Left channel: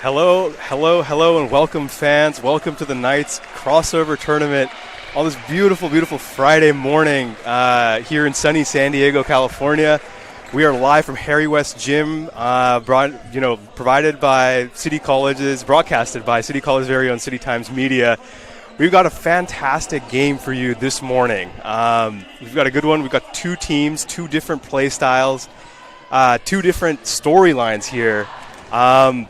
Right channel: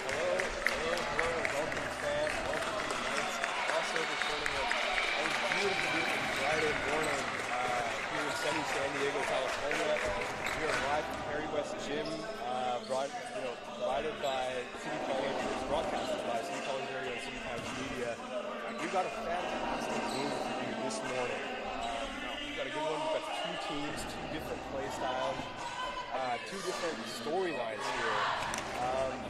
Hello, hello, hello, and welcome, fans. Welcome to the Knights crossover tournament on this beautiful, beautiful Friday morning here in sunny San Diego, California. We are live from Harry West Gym, provided by City College's, broadcasted by City College's very own City Times Media. We've got a fantastic game for you this morning. We've got a good one. We've got two teams, two different play styles, two different storylines here. I'm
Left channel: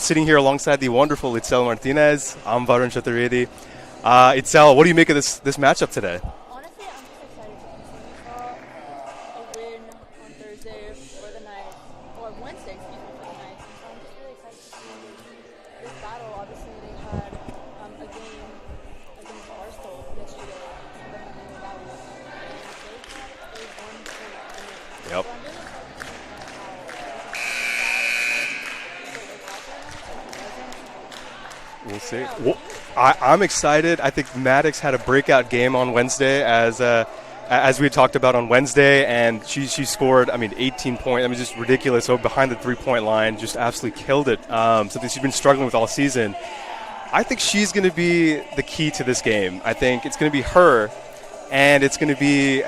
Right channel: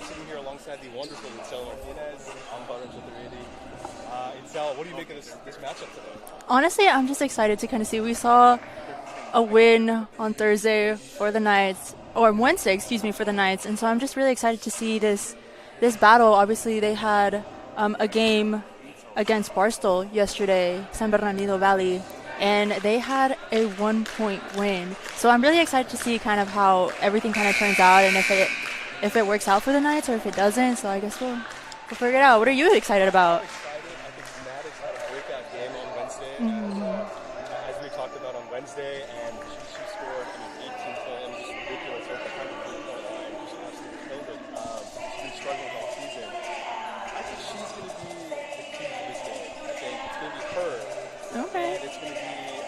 sitting here alongside the wonderful Itzel Martinez. I'm Varun Chaturvedi. Itzel, what do you make of this matchup today? Honestly, I'm just excited to kind of see. We saw a win on Thursday for the Knights, or Wednesday, for the Knights, and so I'm just really excited to see this battle. Obviously, they had a game against Barstool yesterday, San Bernardino Valley, and they had a 1-point win. Yep. So I'm really excited to see kind of how everything kind of turns out, and if it works out for the Knights or if it doesn't. So I guess we'll figure it out. What are you excited about? I'm excited. I think Maddox had a breakout game on Wednesday, as we talked about on Wednesday, and she scored, 18 points. Just ridiculous. So behind the 3-point line, just absolutely killed it. Something she's been struggling with all season. I think she's going to be the key to this game. I think it's going to be her. And it's going to be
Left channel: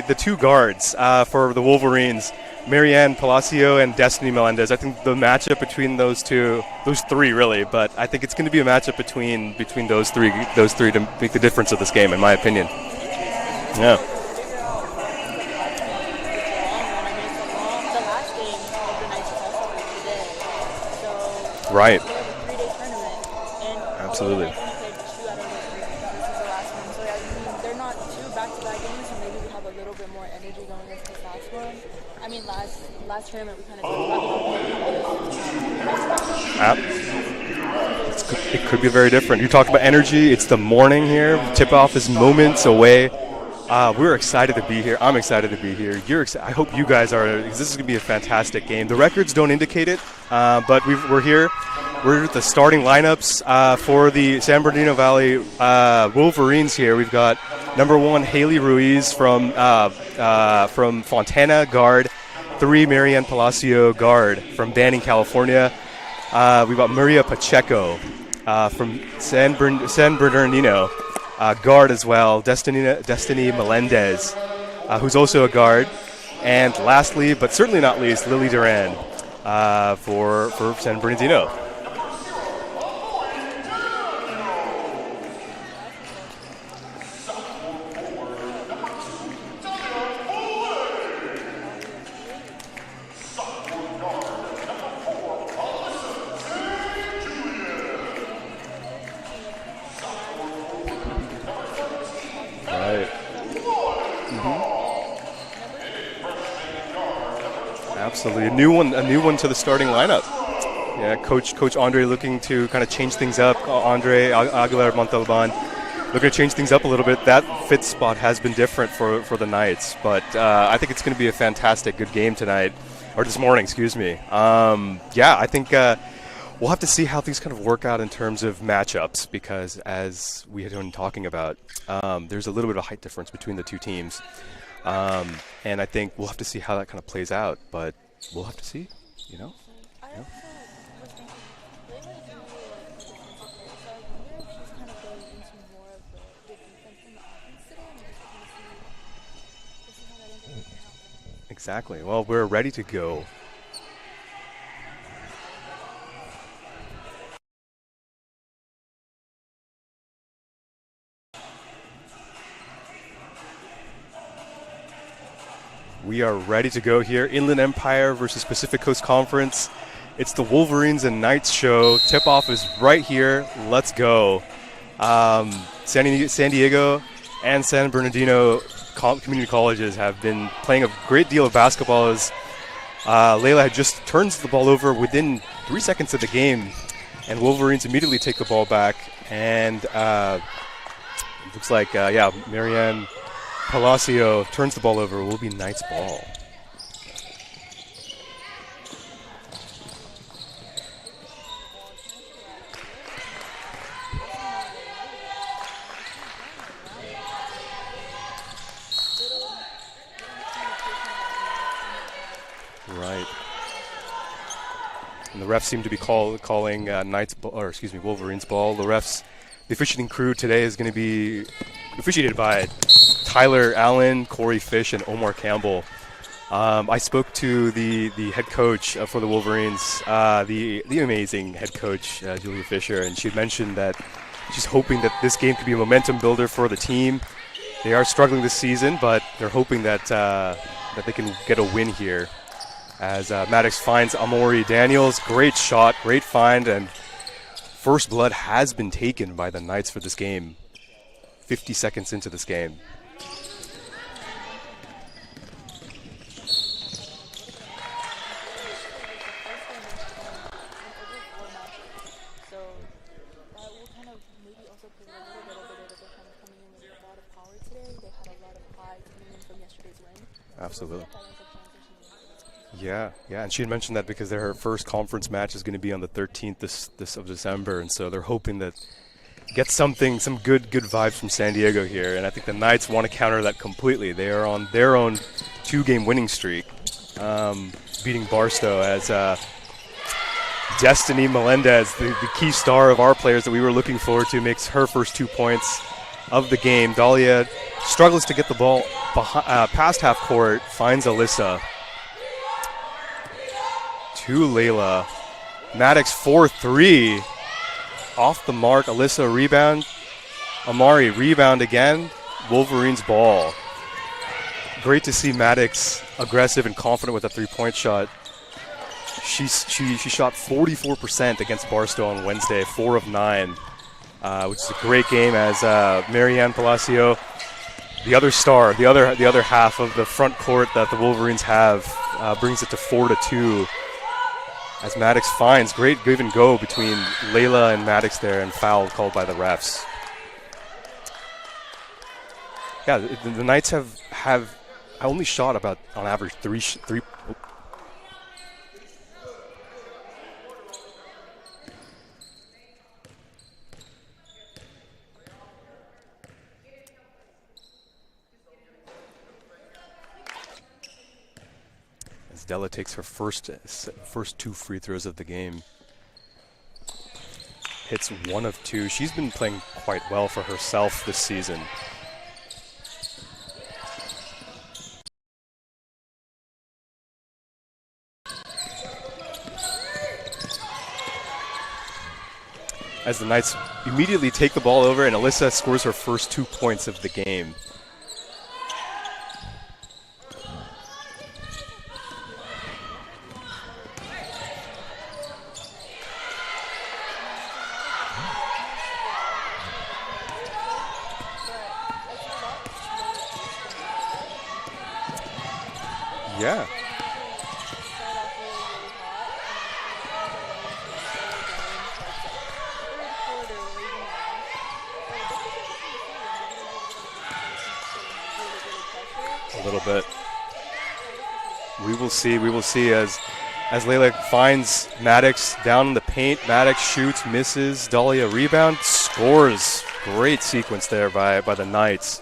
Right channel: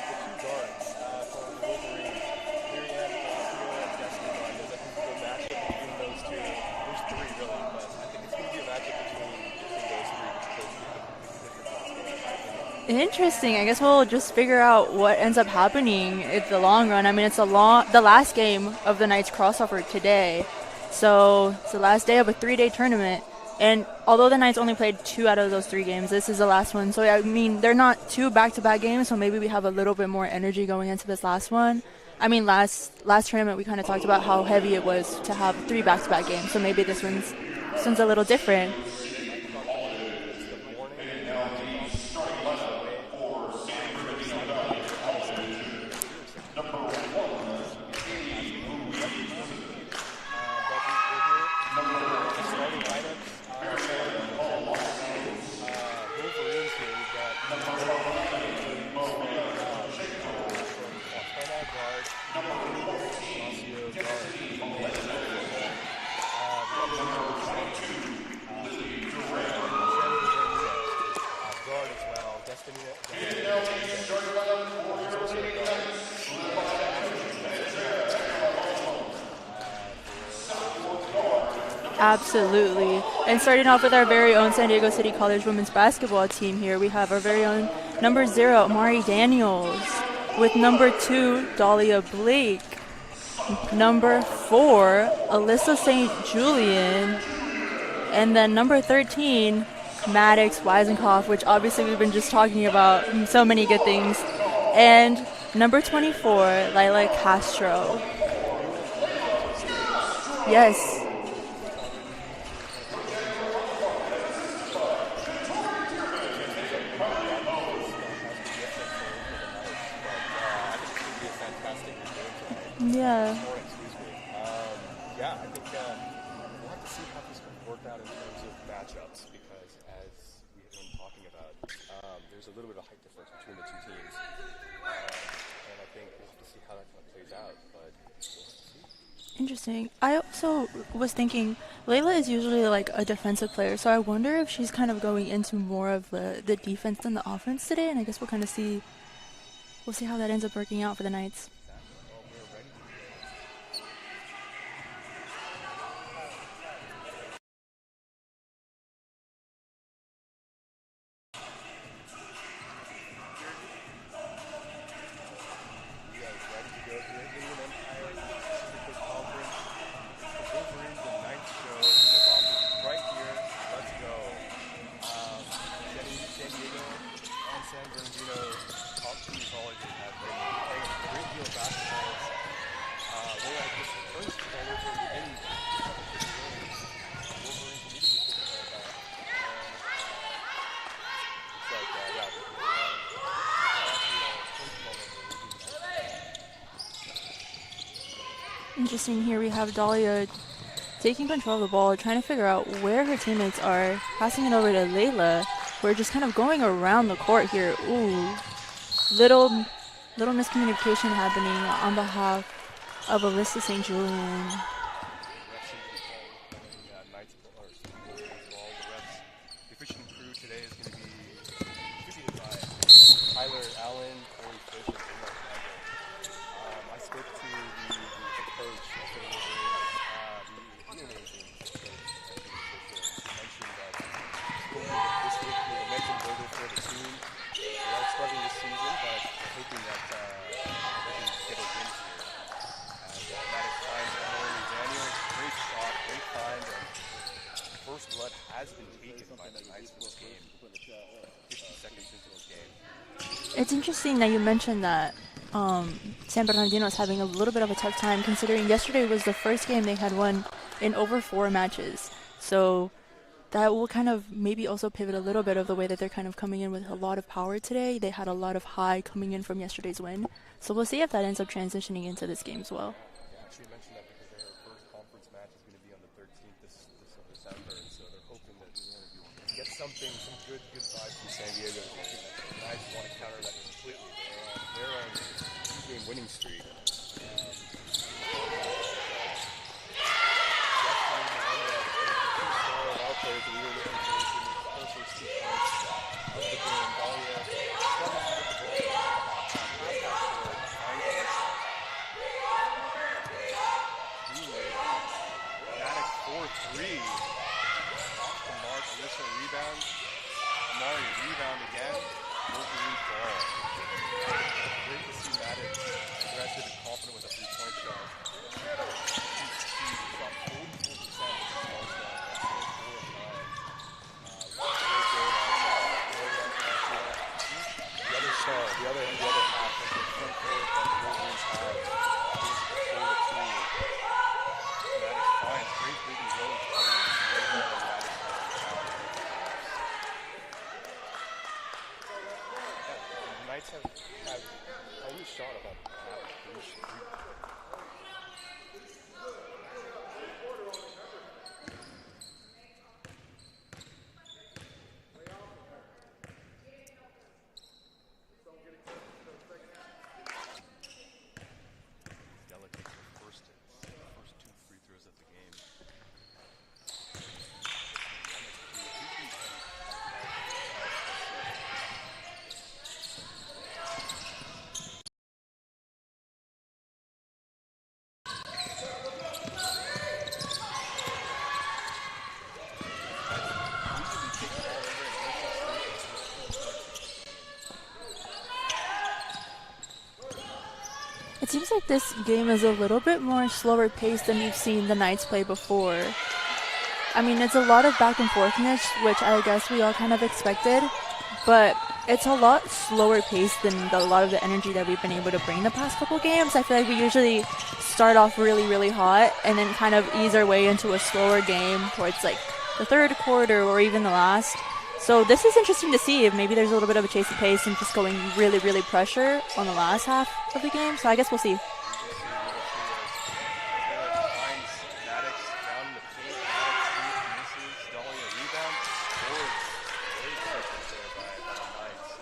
the two guards for the Wolverines, Marianne Palacio and Destiny Melendez. I think the matchup between those three really, but I think it's going to be a matchup between those three to make the difference of this game, in my opinion. Interesting. I guess we'll just figure out what ends up happening in the long run. It's the last game of the Knights crossover today, so last day of a 3-day tournament. And although the Knights only played 2 out of those 3 games, this is the last one. So, they're not 2 back-to-back games, so maybe we have a little bit more energy going into this last one. Last tournament, we kind of talked about how heavy it was to have 3 back-to-back games, so maybe this one's a little different. It could be very different. You talked about energy. It's the morning here. Tip-off is moments away. We're excited to be here. I'm excited to be here. You're excited. I hope you guys are, because this is going to be a fantastic game. The records don't indicate it, but we're here. We're at the starting lineups for the San Bernardino Valley Wolverines here. We've got number 1, Haley Ruiz from Fontana, guard. 3, Marianne Palacio, guard from Banning, California. We've got Maria Pacheco from San Bernardino. Guard as well, Destiny Melendez, who's also a guard. And lastly, but certainly not least, Lily Duran for San Bernardino. Absolutely. And starting off with our very own San Diego City College women's basketball team here, we have our very own number 0, Mari Daniels, with number 2, Dahlia Blake, number 4, Alyssa St. Julian, and then number 13, Maddox Weisenkopf, which obviously we've been just talking about so many good things, and number 24, Lila Castro. Absolutely, a new one to the starting lineup. Yes. Yeah, Coach Andre looking to kind of change things up. Andre Aguilar Montalban looking to change things up a little bit. That fifth spot has been different for the Knights, but I think it's going to be a fantastic, good game tonight, or this morning, excuse me. I think. We'll have to see how things kind of work out in terms of matchups, because as we had been talking about, there's a little bit of a height difference between the two teams. And I think we'll have to see how that kind of plays out, but we'll have to see. Interesting. I also was thinking, Layla is usually like a defensive player, so I wonder if she's kind of going into more of the defense than the offense today, and I guess we'll see how that ends up working out for the Knights. Exactly. Well, we're ready to go. We are ready to go here. Inland Empire versus Pacific Coast Conference. It's the Wolverines and Knights show. Tip-off is right here. Let's go. San Diego and San Bernardino community colleges have been playing a great deal of basketball as Layla had just turns the ball over within 3 seconds of the game, and Wolverines immediately take the ball back. And looks like, Marianne Palacio turns the ball over. Will be Knights ball. Interesting. Here we have Dahlia taking control of the ball, trying to figure out where her teammates are, passing it over to Layla. We're just kind of going around the court here. Ooh, little miscommunication happening on behalf of Alyssa St. Julian. And the refs seem to be calling Wolverines ball. The officiating crew today is going to be officiated by Tyler Allen, Corey Fish, and Omar Campbell. I spoke to the head coach for the Wolverines, the amazing head coach, Julia Fisher, and she mentioned that she's hoping that this game could be a momentum builder for the team. They are struggling this season, but they're hoping that they can get a win here. As Maddox finds Amori Daniels, great shot, great find, and first blood has been taken by the Knights for this game. 50 seconds into this game. It's interesting that you mentioned that San Bernardino is having a little bit of a tough time, considering yesterday was the first game they had won in over 4 matches. So that will kind of maybe also pivot a little bit of the way that they're kind of coming in with a lot of power today. They had a lot of high coming in from yesterday's win. Absolutely. So we'll see if that ends up transitioning into this game as well. Yeah, and she had mentioned that because her first conference match is going to be on the 13th of December, and so they're hoping that get some good vibes from San Diego here, and I think the Knights want to counter that completely. They are on their own 2-game winning streak, beating Barstow as Destiny Melendez, the key star of our players that we were looking forward to, makes her first 2 points of the game. Dahlia struggles to get the ball past half court, finds Alyssa. To Layla. Maddox 4-3. Off the mark, Alyssa rebound. Amari rebound again. Wolverines ball. Great to see Maddox aggressive and confident with a 3-point shot. She shot 44% against Barstow on Wednesday, 4 of 9, which is a great game as Marianne Palacio, the other star, the other half of the front court that the Wolverines have, brings it to 4-2. As Maddox finds great give and go between Layla and Maddox there, and foul called by the refs. Yeah, the Knights have only shot about on average three. Della takes her first 2 free throws of the game. Hits 1 of 2. She's been playing quite well for herself this season. As the Knights immediately take the ball over, and Alyssa scores her first 2 points of the game. It seems like this game is a little bit more slower paced than we've seen the Knights play before. I mean, it's a lot of back and forthness, which I guess we all kind of expected, but it's a lot slower paced than a lot of the energy that we've been able to bring the past couple games. Yeah. I feel like we usually start off really, really hot and then kind of ease our way into a slower game towards like the third quarter or even the last. So this is interesting to see if maybe there's a little bit of a chase of pace and just going really, really pressure on the last half of the game. So I guess we'll see. We will see as Layla finds Maddox down in the paint. Maddox shoots, misses. Dahlia rebound, scores. Great sequence there by the Knights.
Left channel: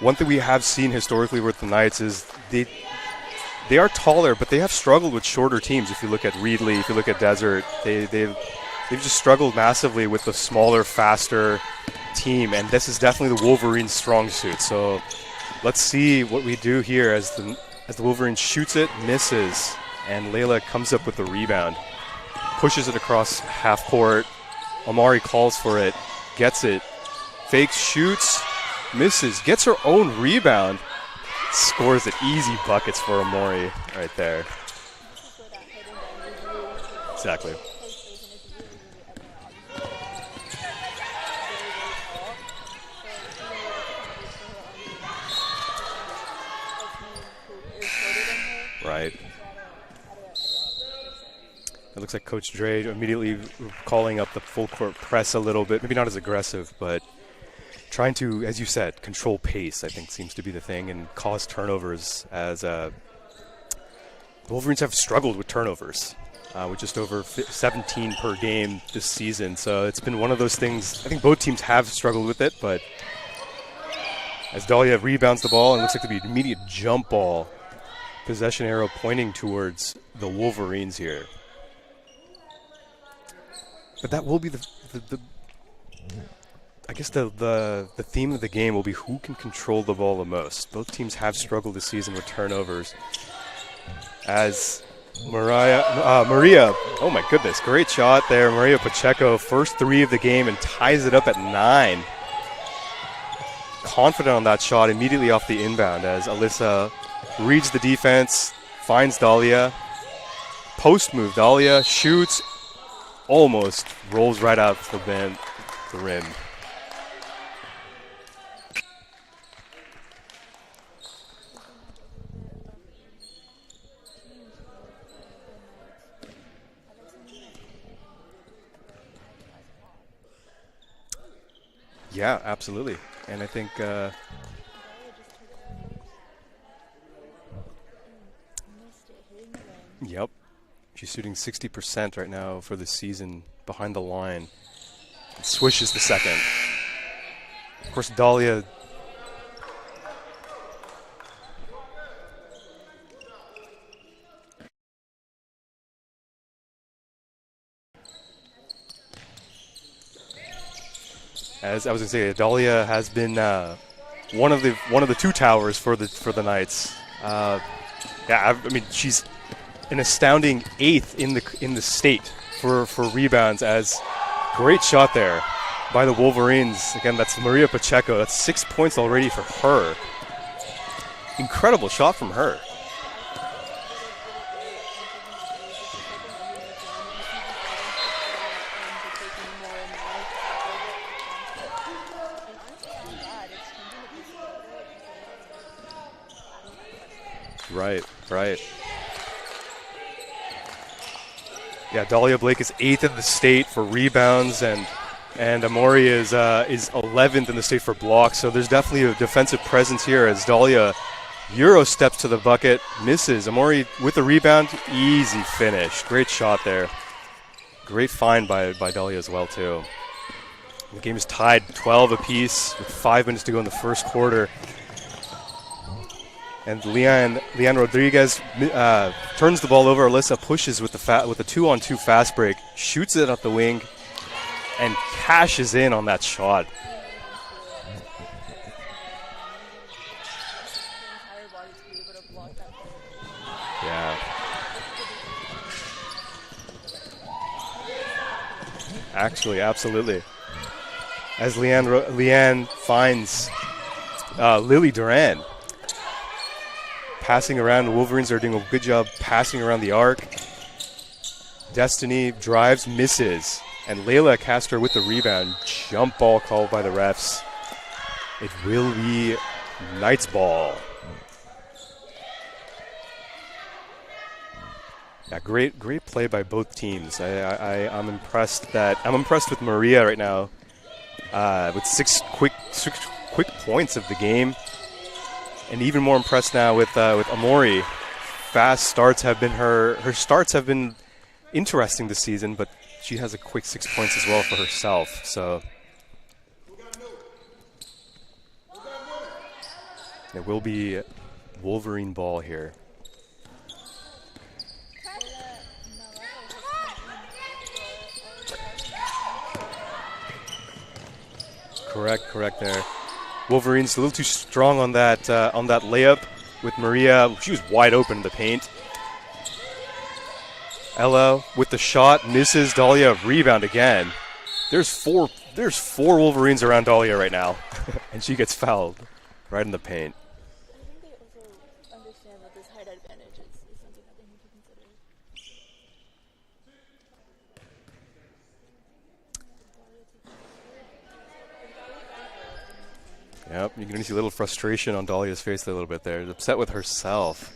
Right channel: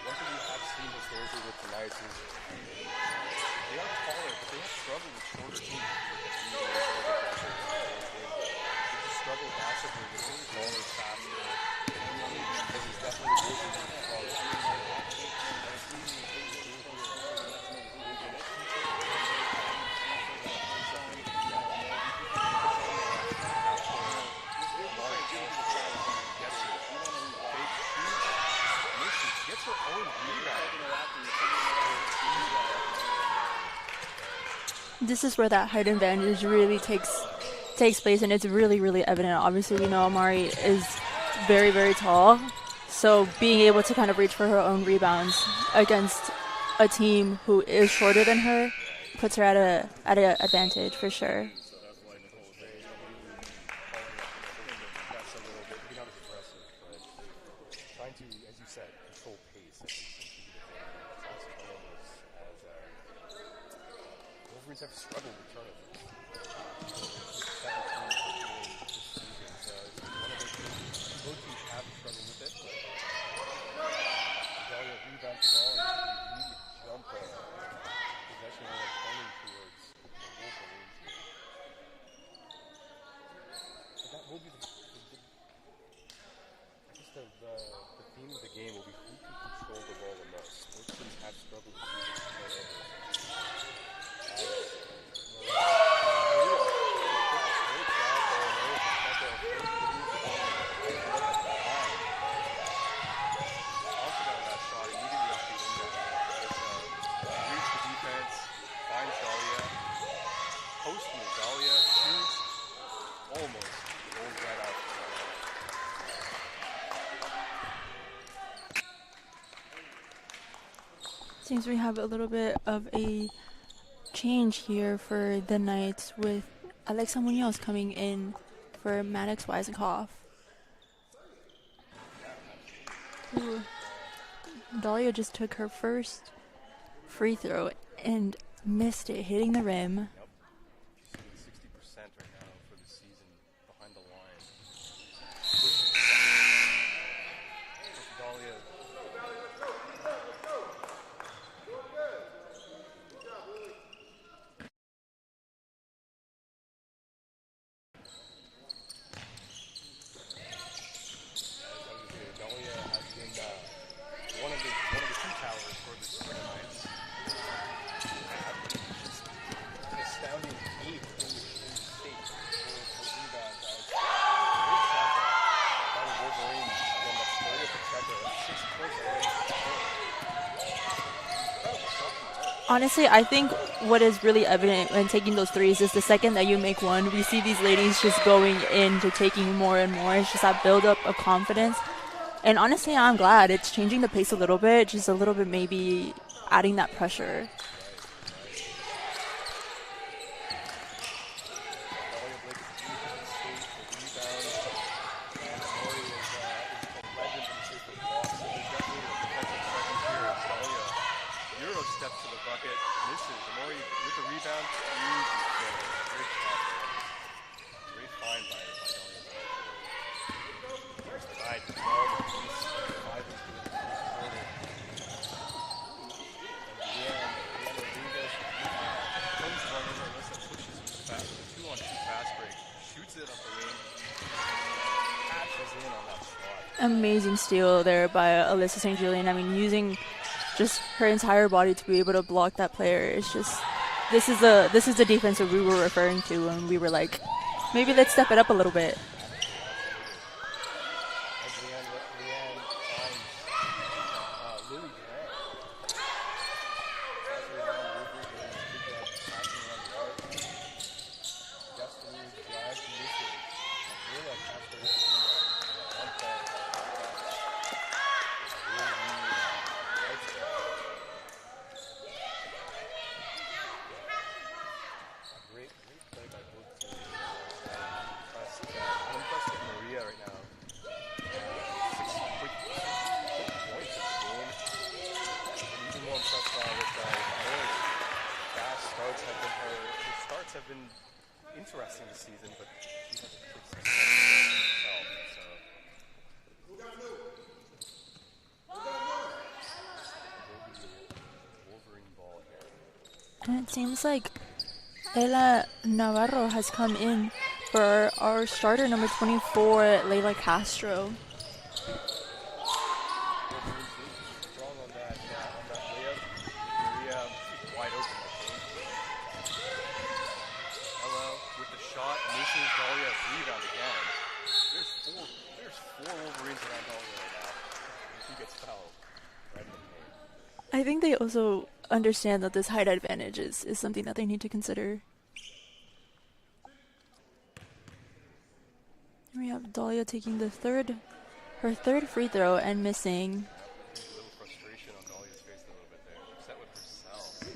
One thing we have seen historically with the Knights is they are taller, but they have struggled with shorter teams. If you look at Reedley, if you look at Desert, they've just struggled massively with the smaller, faster team, and this is definitely the Wolverines' strong suit. So let's see what we do here as the Wolverines shoots it, misses, and Layla comes up with the rebound. Pushes it across half court. Amari calls for it, gets it, fakes, shoots, misses, gets her own rebound, scores it. Easy buckets for Amari right there. This is where that height advantage really takes place, and it's really, really evident. Obviously, Amari is very, very tall, so being able to kind of reach for her own rebounds against a team who is shorter than her puts her at an advantage for sure. It looks like Coach Dre immediately calling up the full court press a little bit, maybe not as aggressive, but trying to, as you said, control pace, I think seems to be the thing, and cause turnovers as the Wolverines have struggled with turnovers, with just over 17 per game this season. So it's been one of those things. I think both teams have struggled with it, but as Dahlia rebounds the ball, and looks like to be an immediate jump ball. Possession arrow pointing towards the Wolverines here. But that will be the I guess the theme of the game will be who can control the ball the most. Both teams have struggled this season with turnovers. As Maria, oh my goodness, great shot there. Maria Pacheco, first 3 of the game and ties it up at 9. Confident on that shot immediately off the inbound as Alyssa reads the defense, finds Dahlia. Post move, Dahlia shoots, almost rolls right out the rim. Seems we have a little bit of a change here for the Knights with Alexa Munoz coming in for Maddox Weisenhoff. Yeah, absolutely. And I think Dahlia just took her first free throw and missed it, hitting the rim. Yep. She's shooting 60% right now for the season behind the line. Swishes the second. Of course, Dahlia as I was gonna say, Dahlia has been one of the 2 towers for the Knights. Yeah, I mean she's an astounding 8th in the state for rebounds. As great shot there by the Wolverines. Again, that's Maria Pacheco. That's 6 points already for her. Incredible shot from her. Honestly, I think what is really evident when taking those threes is the second that you make one, we see these ladies just going into taking more and more. It's just that build up of confidence. And honestly, I'm glad it's changing the pace a little bit, just a little bit maybe adding that pressure. Right. Yeah, Dahlia Blake is 8th in the state for rebounds, and Amori is 11th in the state for blocks. So there's definitely a defensive presence here as Dahlia Euro steps to the bucket, misses. Amori with the rebound, easy finish. Great shot there. Great find by Dahlia as well too. The game is tied 12 apiece with 5 minutes to go in the first quarter. And Leanne Rodriguez turns the ball over. Alyssa pushes with the 2-on-2 fast break, shoots it at the wing, and cashes in on that shot. Amazing steal there by Alyssa St. Julian. I mean, using just her entire body to be able to block that player. It's just, this is the defense that we were referring to when we were like, maybe let's step it up a little bit. Actually, absolutely. As Leanne finds Lily Duran. Passing around, the Wolverines are doing a good job passing around the arc. Destiny drives, misses, and Layla Castro with the rebound. Jump ball called by the refs. It will be Knights ball. Yeah, great play by both teams. I'm impressed with Maria right now with 6 quick points of the game. And even more impressed now with Amori. Fast starts have been her starts have been interesting this season, but she has a quick 6 points as well for herself. So it will be Wolverine ball here. And it seems like Ella Navarro has come in for our starter, number 24, Layla Castro. Correct there. Wolverines a little too strong on that layup with Maria. She was wide open in the paint. Ella with the shot, misses. Dahlia rebound again. There's four Wolverines around Dahlia right now, and she gets fouled right in the paint. I think they also understand that this height advantage is something that they need to consider. We have Dahlia taking her third free throw and missing. Yep, you can see a little frustration on Dahlia's face a little bit there. She's upset with herself.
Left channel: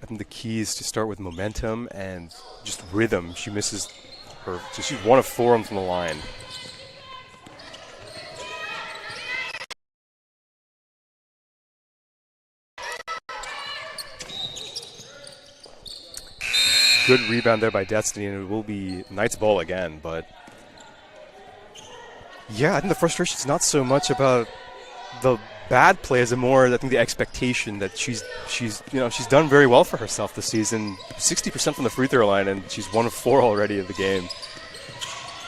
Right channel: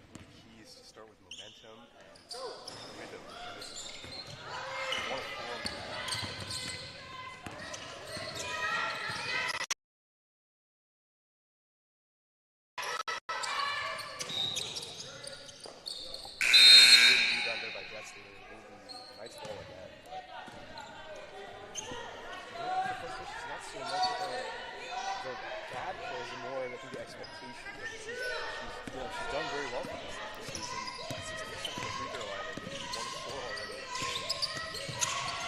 I think the key is to start with momentum and just rhythm. She misses her. So she's 1 of 4 from the line. Good rebound there by Destiny, and it will be Knights ball again, but yeah, I think the frustration is not so much about the bad play is more, I think, the expectation that she's done very well for herself this season. 60% from the free throw line, and she's 1 of 4 already of the game.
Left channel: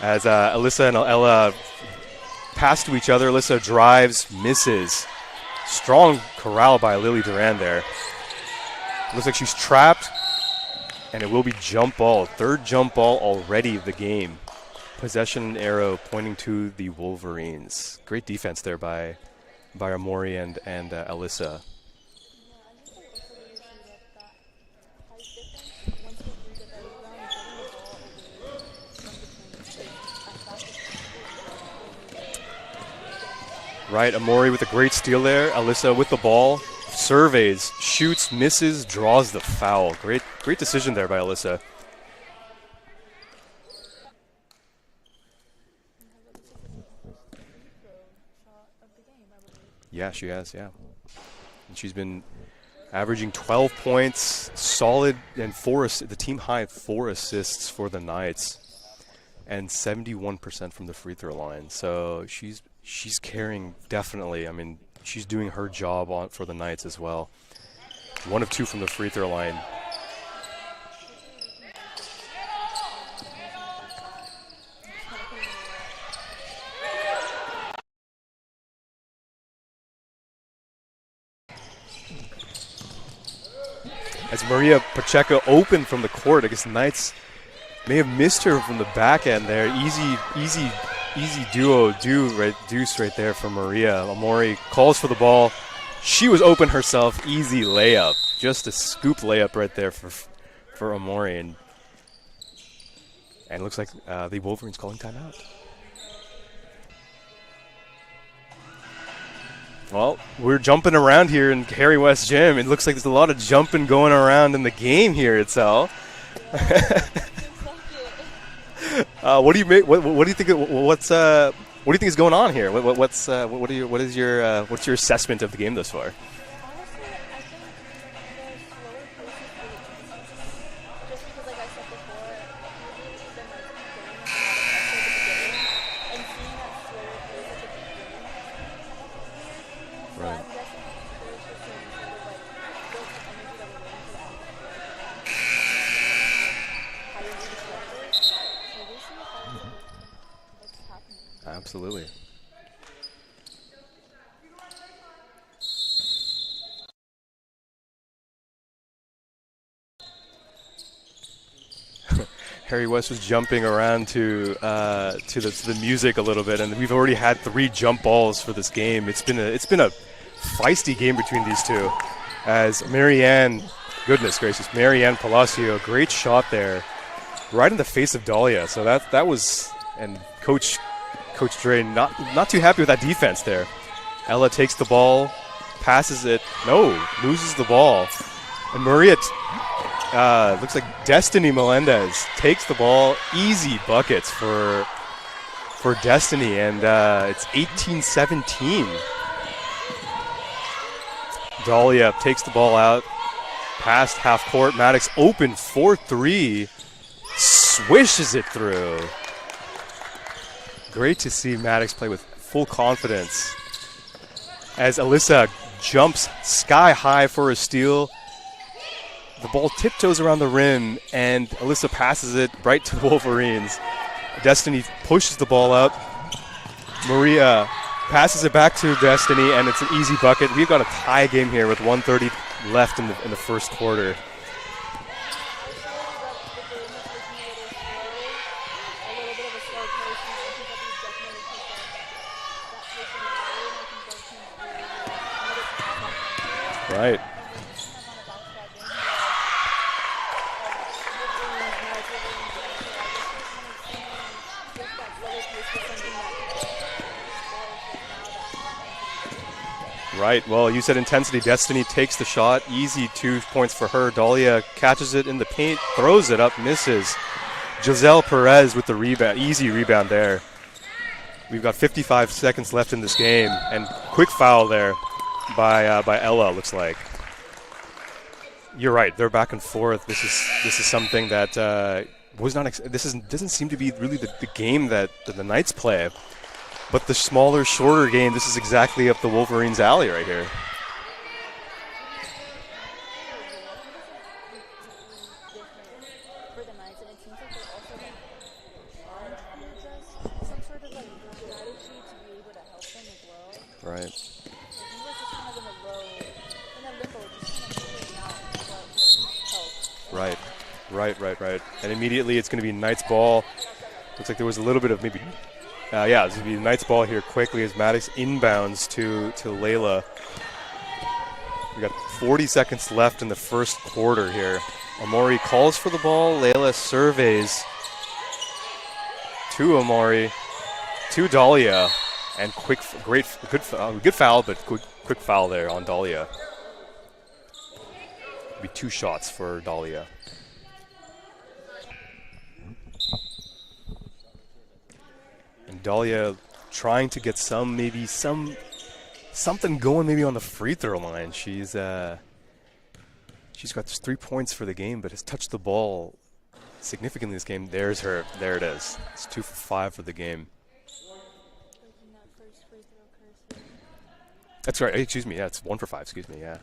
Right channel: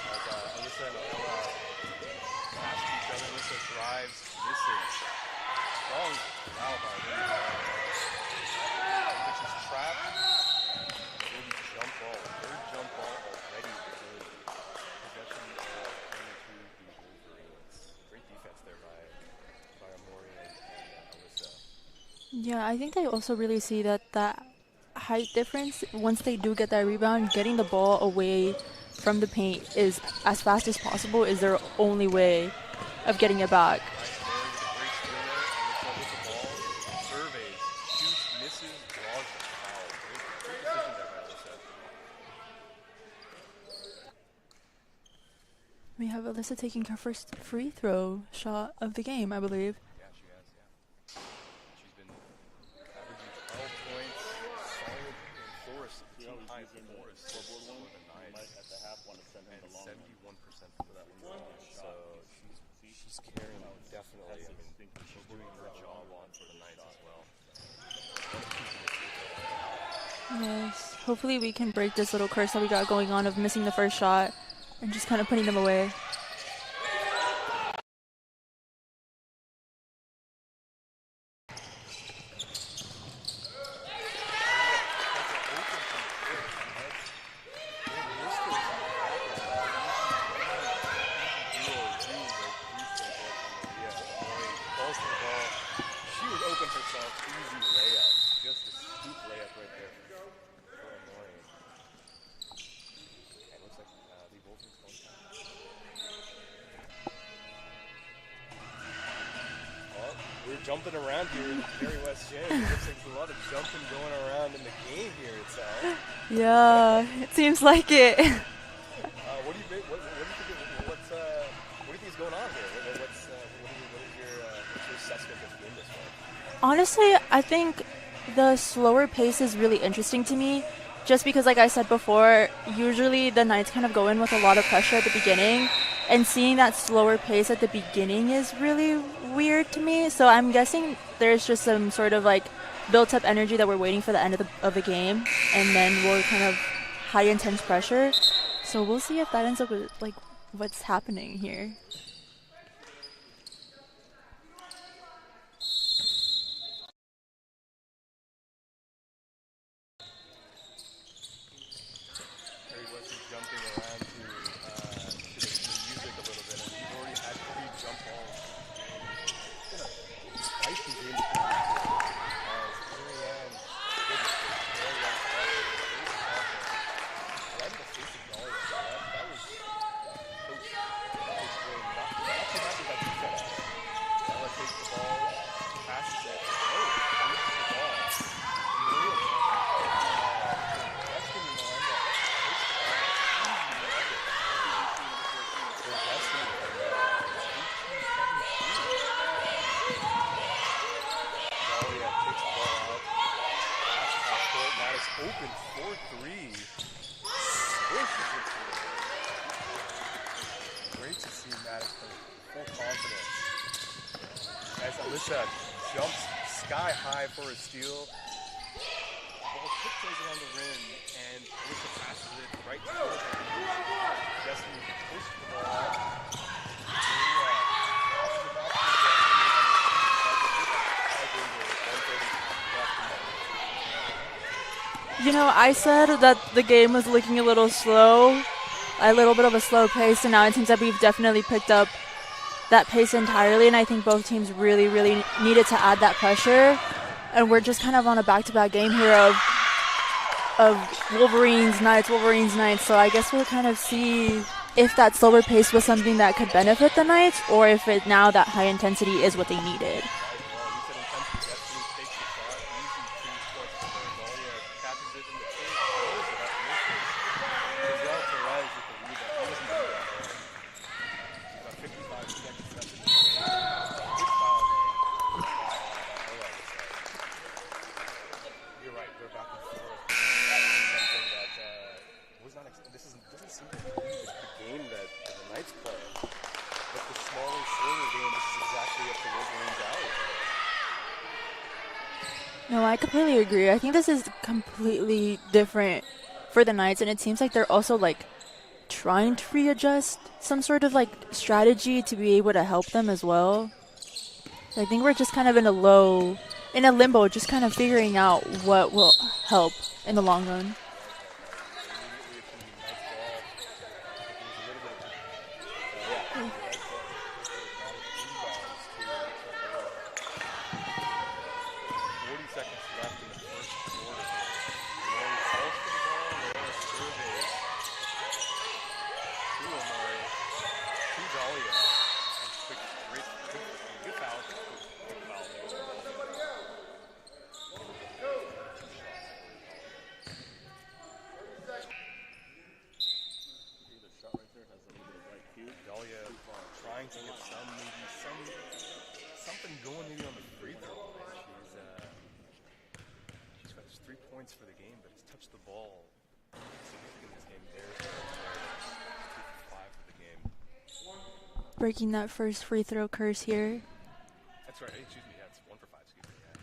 As Alyssa and Ella pass to each other, Alyssa drives, misses. Strong corral by Lily Duran there. Looks like she's trapped, and it will be jump ball. 3rd jump ball already of the game. Possession arrow pointing to the Wolverines. Great defense there by Amori and Alyssa. Yeah, I think they also really see that height difference, once they do get that rebound, getting the ball away from the paint is as fast as possible is their only way of getting it back. Right, Amori with a great steal there. Alyssa with the ball, surveys, shoots, misses, draws the foul. Great decision there by Alyssa. We have Alyssa taking her first free throw shot of the game, I believe. Yeah, she has, yeah. And she's been averaging 12 points, solid, and the team high 4 assists for the Knights, and 71% from the free throw line. So she's carrying, definitely. I mean, she's doing her job for the Knights as well. 1 of 2 from the free throw line. Yes. Hopefully we can break this little curse that we got going on of missing the first shot and just kind of putting them away. As Maria Pacheco opened from the court, I guess the Knights may have missed her from the back end there. Easy deuce right there for Maria. Amori calls for the ball. She was open herself. Easy layup. Just a scoop layup right there for Amori. And it looks like the Wolverines calling timeout. Well, we're jumping around here in Harry West Gym. It looks like there's a lot of jumping going around in the game here, Itzel. Yeah, it seems like it. What do you make? What do you think? What do you think is going on here? What's your assessment of the game thus far? Honestly, I think the slower pace is really interesting to me. Just because, like I said before, usually the Knights kind of go in with a lot of pressure at the beginning, and seeing that slower pace at the beginning is really weird to me. So I'm guessing there's just some sort of like built-up energy that we're waiting for the end of the game, and then we'll kind of high intense pressure. So we'll see if that ends up with like what's happening here. Absolutely. Harry West was jumping around to the music a little bit, and we've already had 3 jump balls for this game. It's been a feisty game between these two. As Marianne, goodness gracious, Marianne Palacio, great shot there, right in the face of Dahlia. So that was, and Coach Dre not too happy with that defense there. Ella takes the ball, passes it, loses the ball, and Maria. Looks like Destiny Melendez takes the ball. Easy buckets for Destiny, and it's 18-17. Dahlia takes the ball out, past half court. Maddox open 4-3, swishes it through. Great to see Maddox play with full confidence. As Alyssa jumps sky high for a steal. The ball tiptoes around the rim, and Alyssa passes it right to Wolverines. Destiny pushes the ball up. Maria passes it back to Destiny, and it's an easy bucket. We've got a tie game here with 1:30 left in the first quarter. You know, I said that the game was looking a little slow, a little bit of a slow pace, and now it seems that we've definitely picked up that pace entirely, and I think both teams really, really needed to add that pressure. Right. And we're just kind of on a back-to-back game here of Wolverines, Knights, so I guess we'll kind of see if that slower pace was something that could benefit the Knights, or if now that high intensity is what they needed. Right. Well, you said intensity. Destiny takes the shot. Easy 2 points for her. Dahlia catches it in the paint, throws it up, misses. Giselle Perez with the rebound. Easy rebound there. We've got 55 seconds left in this game, and quick foul there by Ella, looks like. You're right. They're back and forth. This is something that was not. Doesn't seem to be really the game that the Knights play. But the smaller, shorter game, this is exactly up the Wolverines' alley right here. No, I completely agree. I think this is completely different for the Knights, and it seems like they're also like trying to readjust some sort of like strategy to be able to help them as well. Right. So I think we're just kind of in a limbo, just kind of figuring out what will help in the long run. Right. And immediately it's going to be Knights ball. Looks like there was a little bit of maybe, it's going to be Knights ball here quickly as Maddox inbounds to Layla. We got 40 seconds left in the first quarter here. Amori calls for the ball. Layla surveys to Amori, to Dahlia, and good foul, but quick foul there on Dahlia. Be 2 shots for Dahlia. And Dahlia trying to get something going maybe on the free throw line. She's got just 3 points for the game, but has touched the ball significantly this game. There's her. There it is. It's 2 for 5 for the game. Breaking that first free throw curse here. That's right. Excuse me. Yeah, it's 1 for 5. Excuse me. Yeah.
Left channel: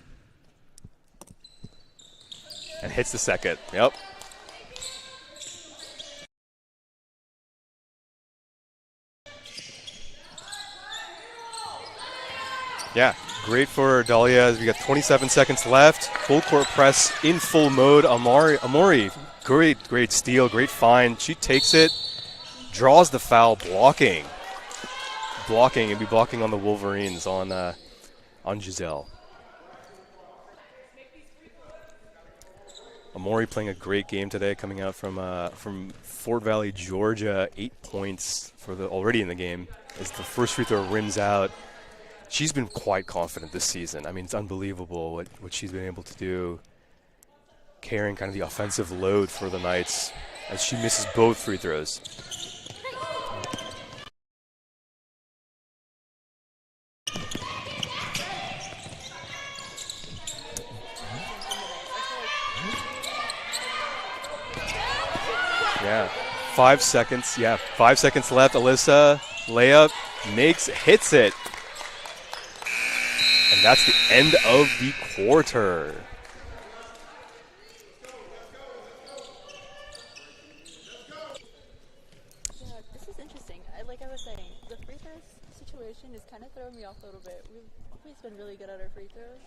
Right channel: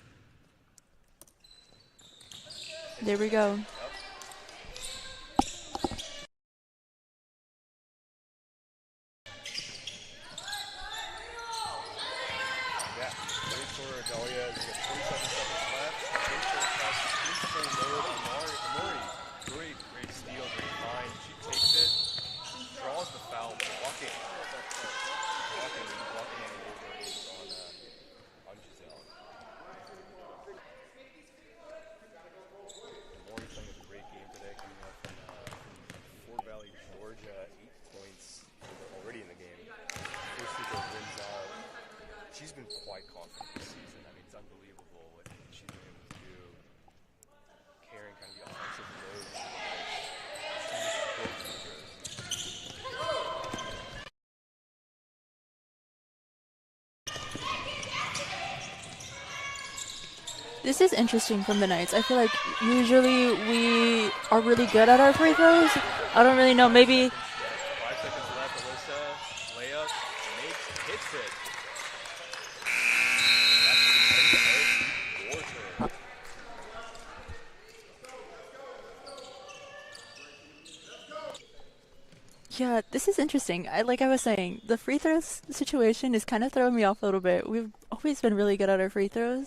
And hits the second. Go. Yep. Yeah, great for Dahlia. We got 27 seconds left. Full court press in full mode. Amori, great steal, great find. She takes it, draws the foul, blocking, and be blocking on the Wolverines on Giselle. Amori playing a great game today, coming out from Fort Valley, Georgia. 8 points already in the game as the first free throw rims out. She's been quite confident this season. I mean, it's unbelievable what she's been able to do, carrying kind of the offensive load for the Knights as she misses both free throws. This is interesting from the Knights. I feel like usually we are really good at our free throws. Yeah. I don't really know. 5 seconds. Yeah, 5 seconds left. Alyssa layup, hits it. And that's the end of the quarter. Yeah, this is interesting. Like I was saying, the free throws situation is kind of throwing me off a little bit. We've always been really good at our free throws.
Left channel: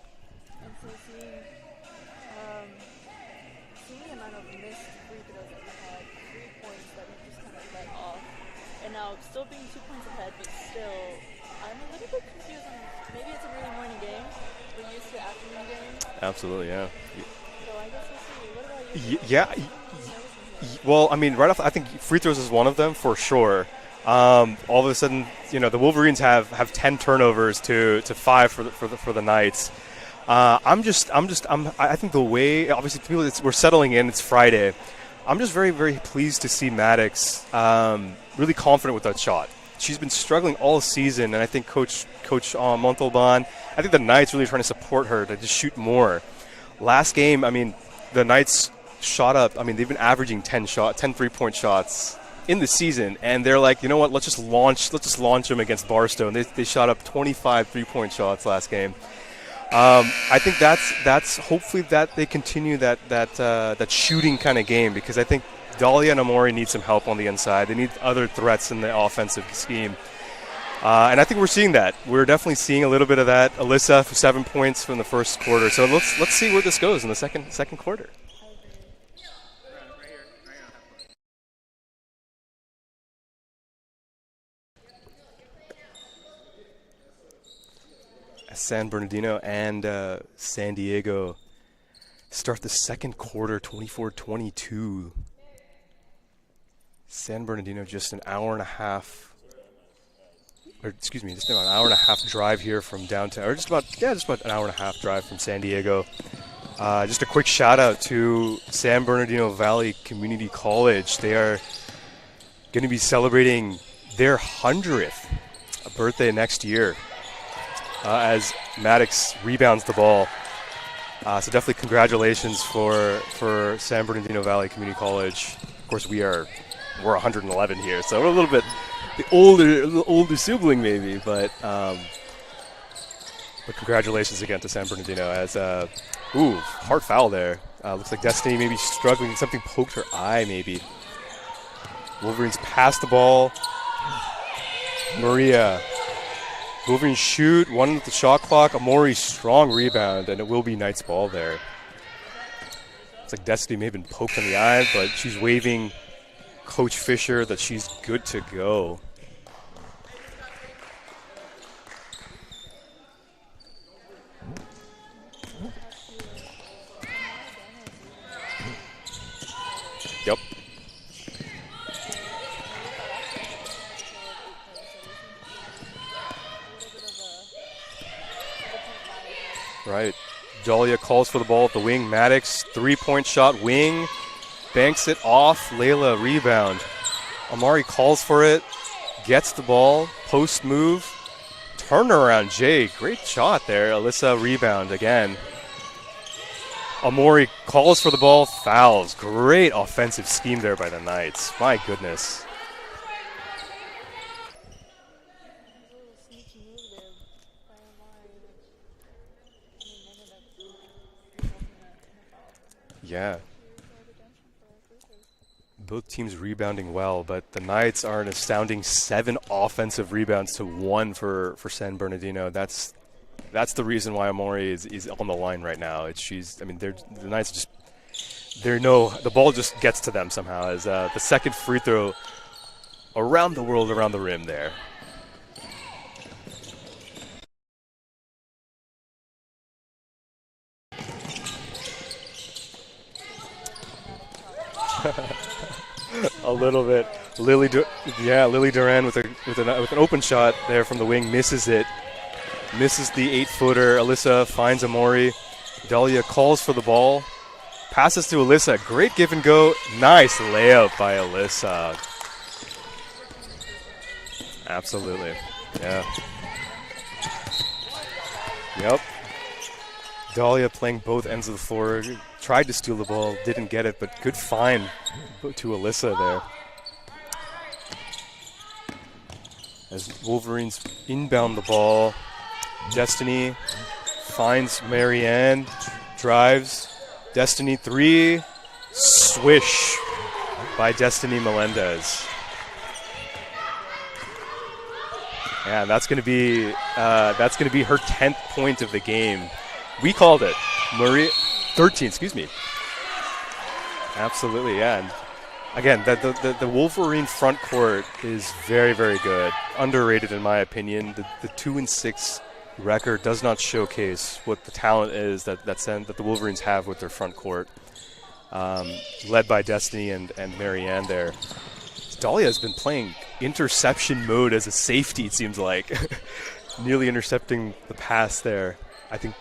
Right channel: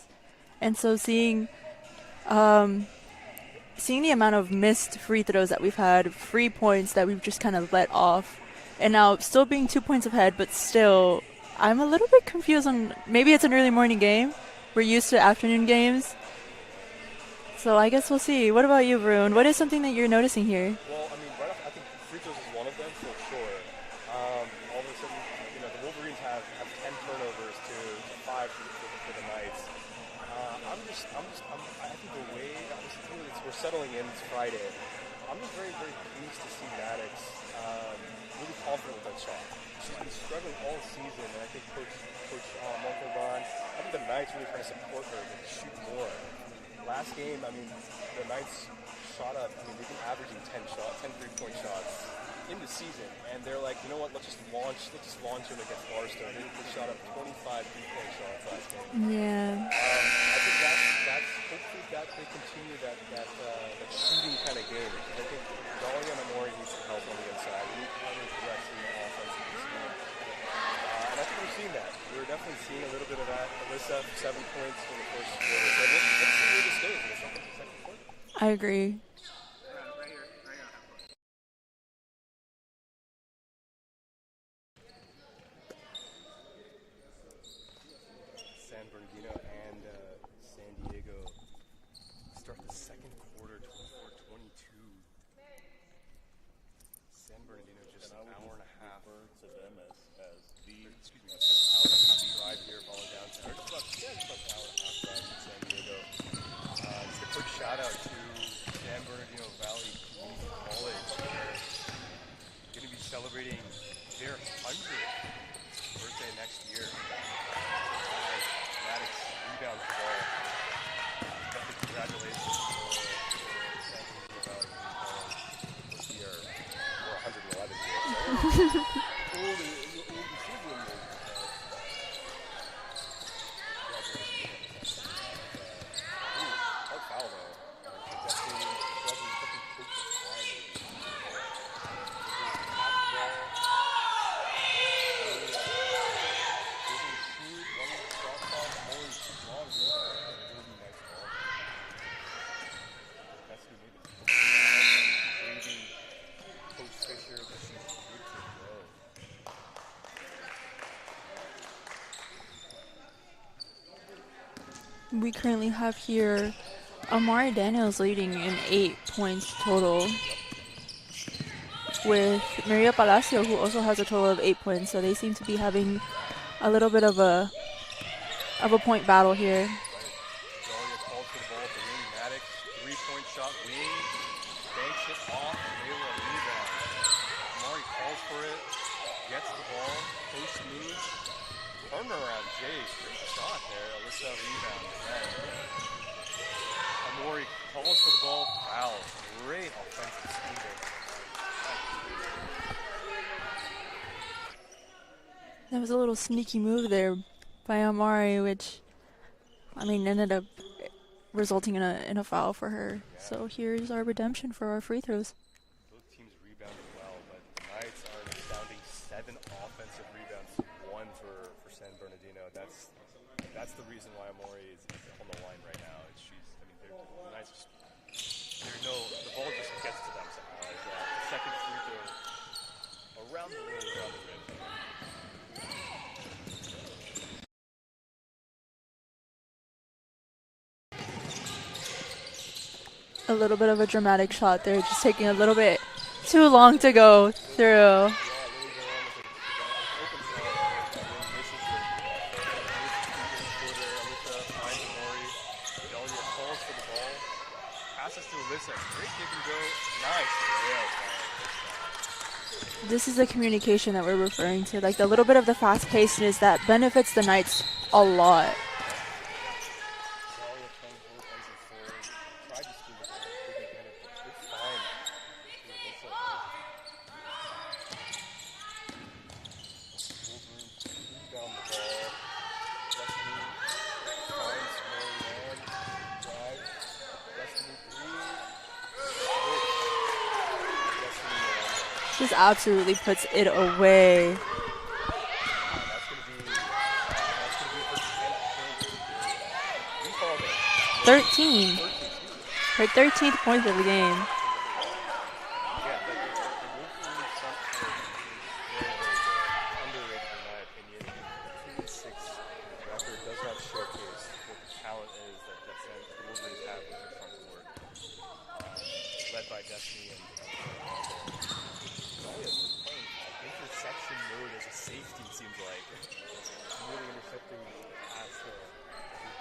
And so seeing the amount of missed free throws that we've had, free points that we've just kind of let off, and now still being 2 points ahead, but still I'm a little bit confused on maybe it's an early morning game. We're used to afternoon games. Absolutely, yeah. So I guess we'll see. What about you, Varun? Yeah. What is something that you're noticing here? Well, I mean, right off, I think free throws is one of them for sure. All of a sudden, the Wolverines have 10 turnovers to 5 for the Knights. I think the way, obviously, we're settling in. It's Friday. I'm just very, very pleased to see Maddox really confident with that shot. She's been struggling all season, and I think Coach Montalban, I think the Knights really trying to support her to just shoot more. Last game, I mean, the Knights shot up. I mean, they've been averaging 10 3-point shots in the season, and they're like, you know what? Let's just launch them against Barstow. And they shot up 25 3-point shots last game. Yeah. I think that's hopefully that they continue that shooting kind of game, because I think Dahlia and Amori need some help on the inside. They need other threats in the offensive scheme. And I think we're seeing that. We're definitely seeing a little bit of that. Alyssa for 7 points from the first quarter. So let's see where this goes in the second quarter. I agree. San Bernardino and San Diego start the second quarter 24-22. San Bernardino just an hour and a half drive here from downtown, or just about an hour and a half drive from San Diego. Just a quick shout out to San Bernardino Valley Community College. They are going to be celebrating their 100th birthday next year as Maddox rebounds the ball. So definitely congratulations for San Bernardino Valley Community College. Of course, we are we're 111 here, so we're a little bit the older sibling maybe, but congratulations again to San Bernardino as hard foul there. Looks like Destiny maybe struggling. Something poked her eye maybe. Wolverines pass the ball. Maria. Wolverines shoot. 1 with the shot clock. Amori strong rebound, and it will be Knight's ball there. It's like Destiny may have been poked in the eye, but she's waving Coach Fisher that she's good to go. We currently have here Amari Daniels leading in 8 points total. Yep. With Maria Palacio, who also has a total of 8 points, so they seem to be having a little bit of a point battle here. Right. Dahlia calls for the ball at the wing. Maddox, 3-point shot, wing, banks it off. Layla, rebound. Amari calls for it, gets the ball, post move, turnaround. Jay, great shot there. Alyssa, rebound again. Amori calls for the ball, fouls. Great offensive scheme there by the Knights. My goodness. That was a little sneaky move there by Amari, which, I mean, ended up resulting in a foul for her. Yeah. So here's our redemption for our free throws. Both teams rebounding well, but the Knights are an astounding 7 offensive rebounds to 1 for San Bernardino. That's the reason why Amori is on the line right now. The Knights just, the ball just gets to them somehow as the second free throw around the world, around the rim there. A little bit of a dramatic shot there, just taking a little bit too long to go through. Lily Duran with an open shot there from the wing, misses it. Misses the 8-footer. Alyssa finds Amori. Dahlia calls for the ball. Passes to Alyssa. Great give and go. Nice layup by Alyssa. This is the communication that we're referring to. Absolutely. Like the little bit of the fast-pacedness that benefits the Knights a lot. Yep. Dahlia playing both ends of the floor. Tried to steal the ball. Didn't get it, but good find to Alyssa there. As Wolverines inbound the ball. Destiny finds Marianne, drives. Destiny 3, swish by Destiny Melendez. Just absolutely puts it away. Yeah, that's gonna be her 10th point of the game. We called it. 13, excuse me. Her 13th point of the game. Absolutely, yeah. And again, the Wolverine front court is very, very good. Underrated in my opinion. The 2-6 record does not showcase what the talent is that the Wolverines have with their front court, led by Destiny and Marianne there. Dahlia has been playing interception mode as a safety, it seems like. Nearly intercepting the pass there. I think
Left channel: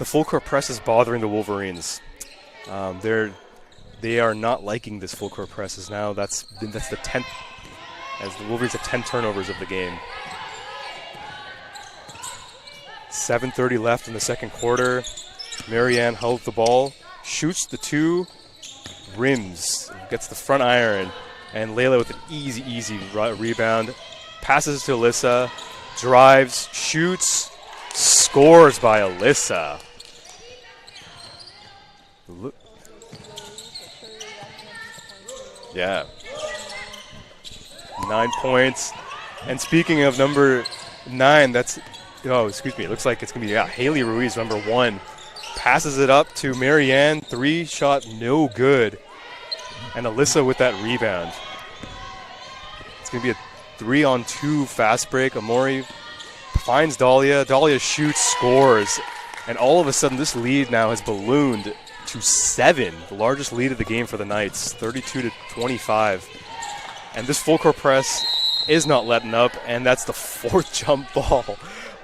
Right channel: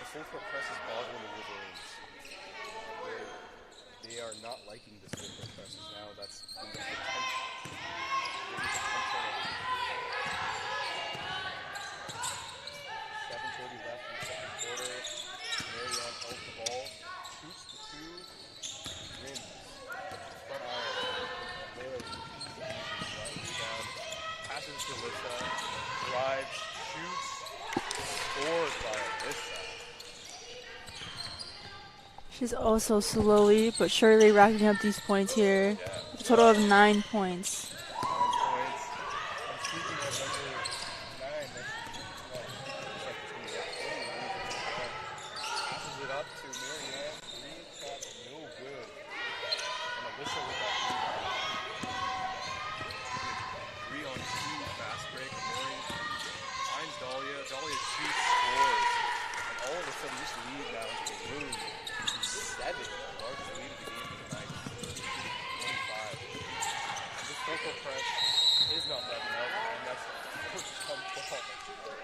the full court press is bothering the Wolverines. They are not liking this full court press. That's the 10th, as the Wolverines have 10 turnovers of the game. 7:30 left in the second quarter. Marianne held the ball, shoots the 2, rims, gets the front iron, and Layla with an easy rebound. Passes to Alyssa, drives, shoots, scores by Alyssa. She's also slowly but surely racking up these points here. Yeah. Total of 9 points. 9 points. And speaking of number 9, it looks like it's going to be Haley Ruiz, number 1. Passes it up to Marianne. 3 shot, no good. And Alyssa with that rebound. It's going to be a 3-on-2 fast break. Amori finds Dahlia. Dahlia shoots, scores. And all of a sudden, this lead now has ballooned to 7, the largest lead of the game for the Knights, 32-25. And this full court press is not letting up, and that's the 4th jump ball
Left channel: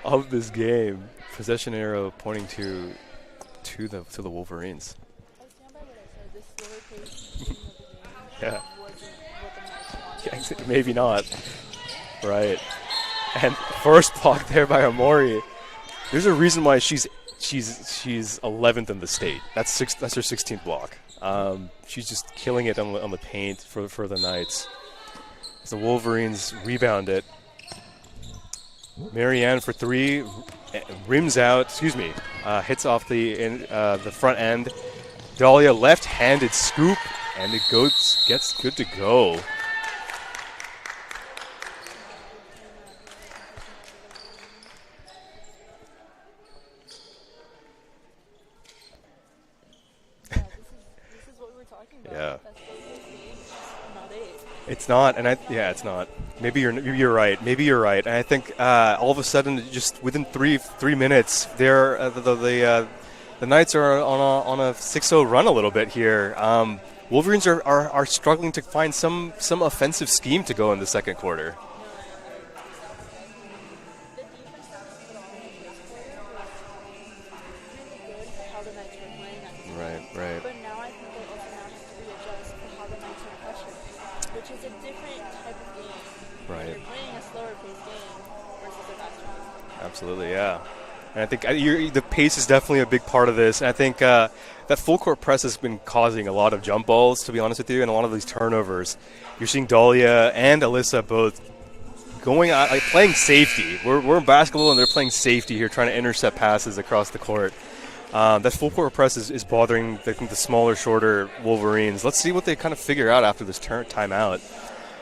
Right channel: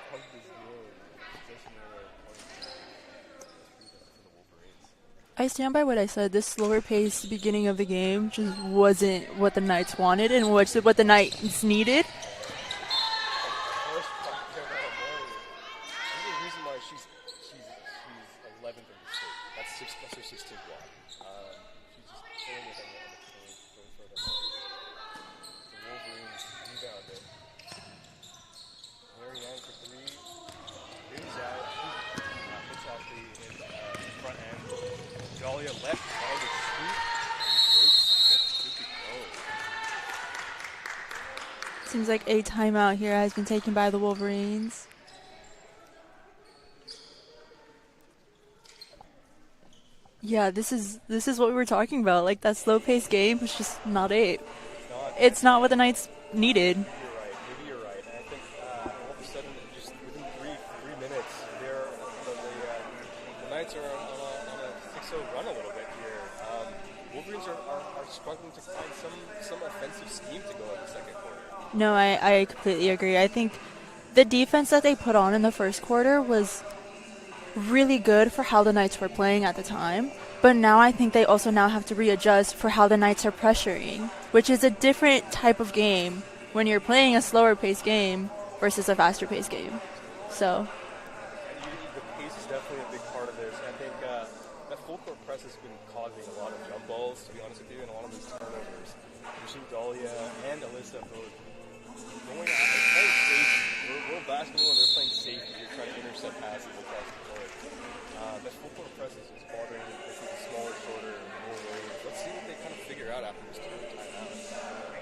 of this game. Possession arrow pointing to the Wolverines. I stand by what I said. This slower pace beginning of the game just wasn't what the Knights wanted and what the Knights needed. Right. And first block there by Amori. There's a reason why she's 11th in the state. That's her 16th block. She's just killing it on the paint for the Knights. The Wolverines rebound it. Marianne for three, rims out, hits off the front end. Dahlia left-handed scoop, and it gets good to go. Seems like a timeout here has been taken by the Wolverines. Yeah, this is what we were talking about. Yeah. Like that slow-paced game is just not it. It's not. And it's not what the Knights needed. Maybe you're right. Maybe you're right. And I think all of a sudden, just within three minutes, the Knights are on a 6-0 run a little bit here. Wolverines are struggling to find some offensive scheme to go in the second quarter. No, I completely agree. I think the defense that they put on in the first quarter was really good for how the Knights were playing at the time. Right. But now I think they also now have to readjust for how the Knights are pressuring, which is a different type of game when you're playing a slower paced game versus a faster paced game. Absolutely, yeah. So. And I think the pace is definitely a big part of this. And I think that full court press has been causing a lot of jump balls, to be honest with you, and a lot of these turnovers. You're seeing Dahlia and Alyssa both going out, playing safety. We're in basketball, and they're playing safety here, trying to intercept passes across the court. That full court press is bothering the smaller, shorter Wolverines. Let's see what they kind of figure out after this timeout.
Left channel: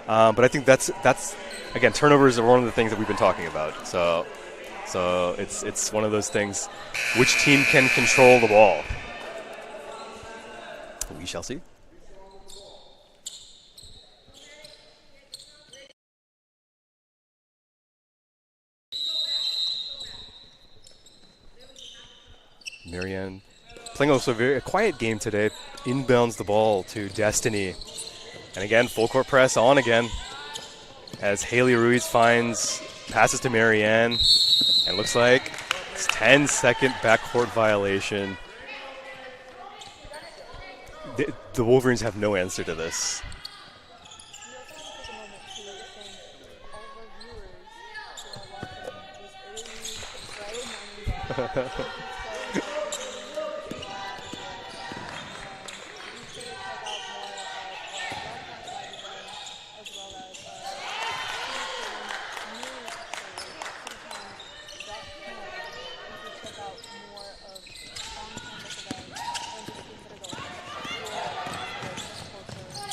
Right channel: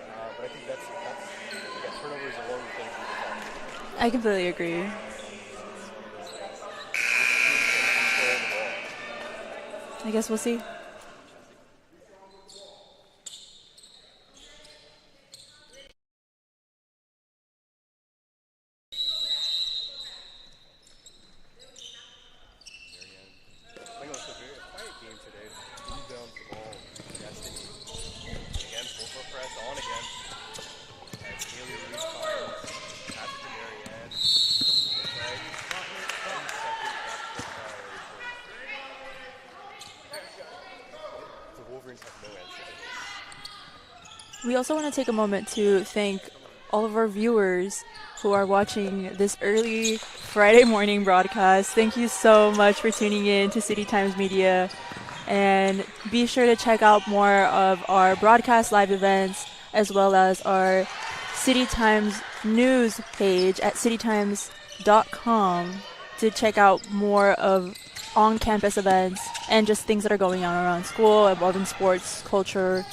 But I think that's again, turnovers are one of the things that we've been talking about. So I completely agree. So it's one of those things. Which team can control the ball? I guess we'll see. We shall see. Marianne playing also a quiet game today. Inbounds the ball to Destiny. And again, full court press on again. As Haley Ruiz passes to Marianne. And looks like it's 10-second backcourt violation. The Wolverines have no answer to this. We also want to take a moment to thank all of our viewers who are watching this early Friday morning broadcast. Thank you so much for tuning in to City Times Media. And be sure to check out more of our broadcast live events as well as our City Times news page at citytimes.com to check out more of on-campus events and just things that are going on around school, involving sports, culture,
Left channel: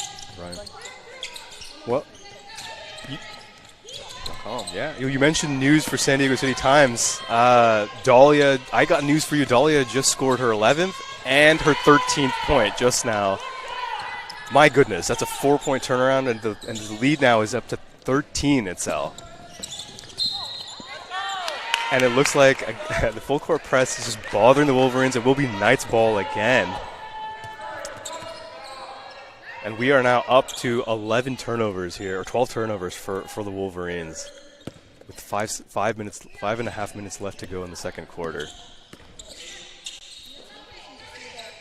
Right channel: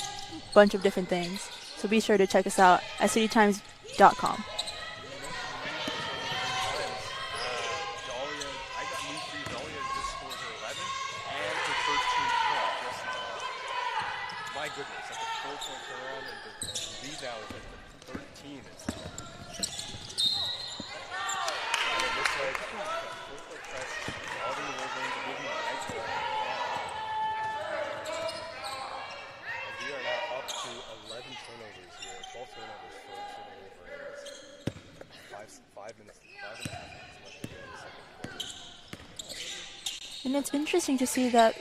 a bunch of different things. So be sure to check us out at citytimes.com. Oh, yeah. You mentioned news for San Diego City Times. Dahlia, I got news for you. Dahlia just scored her 11th and her 13th point just now. My goodness, that's a 4-point turnaround, and the lead now is up to 13, Itzel. And it looks like the full court press is just bothering the Wolverines. It will be Knights ball again. And we are now up to 11 turnovers here, or 12 turnovers for the Wolverines, with 5.5 minutes left to go in the second quarter. And it's interesting to see that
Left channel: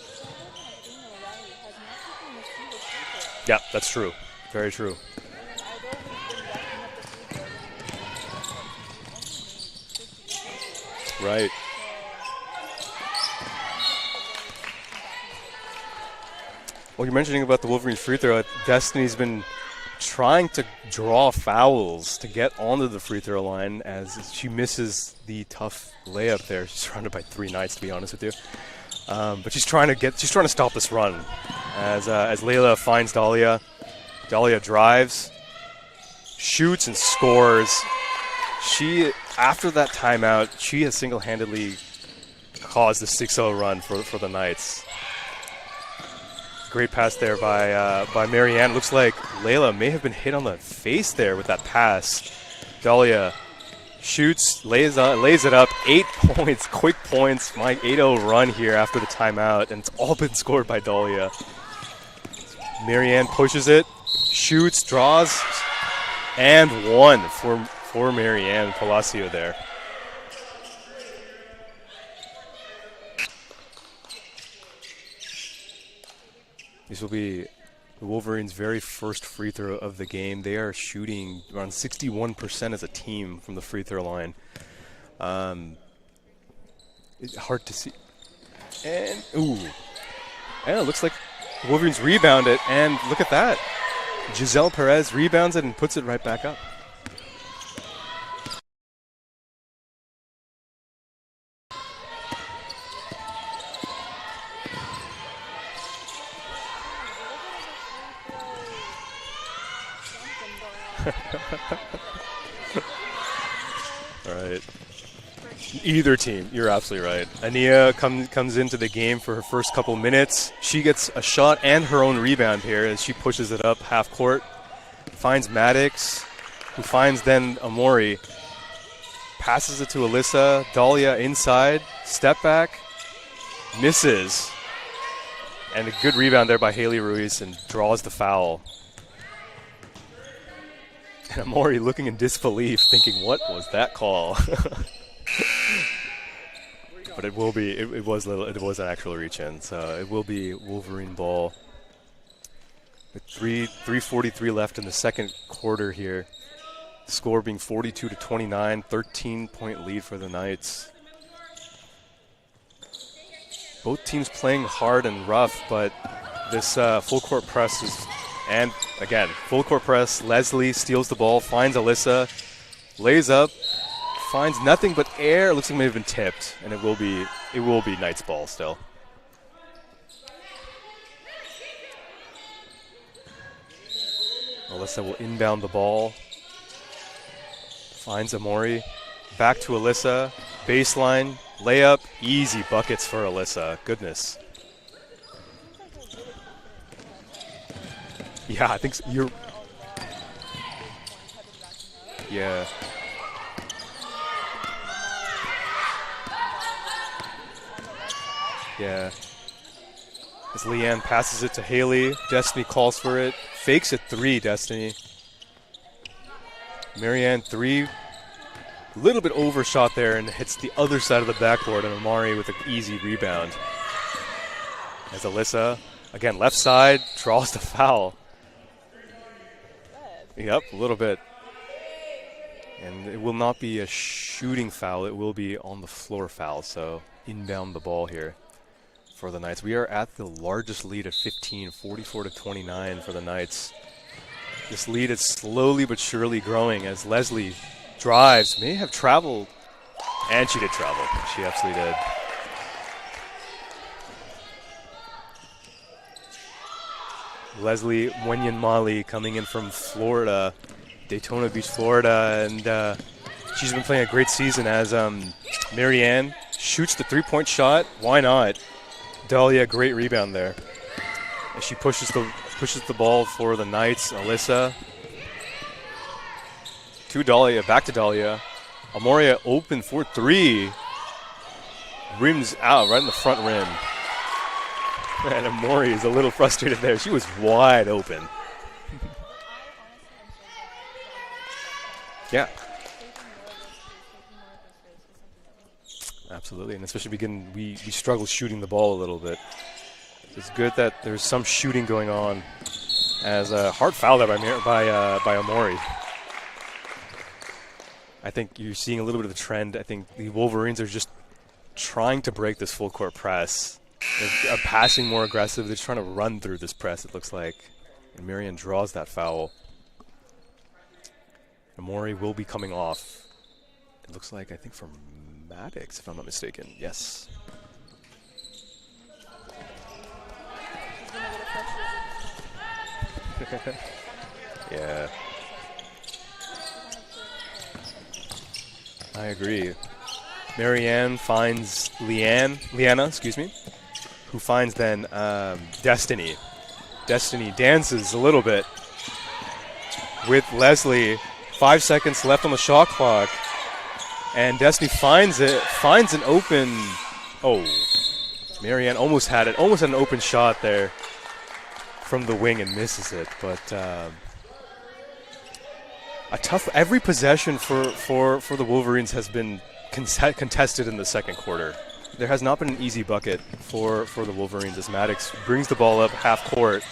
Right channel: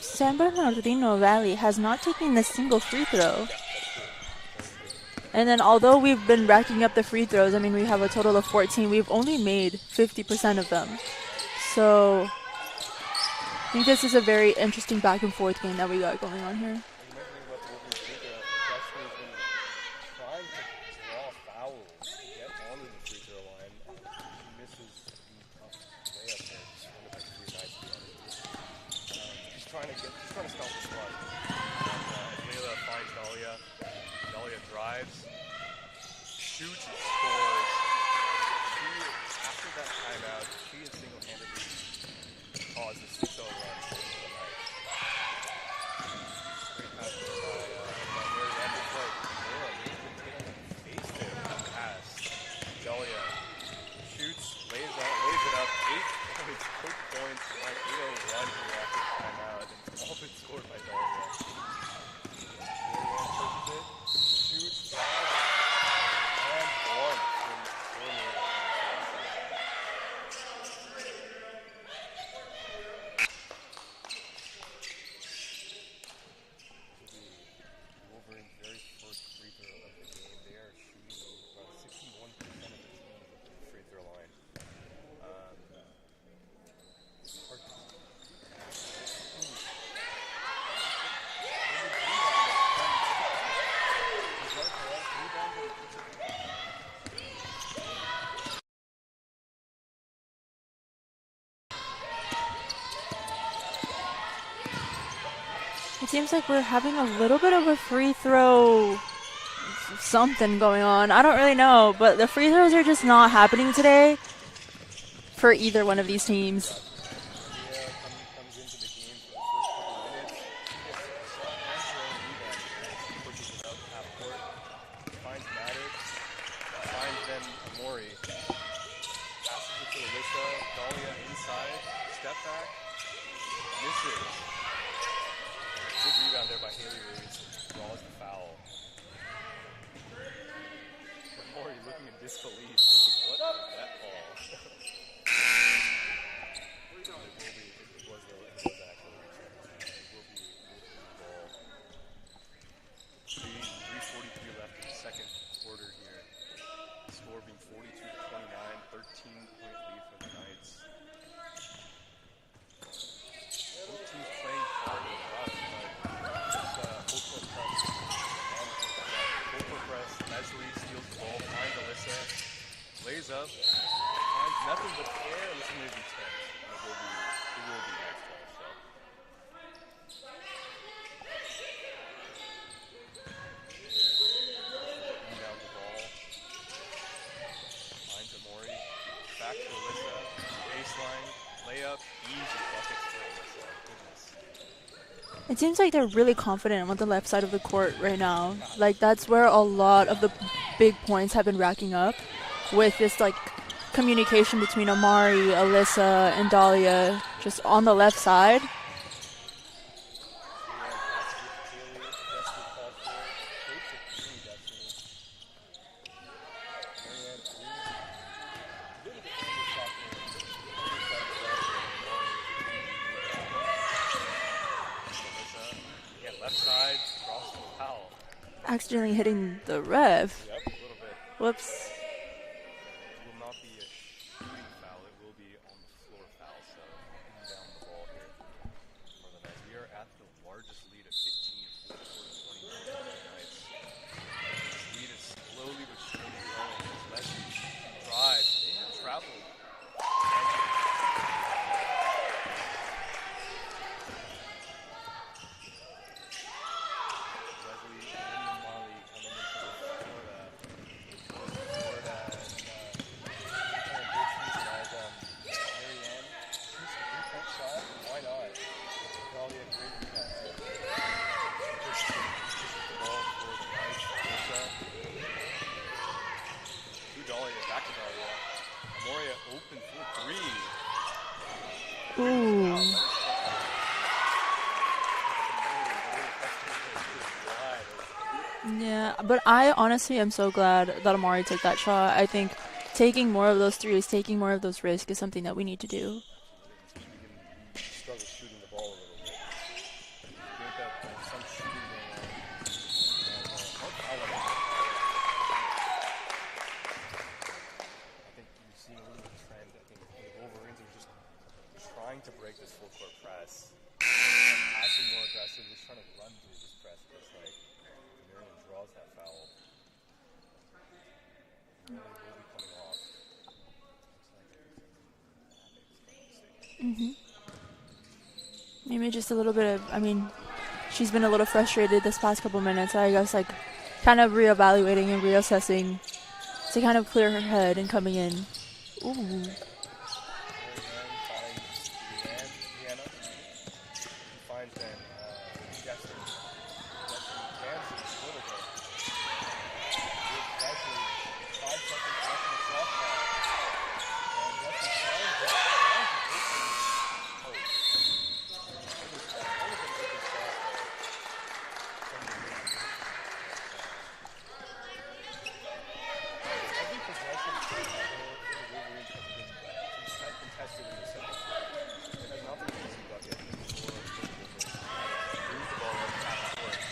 San Bernardino Valley has not taken a single free throw. Yeah, that's true. Very true. And then although we've been racking up the free throws, I mean, we have a total of 14. We've only made 50% of them. Right. So I think this is a very interesting back and forth game that we got going on here. Well, you're mentioning about the Wolverines free throw. Destiny's been trying to draw fouls to get onto the free throw line as she misses the tough layup there. She's surrounded by 3 Knights, to be honest with you. But she's trying to stop this run as Layla finds Dahlia. Dahlia drives, shoots, and scores. After that timeout, she has single-handedly caused the 6-0 run for the Knights. Great pass there by Marianne. Looks like Layla may have been hit on the face there with that pass. Dahlia shoots, lays it up. 8 points, quick points. My 8-0 run here after the timeout, and it's all been scored by Dahlia. Marianne pushes it, shoots, draws, and 1 for Marianne Palacio there. This will be the Wolverines' very first free throw of the game. They are shooting around 61% as a team from the free throw line. It's hard to see. And it looks like the Wolverines rebound it, and look at that. Giselle Perez rebounds it and puts it right back up. It seems like we're having a little bit of a free throw something going on. I don't really know, but the free throws are just not happening today. Right. For either one of these teams. You're absolutely right. Ania comes into the game for her first couple minutes. She gets a shot and her own rebound here as she pushes it up half court. Finds Maddox, who finds then Amori. Passes it to Alyssa. Dahlia inside. Step back. Misses. And a good rebound there by Haley Ruiz and draws the foul. And Amori looking in disbelief, thinking, what was that call? But it will be. It was an actual reach-in, so it will be Wolverine ball. With 3:43 left in the second quarter here. Score being 42-29, 13-point lead for the Knights. Both teams playing hard and rough, but this full court press is, and again, full court press. Leslie steals the ball, finds Alyssa, lays up. Finds nothing but air. It looks like it may have been tipped, and it will be Knights ball still. Alyssa will inbound the ball. Finds Amori. Back to Alyssa. Baseline. Layup. Easy buckets for Alyssa. Goodness. It seems like they're really confident on the left side of the court right now. Yeah, like that's where a lot of the big points have been racking up. Yeah. With this like communication between Amari, Alyssa, and Dahlia just on the left side. Yeah. As Leanne passes it to Haley, Destiny calls for it. Fakes a three, Destiny. Marianne three. A little bit overshot there and hits the other side of the backboard, and Amari with an easy rebound. As Alyssa, again, left side, draws the foul. Accidentally hitting the ref. Yep, a little bit. Whoops. And it will not be a shooting foul. It will be on the floor foul. So inbound the ball here for the Knights. We are at the largest lead of 15, 44-29 for the Knights. This lead is slowly but surely growing as Leslie drives. May have traveled. And she did travel. She absolutely did. Leslie Mwenyanmali coming in from Florida. Daytona Beach, Florida, and she's been playing a great season as Marianne shoots the three-point shot. Why not? Dahlia, great rebound there. And she pushes the ball for the Knights. Alyssa to Dahlia, back to Dahlia. Amoria open for three. Rims out right in the front rim. And Amori is a little frustrated there. She was wide open. Yeah, but I honestly am so glad that Amari took that shot. I think taking more of those threes, taking more of those risks is something that we need to do. Absolutely, and especially we struggle shooting the ball a little bit. It's good that there's some shooting going on. As a hard foul there by Amori. I think you're seeing a little bit of a trend. I think the Wolverines are just trying to break this full court press. They're passing more aggressive. They're just trying to run through this press, it looks like. And Marian draws that foul. Amori will be coming off. It looks like, I think, from Maddox, if I'm not mistaken. Yes. Maybe just a little bit of, I mean, she's been a little frustrated this past couple minutes. I guess, like, kind of reevaluating and reassessing to kind of clear her head and coming in. Ooh. I agree. Marianne finds Leanna, who finds then Destiny. Destiny dances a little bit with Leslie. 5 seconds left on the shot clock. And Destiny finds an open, Marianne almost had it, almost had an open shot there from the wing and misses it. But every possession for the Wolverines has been contested in the second quarter. There has not been an easy bucket for the Wolverines as Maddox brings the ball up half court.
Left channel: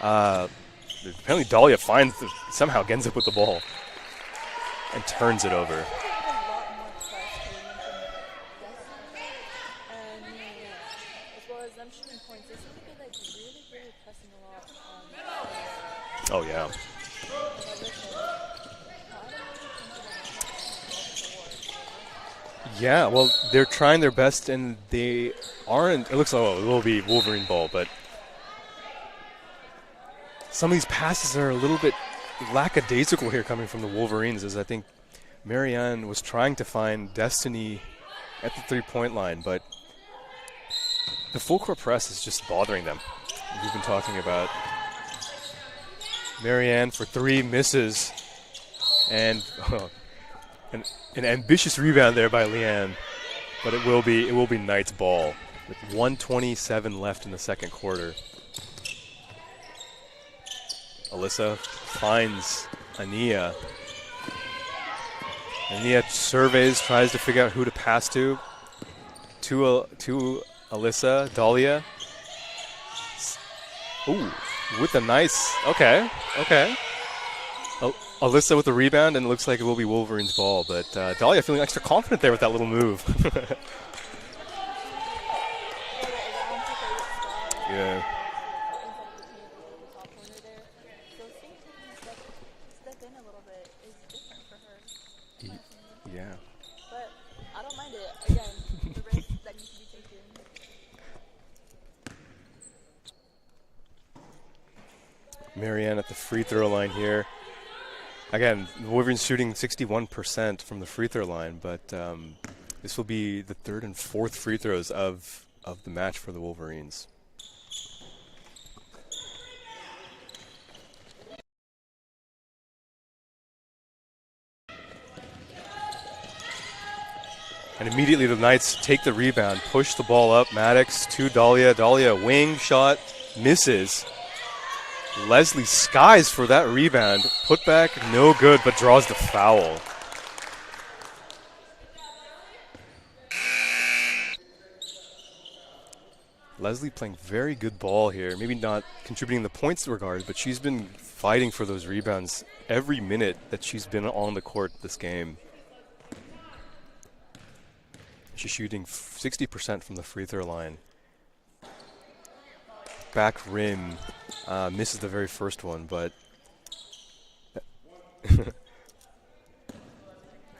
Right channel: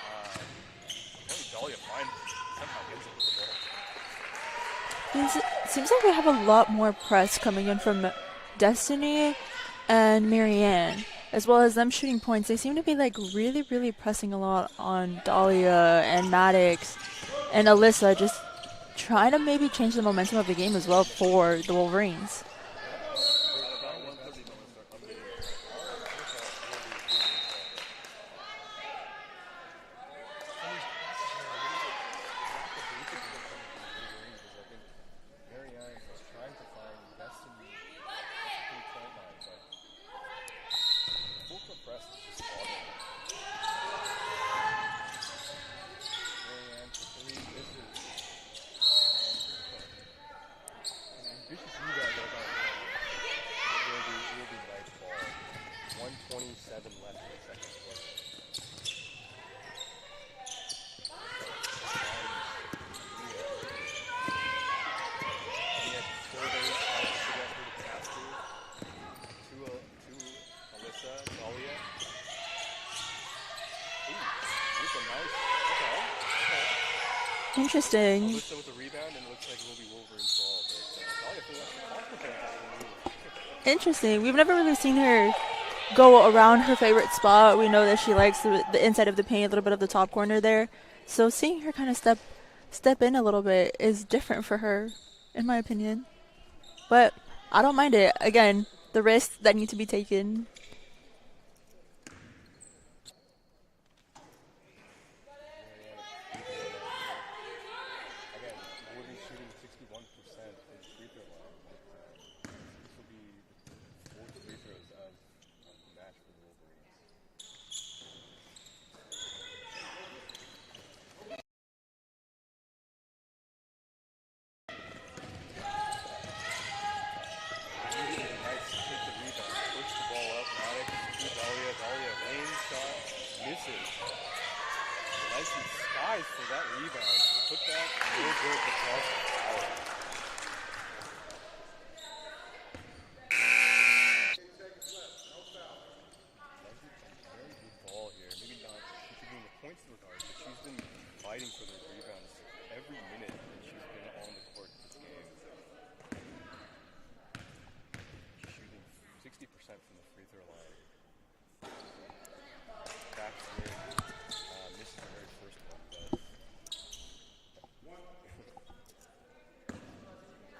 Apparently Dahlia somehow ends up with the ball and turns it over. Seems like we have a lot more press coming in from Destiny and Marianne. as well as them shooting points, they seem to be like really, really pressing a lot on Dahlia and Maddox and Alyssa, just trying to maybe change the momentum of the game as well for the Wolverines. Yeah, well, they're trying their best, and they aren't. It looks like it will be Wolverine ball, but some of these passes are a little bit lackadaisical here coming from the Wolverines, as I think Marianne was trying to find Destiny at the three-point line, but the full court press is just bothering them. We've been talking about Marianne for three, misses, and an ambitious rebound there by Leanne, but it will be Knight's ball with 1:27 left in the second quarter. Alyssa finds Ania. Ania surveys, tries to figure out who to pass to. To Alyssa, Dahlia. Ooh, with a nice, okay. Interesting. Alyssa with the rebound, and it looks like it will be Wolverine's ball, but Dahlia feeling extra confident there with that little move. Interesting. We've never really seen her go around her favorite spot. We know that she likes the inside of the paint, a little bit of the top corner there. So seeing her kind of step in a little bit is different for her, in my opinion. Yeah. But I don't mind it. Again, the risks that need to be taken. Marianne at the free throw line here. Again, the Wolverines shooting 61% from the free throw line, but this will be the third and fourth free throws of the match for the Wolverines. And immediately the Knights take the rebound, push the ball up. Maddox to Dahlia. Dahlia, wing shot, misses. Leslie skies for that rebound. Put back, no good, but draws the foul. Leslie playing very good ball here. Maybe not contributing the points regards, but she's been fighting for those rebounds every minute that she's been on the court this game. She's shooting 60% from the free throw line. Back rim, misses the very first one, but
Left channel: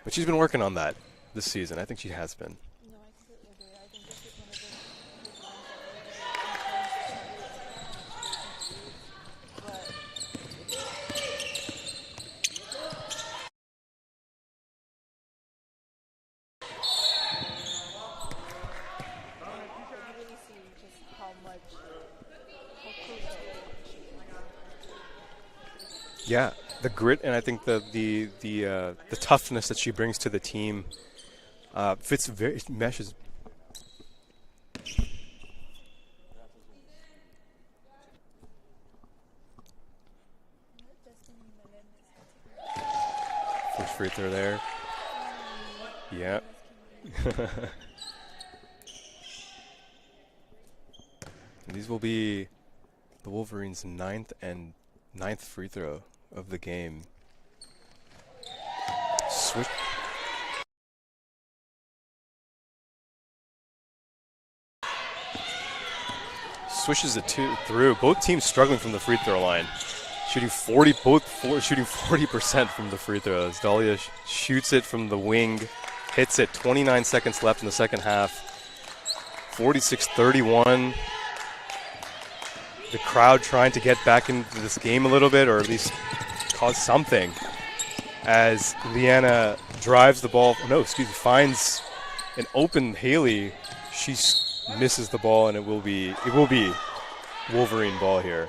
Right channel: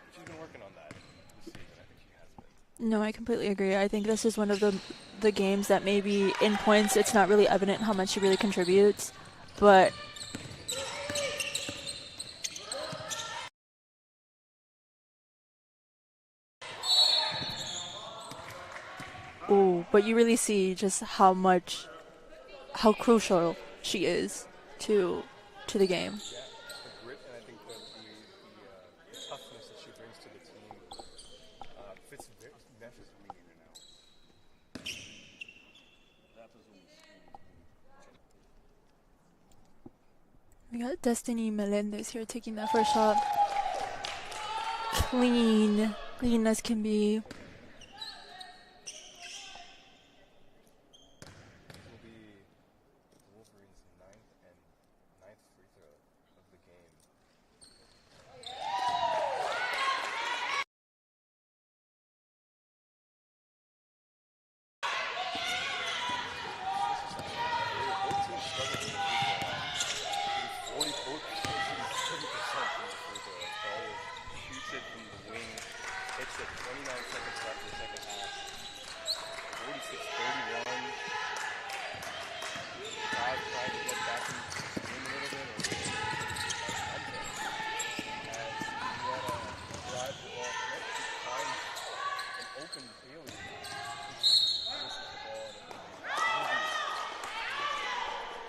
but she's been working on that this season. I think she has been. No, I completely agree. I think this is one of the games that maybe in points it's not really evident how much she really contributes, but but you really see just how crucial she is to the game. Yeah, the grit, and I think the toughness that she brings to the team meshes. We got Destiny Melendez here taking that first shot. First free throw there. Clean as can be. These will be the Wolverines' ninth free throw of the game. Swishes it through. Both teams struggling from the free throw line. Shooting 40% from the free throws. Dahlia shoots it from the wing, hits it. 29 seconds left in the second half. 46-31. The crowd trying to get back into this game a little bit, or at least cause something, as Leanna drives the ball. Finds an open Haley. She misses the ball, and it will be Wolverine ball here.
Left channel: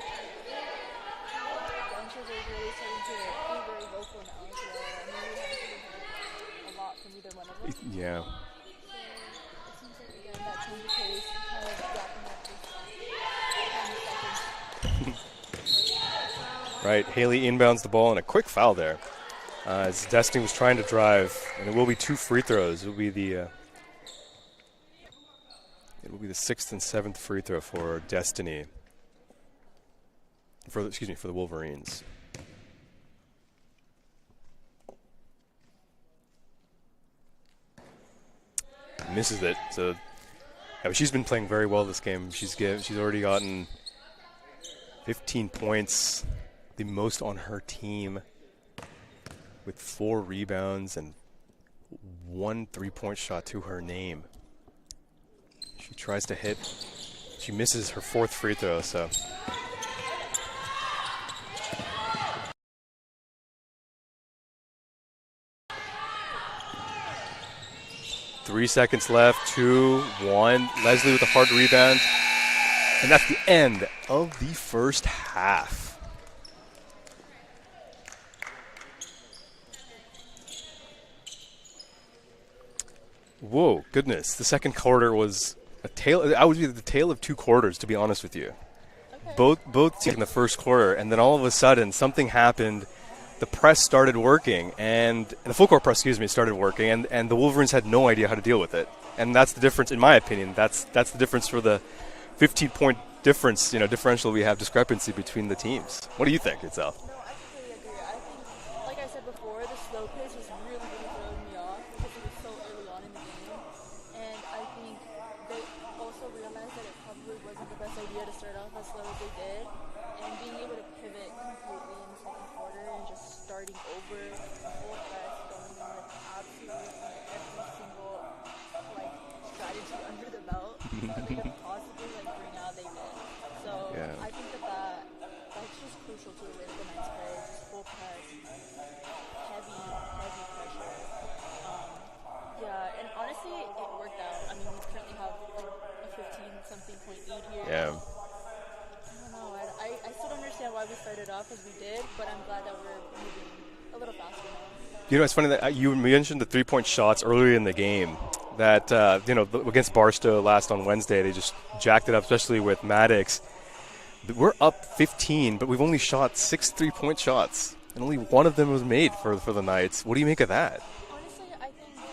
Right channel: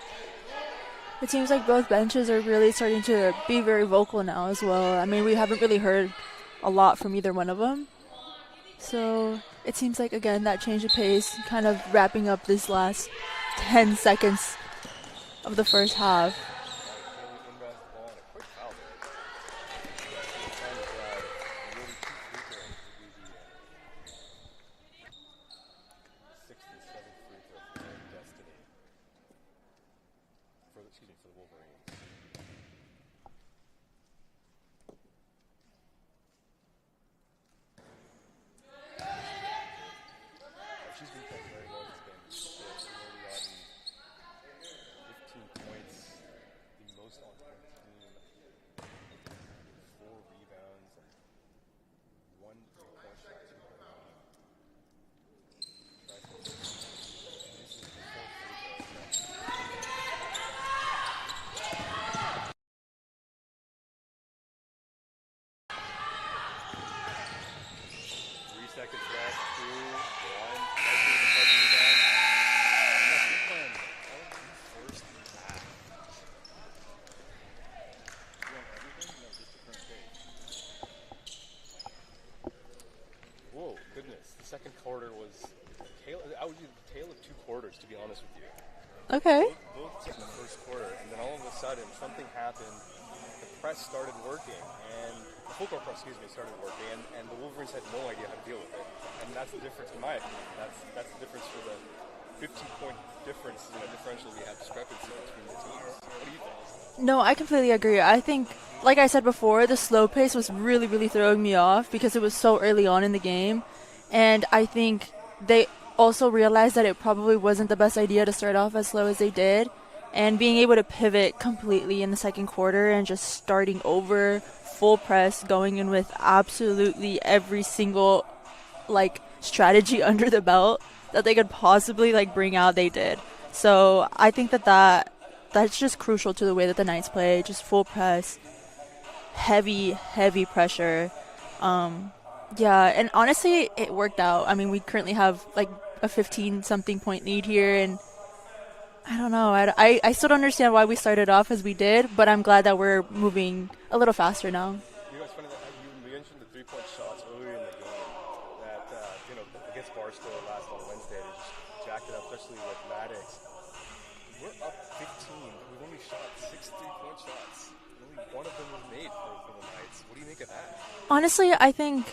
It seems like both benches are really starting to be very vocal now as well. I mean, we haven't really heard a lot from either one of them. Yeah. So it seems like, again, that change of pace, kind of wrapping up this last 10 seconds of the first half. Right, Haley inbounds the ball and a quick foul there. As Destiny was trying to drive, and it will be two free throws. It will be the sixth and seventh free throw for Destiny. For the Wolverines. Misses it. So Yeah, but she's been playing very well this game. She's already gotten 15 points, the most on her team, with 4 rebounds and 1 3-point shot to her name. She tries to hit. She misses her 4th free throw, so. Three seconds left, 2-1. Leslie with a hard rebound. And that's the end of the first half. Whoa, goodness. The second quarter was I would be the tale of 2 quarters, to be honest with you. Okay. Both in the first quarter, and then all of a sudden something happened. The press started working, and the full court press, started working, and the Wolverines had no idea how to deal with it. And that's the difference, in my opinion. That's the difference for the 15-point differential we have, discrepancy between the teams. What do you think, Itzel? No, I completely agree. I think, like I said before, the slow pace was really, really throwing me off because it was so early on in the game. And I think they also realized that it probably wasn't the best idea to start off as slow as they did. And being able to pivot completely in the second quarter and just starting over, full press, going in with absolutely every single, strategy under the belt that they could possibly, bring out, they did. So Yeah. I think that's just crucial to the way that the Knights play. Just full press, heavy pressure. Yeah, and honestly, it worked out. I mean, we currently have, a 15-something point lead here, and I don't know. I still don't understand why we started off as we did, but I'm glad that we're moving a little faster now. It's funny that you mentioned the 3-point shots earlier in the game. That against Barstow last on Wednesday, they just jacked it up, especially with Maddox. We're up 15, but we've only shot 6 3-point shots, and only one of them was made for the Knights. What do you make of that? Honestly, I think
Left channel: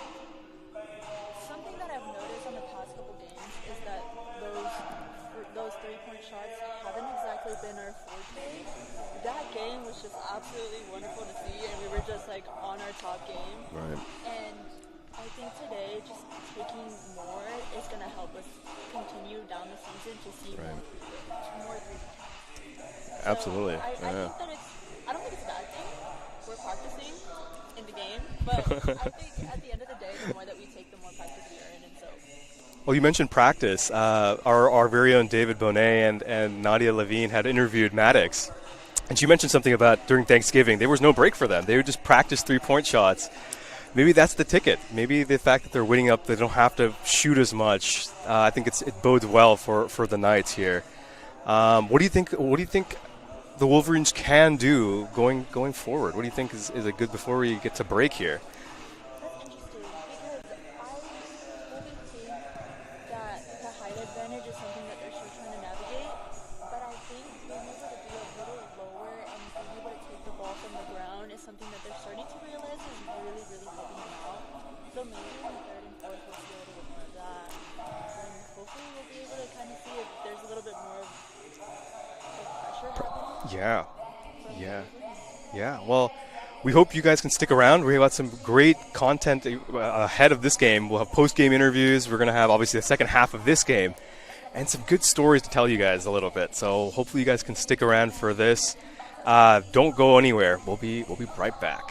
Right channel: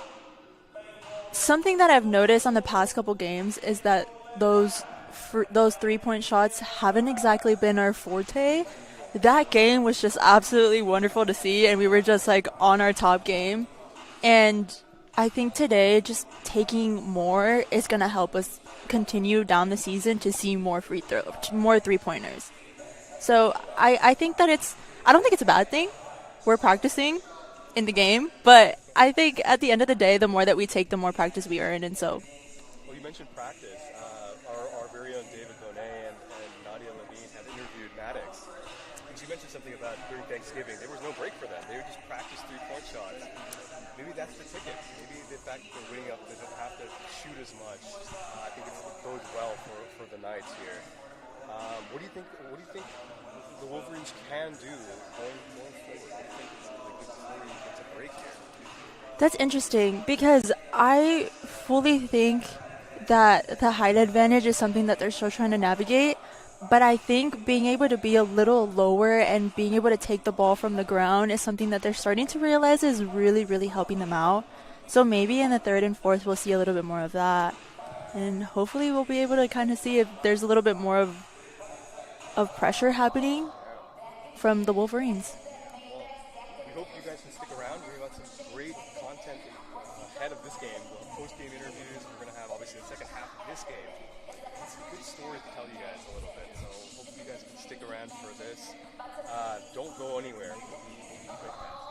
something that I've noticed on the past couple games is that those 3-point shots haven't exactly been our forte. That game was just absolutely wonderful to see, and we were just on our top game. Right. And I think today just taking more is going to help us continue down the season to see more 3-pointers. So Absolutely. I think that I don't think it's a bad thing. We're practicing in the game, but I think at the end of the day, the more that we take, the more practice we earn, and so. Well, you mentioned practice. Our very own David Bonet and Nadia Levine had interviewed Maddox, and she mentioned something about during Thanksgiving, there was no break for them. They would just practice 3-point shots. Maybe that's the ticket. Maybe the fact that they're winning up, they don't have to shoot as much. I think it bodes well for the Knights here. What do you think? What do you think the Wolverines can do going forward? What do you think is it good before we get to break here? That's interesting because I fully think that the height advantage is something that they're still trying to navigate. But I think being able to be a little lower and being able to take the ball from the ground is something that they're starting to realize is really, really helping them out. So maybe in the third and fourth, we'll see a little bit more of that. And hopefully we'll be able to kind of see if there's a little bit more of pressure happening from the Wolverines. Yeah, well, we hope you guys can stick around. We've got some great content ahead of this game. We'll have post-game interviews. We're going to have, obviously, the second half of this game. And some good stories to tell you guys a little bit. So hopefully you guys can stick around for this. Don't go anywhere. We'll be right back.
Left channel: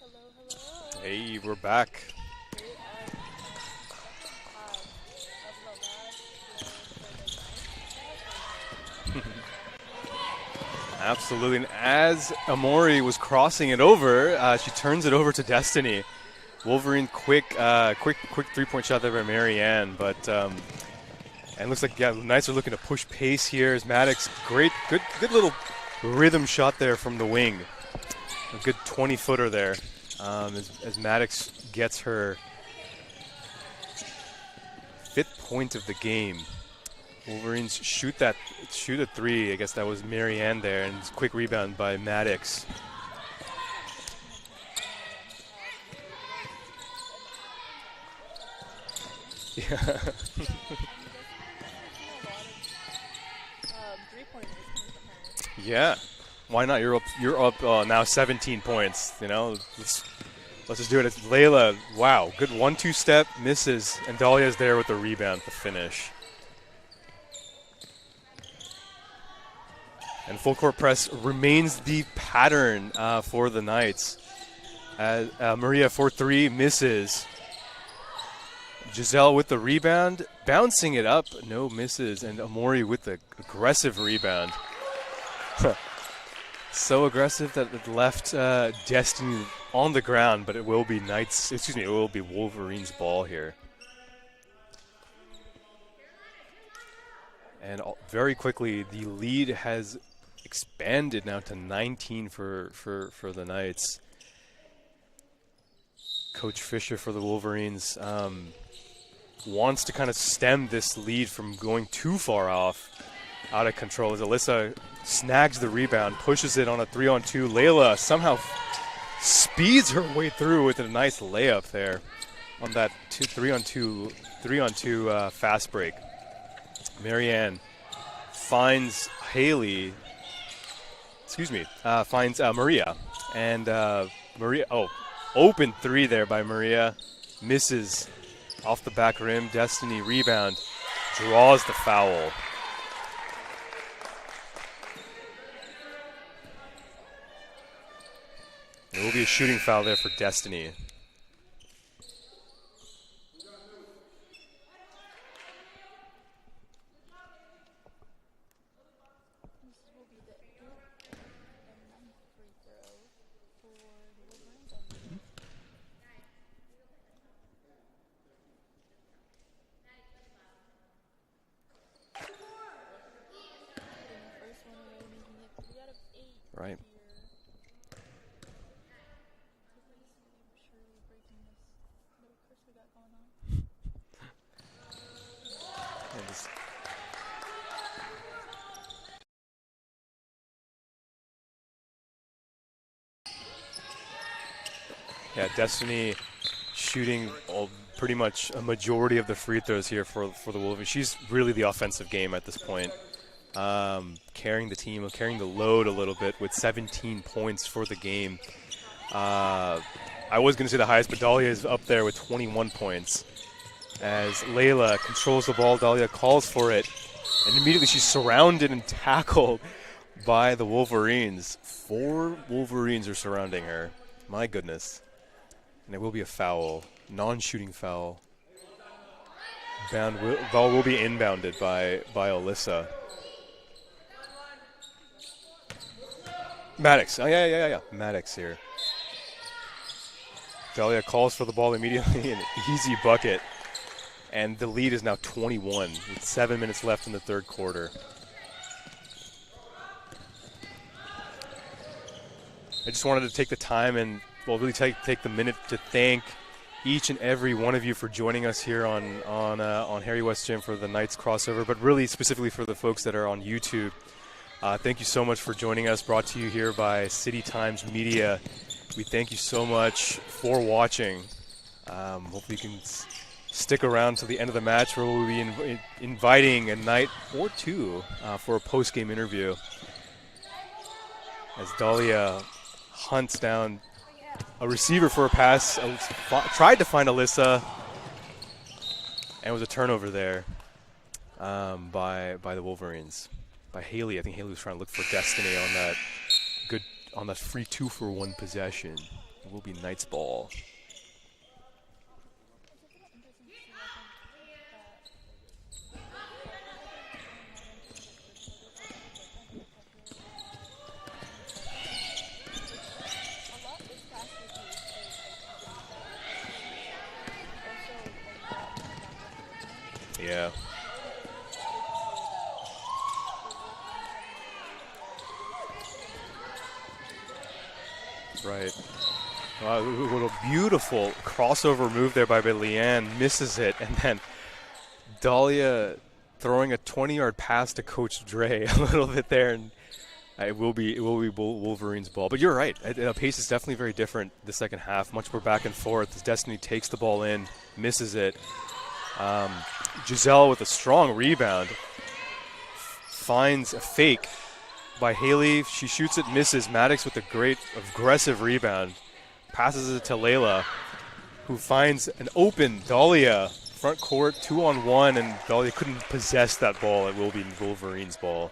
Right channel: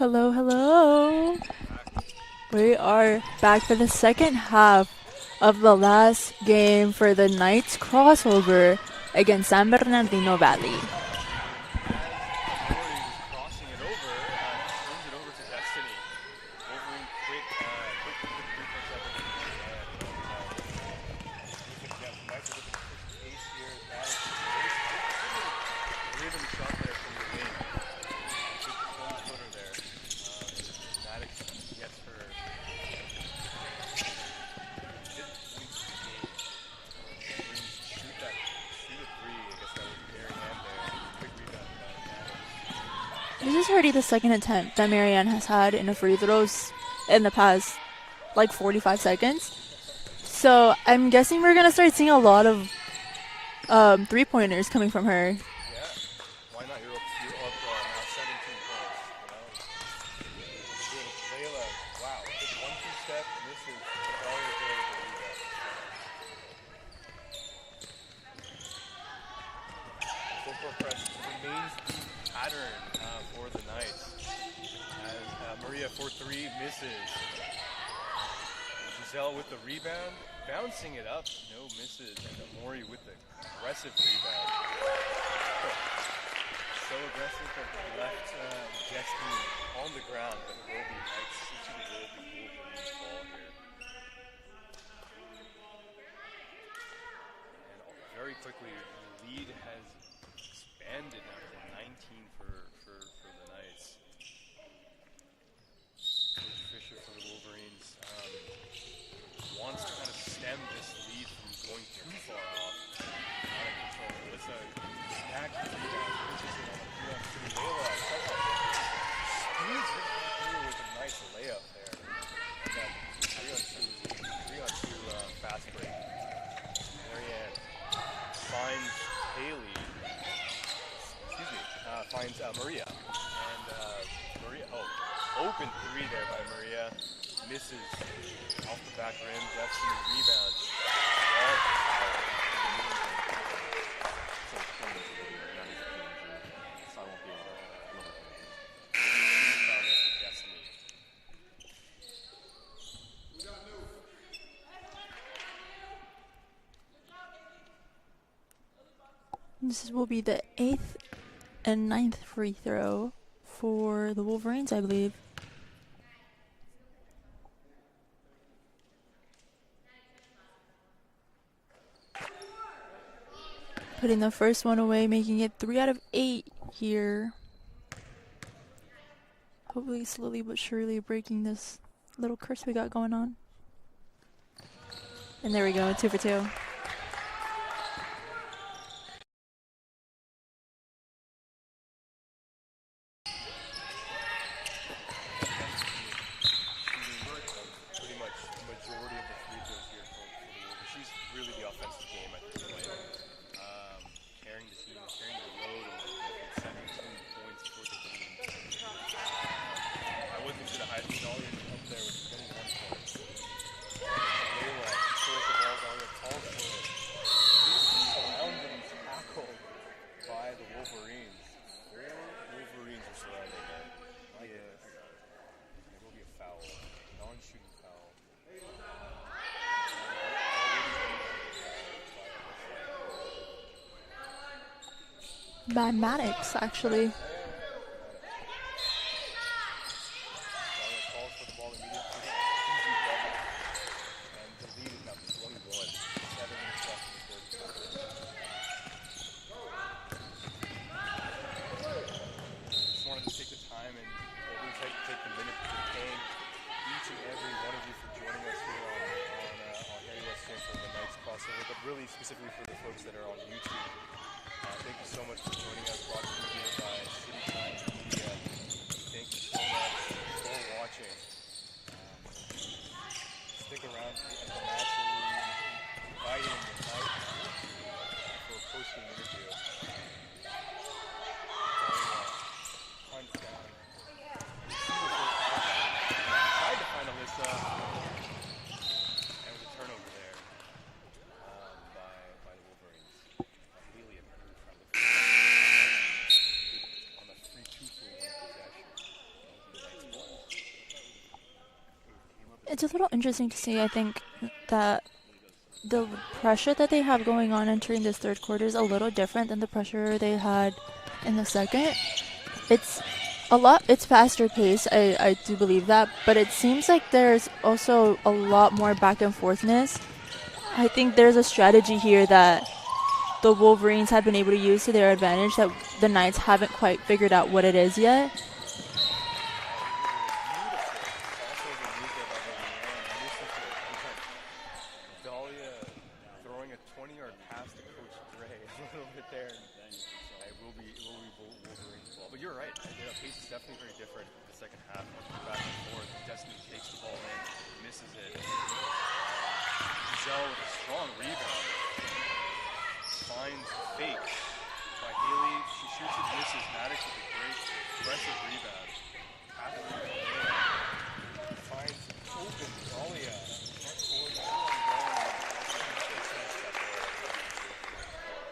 Hello, hello. Hey, we're back. We are back for the second half of the last game for the Knights crossover against San Bernardino Valley. Absolutely. And as Amori was crossing it over, she turns it over to Destiny. Wolverine quick three-point shot there by Marianne, but and looks like Knights are looking to push pace here. As Maddox, good little rhythm shot there from the wing. A good 20-footer there. As Maddox gets her 5th point of the game. Wolverines shoot a three. I guess that was Marianne there, and it's a quick rebound by Maddox. This is already the second attempt that Marianne has had in a free throws in the past, like 45 seconds. Yeah. So I'm guessing we're gonna start seeing a lot of three-pointers coming from her. Yeah. Why not? You're up now 17 points. You know, let's just do it. It's Layla. Wow, good 1-2 step, misses, and Dahlia's there with the rebound to finish. And full court press remains the pattern for the Knights. As Maria for 3 misses. Giselle with the rebound, bouncing it up, no misses, and Amori with the aggressive rebound. So aggressive that it left Destiny on the ground, but it will be it will be Wolverines' ball here. And very quickly, the lead has expanded now to 19 for the Knights. Coach Fisher for the Wolverines wants to kind of stem this lead from going too far out of control, as Alyssa snags the rebound, pushes it on a 3-on-2. Layla somehow speeds her way through with a nice layup there on that 3-on-2 fast break. Marianne finds Maria, and Maria, open 3 there by Maria, misses off the back rim. Destiny rebound, draws the foul. There will be a shooting foul there for Destiny. This will be the 8th and 9th free throw for the Wolverines, I believe. Putting the first one away, making it 3 out of 8 here. Hopefully slowly but surely breaking this little curse we got going on. And there we go, 2 for 2. Yeah, Destiny shooting pretty much a majority of the free throws here for the Wolverines. She's really the offensive game at this point. Carrying the team, carrying the load a little bit with 17 points for the game. I was going to say the highest, but Dahlia is up there with 21 points. As Layla controls the ball, Dahlia calls for it, and immediately she's surrounded and tackled by the Wolverines. 4 Wolverines are surrounding her. My goodness. And it will be a foul, non-shooting foul. Ball will be inbounded by Alyssa. By Maddox, actually. Maddox, yeah. Maddox here. Dahlia calls for the ball immediately, an easy bucket. And the lead is now 21 with 7 minutes left in the 3rd quarter. I just wanted to take the time and really take the minute to thank each and every one of you for joining us here on Harry West Gym for the Knights crossover, but really specifically for the folks that are on YouTube. Thank you so much for joining us, brought to you here by City Times Media. We thank you so much for watching. Hope you can stick around to the end of the match, where we'll be inviting a Knight or 2 for a post-game interview. As Dahlia hunts down a receiver for a pass, tried to find Alyssa, and was a turnover there by the Wolverines. By Haley. I think Haley was trying to look for Destiny on that free 2-for-1 possession. It will be Knights ball. It's a little interesting to see, I think, that the pressure that they have going on entering this third quarter is a little different than the pressure they had in the second. It's faster paced, I do believe that, but it seems like there's also a lot more back and forthness. Yeah. I think there's a strategy here that the Wolverines have been able to use to their advantage that the Knights haven't quite figured out what it is yet. Right. A beautiful crossover move there by Leanne, misses it, and then Dahlia throwing a 20-yard pass to Coach Dre a little bit there, and it will be Wolverines ball. But you're right, the pace is definitely very different the second half, much more back and forth. Destiny takes the ball in, misses it. Giselle with a strong rebound, finds a fake by Haley. She shoots it, misses. Maddox with a great aggressive rebound. Passes it to Layla, who finds an open Dahlia front court, 2-on-1, and Dahlia couldn't possess that ball. It will be Wolverines ball.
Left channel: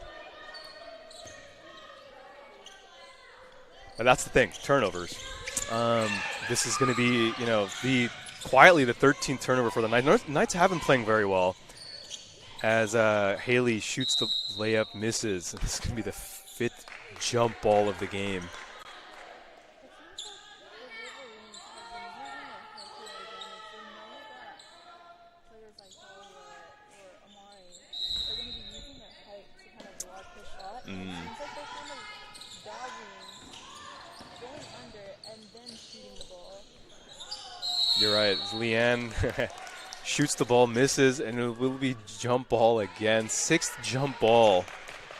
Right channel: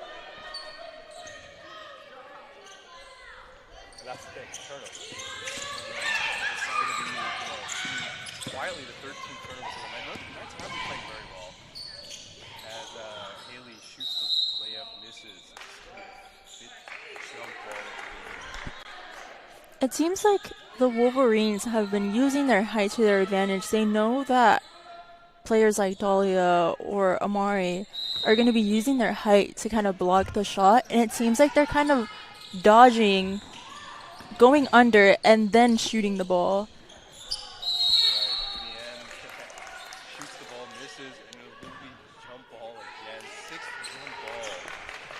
And that's the thing, turnovers. This is going to be, quietly the 13th turnover for the Knights. Knights have been playing very well. As Haley shoots the layup, misses. This is going to be the 5th jump ball of the game. It seems like the Wolverines have been using their height to their advantage. They know that players like Dahlia or Amari are going to be using their height to kind of block the shot, and it seems like they're kind of dodging, going under, and then shooting the ball. You're right. Leanne shoots the ball, misses, and it will be jump ball again. 6th jump ball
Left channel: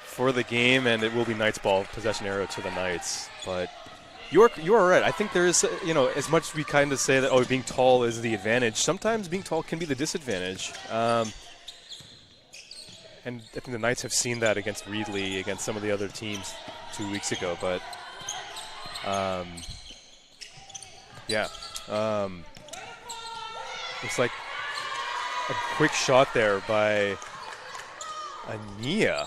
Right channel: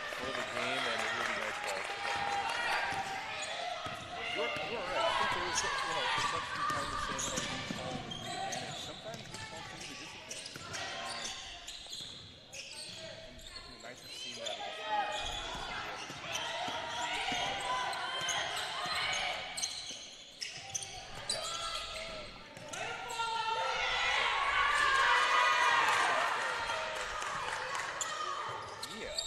for the game, and it will be Knights ball, possession arrow to the Knights. But you are right. I think there is, as much as we kind of say that, being tall is the advantage, sometimes being tall can be the disadvantage. And I think the Knights have seen that against Reedley, against some of the other teams 2 weeks ago. But, it's like a quick shot there by Ania.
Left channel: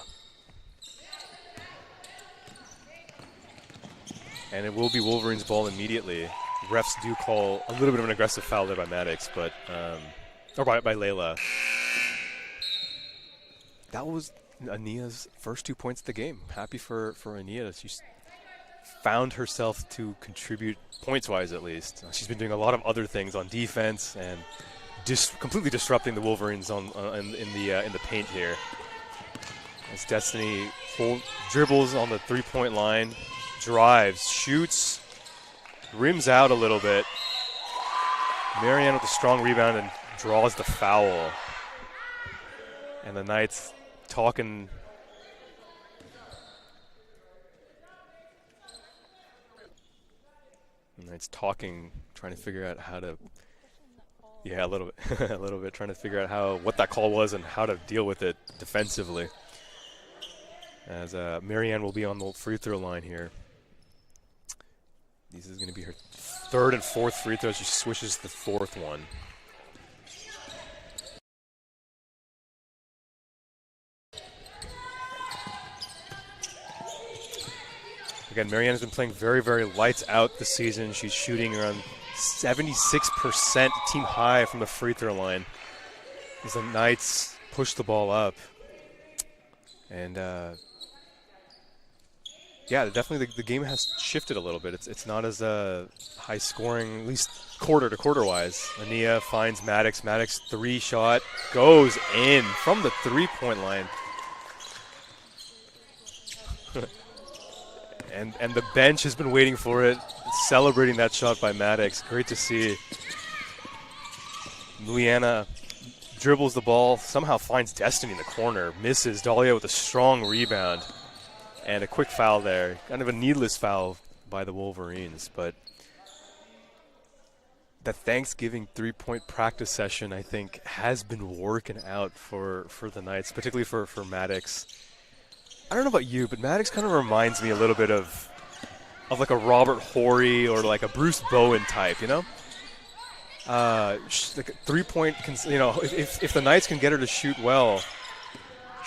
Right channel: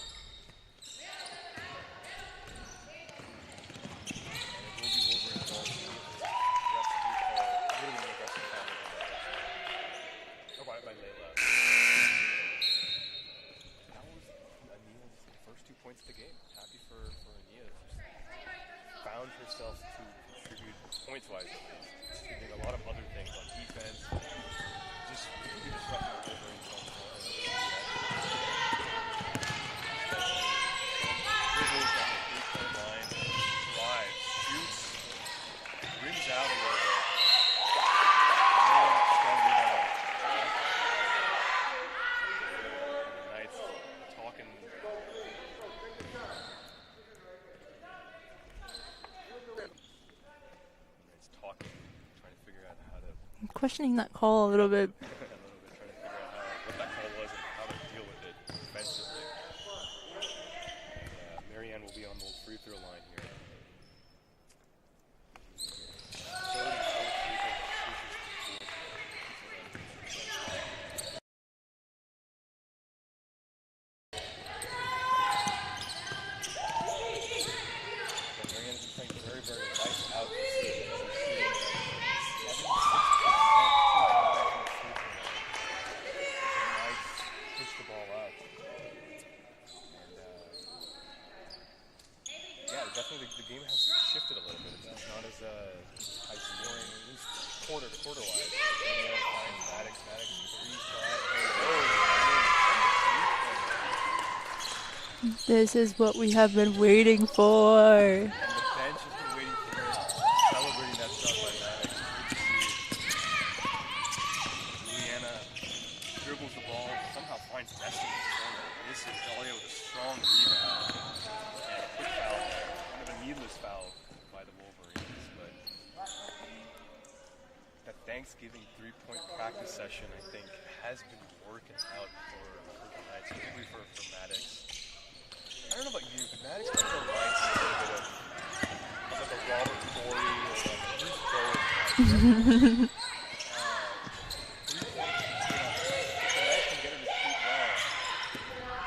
And it will be Wolverines ball immediately. Refs do call a little bit of an aggressive foul there by Maddox, but or by Layla. That was Ania's first 2 points of the game. Happy for Ania. She found herself to contribute points-wise, at least. She's been doing a lot of other things on defense and just completely disrupting the Wolverines in the paint here. As Destiny dribbles on the three-point line, drives, shoots, rims out a little bit. Marianne with a strong rebound and draws the foul. And the Knights talking. Trying to figure out how to. I'm questioning that call a little bit. A little bit, trying to figure out what that call was and how to deal with it defensively. As Marianne will be on the free throw line here. This is going to be her 3rd and 4th free throws. She swishes the 4th one. Again, Marianne has been playing very, very lights out this season. She's shooting around 76% team high from the free throw line as the Knights push the ball up. And definitely the game has shifted a little bit. It's not as high scoring, at least quarter to quarter wise. Ania finds Maddox. Maddox 3-shot goes in from the 3-point line. This is what we have been waiting for. And the bench has been waiting for it, celebrating that shot by Maddox. Great to see. Luiana dribbles the ball, somehow finds Destiny in the corner, misses. Dahlia with a strong rebound. And a quick foul there. Kind of a needless foul by the Wolverines. But the Thanksgiving 3-point practice session, I think, has been working out for the Knights, particularly for Maddox. I don't know about you, but Maddox kind of reminds me a little bit of like a Robert Horry or like a Bruce Bowen type, you know? Like a 3-point, if the Knights can get her to shoot well,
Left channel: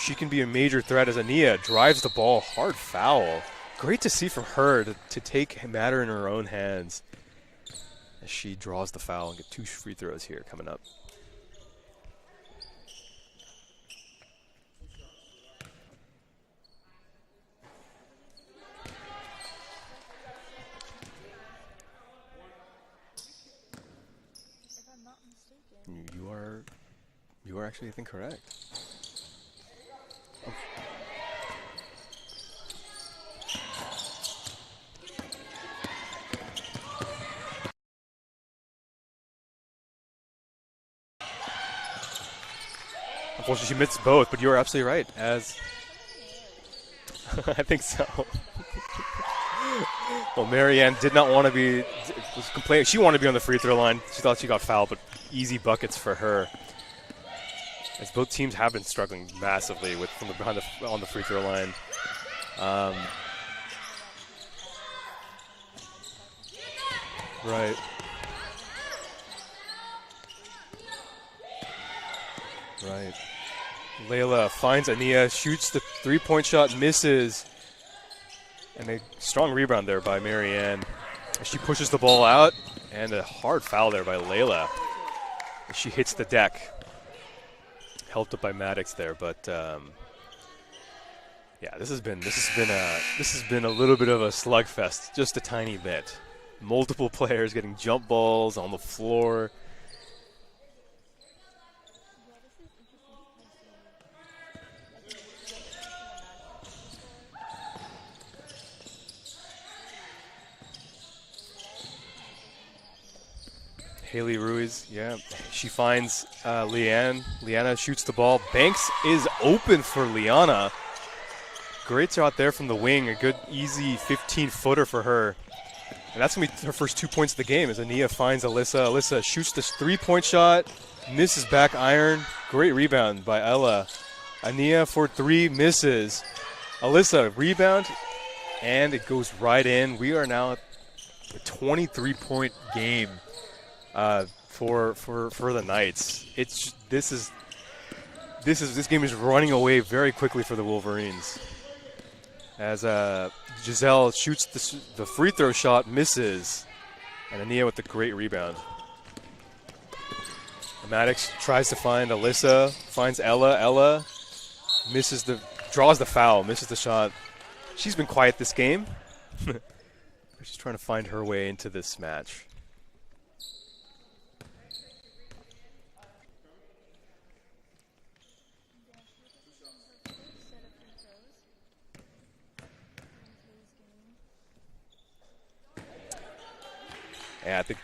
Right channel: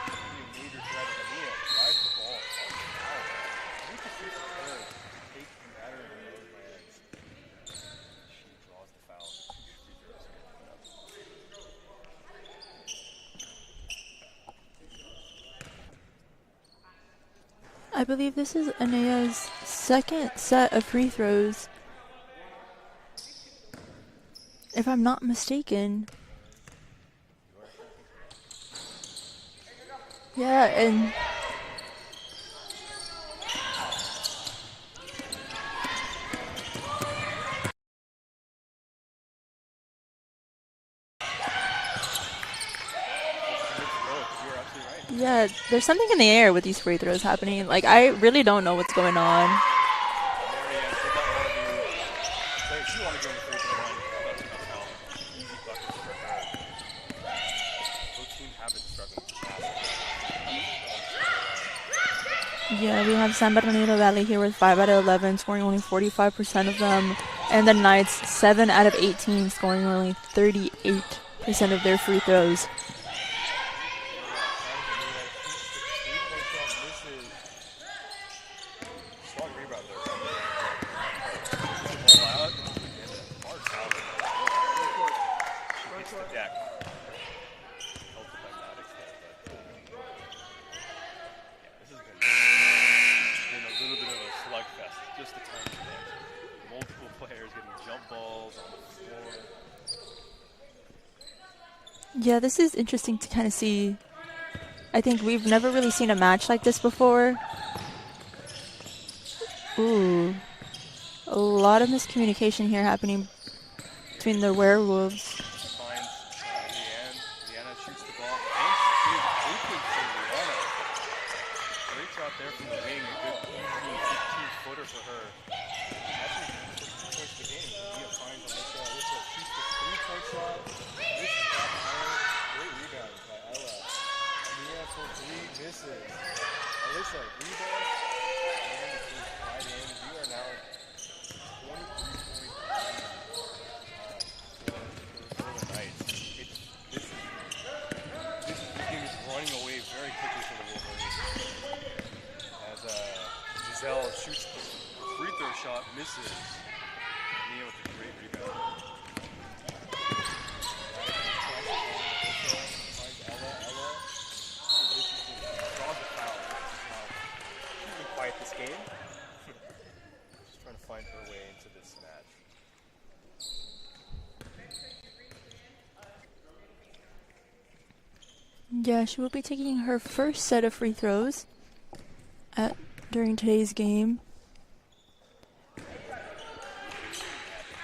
she can be a major threat as Ania drives the ball, hard foul. Great to see from her to take matter in her own hands as she draws the foul and get 2 free throws here coming up. I believe this is Anaya's second set of free throws, if I'm not mistaken. You are actually, I think, correct. Yeah, and unfortunately, she missed both, but you are absolutely right. yeah, there's something in the air with these free throws happening. I I really don't know what's going on. Well, Marianne did not want to be complaining. She wanted to be on the free throw line. She thought she got fouled, but easy buckets for her. As both teams have been struggling massively on the free throw line. Yeah, we have San Bernardino Valley here with 5 out of 11, scoring only 45% of them. And the Knights, 7 out of 18, scoring only 38% of their free throws. Right. Layla finds Ania, shoots the 3-point shot, misses. And a strong rebound there by Marianne. She pushes the ball out, and a hard foul there by Layla. She hits the deck. Helped up by Maddox there, but yeah, this has been a little bit of a slugfest, just a tiny bit. Multiple players getting jump balls on the floor. Yeah, this is interesting to kind of see. I think we've never really seen a match like this before. Ooh, a lot of miscommunication here happening between the werewolves. Yeah. She finds Leanne. Liana shoots the ball. Banks is open for Liana. Great shot there from the wing. A good, easy 15-footer for her. And that's going to be her first 2 points of the game as Ania finds Alyssa. Alyssa shoots the 3-point shot, misses back iron. Great rebound by Ella. Ania for 3, misses. Alyssa, rebound, and it goes right in. We are now at a 23-point game for the Knights. This game is running away very quickly for the Wolverines. As Giselle shoots the free throw shot, misses, and Ania with the great rebound. Maddox tries to find Alyssa, finds Ella. Ella draws the foul, misses the shot. She's been quiet this game. She's trying to find her way into this match. Yeah, she will be taking her first set of free throws during today's game. Yeah, I think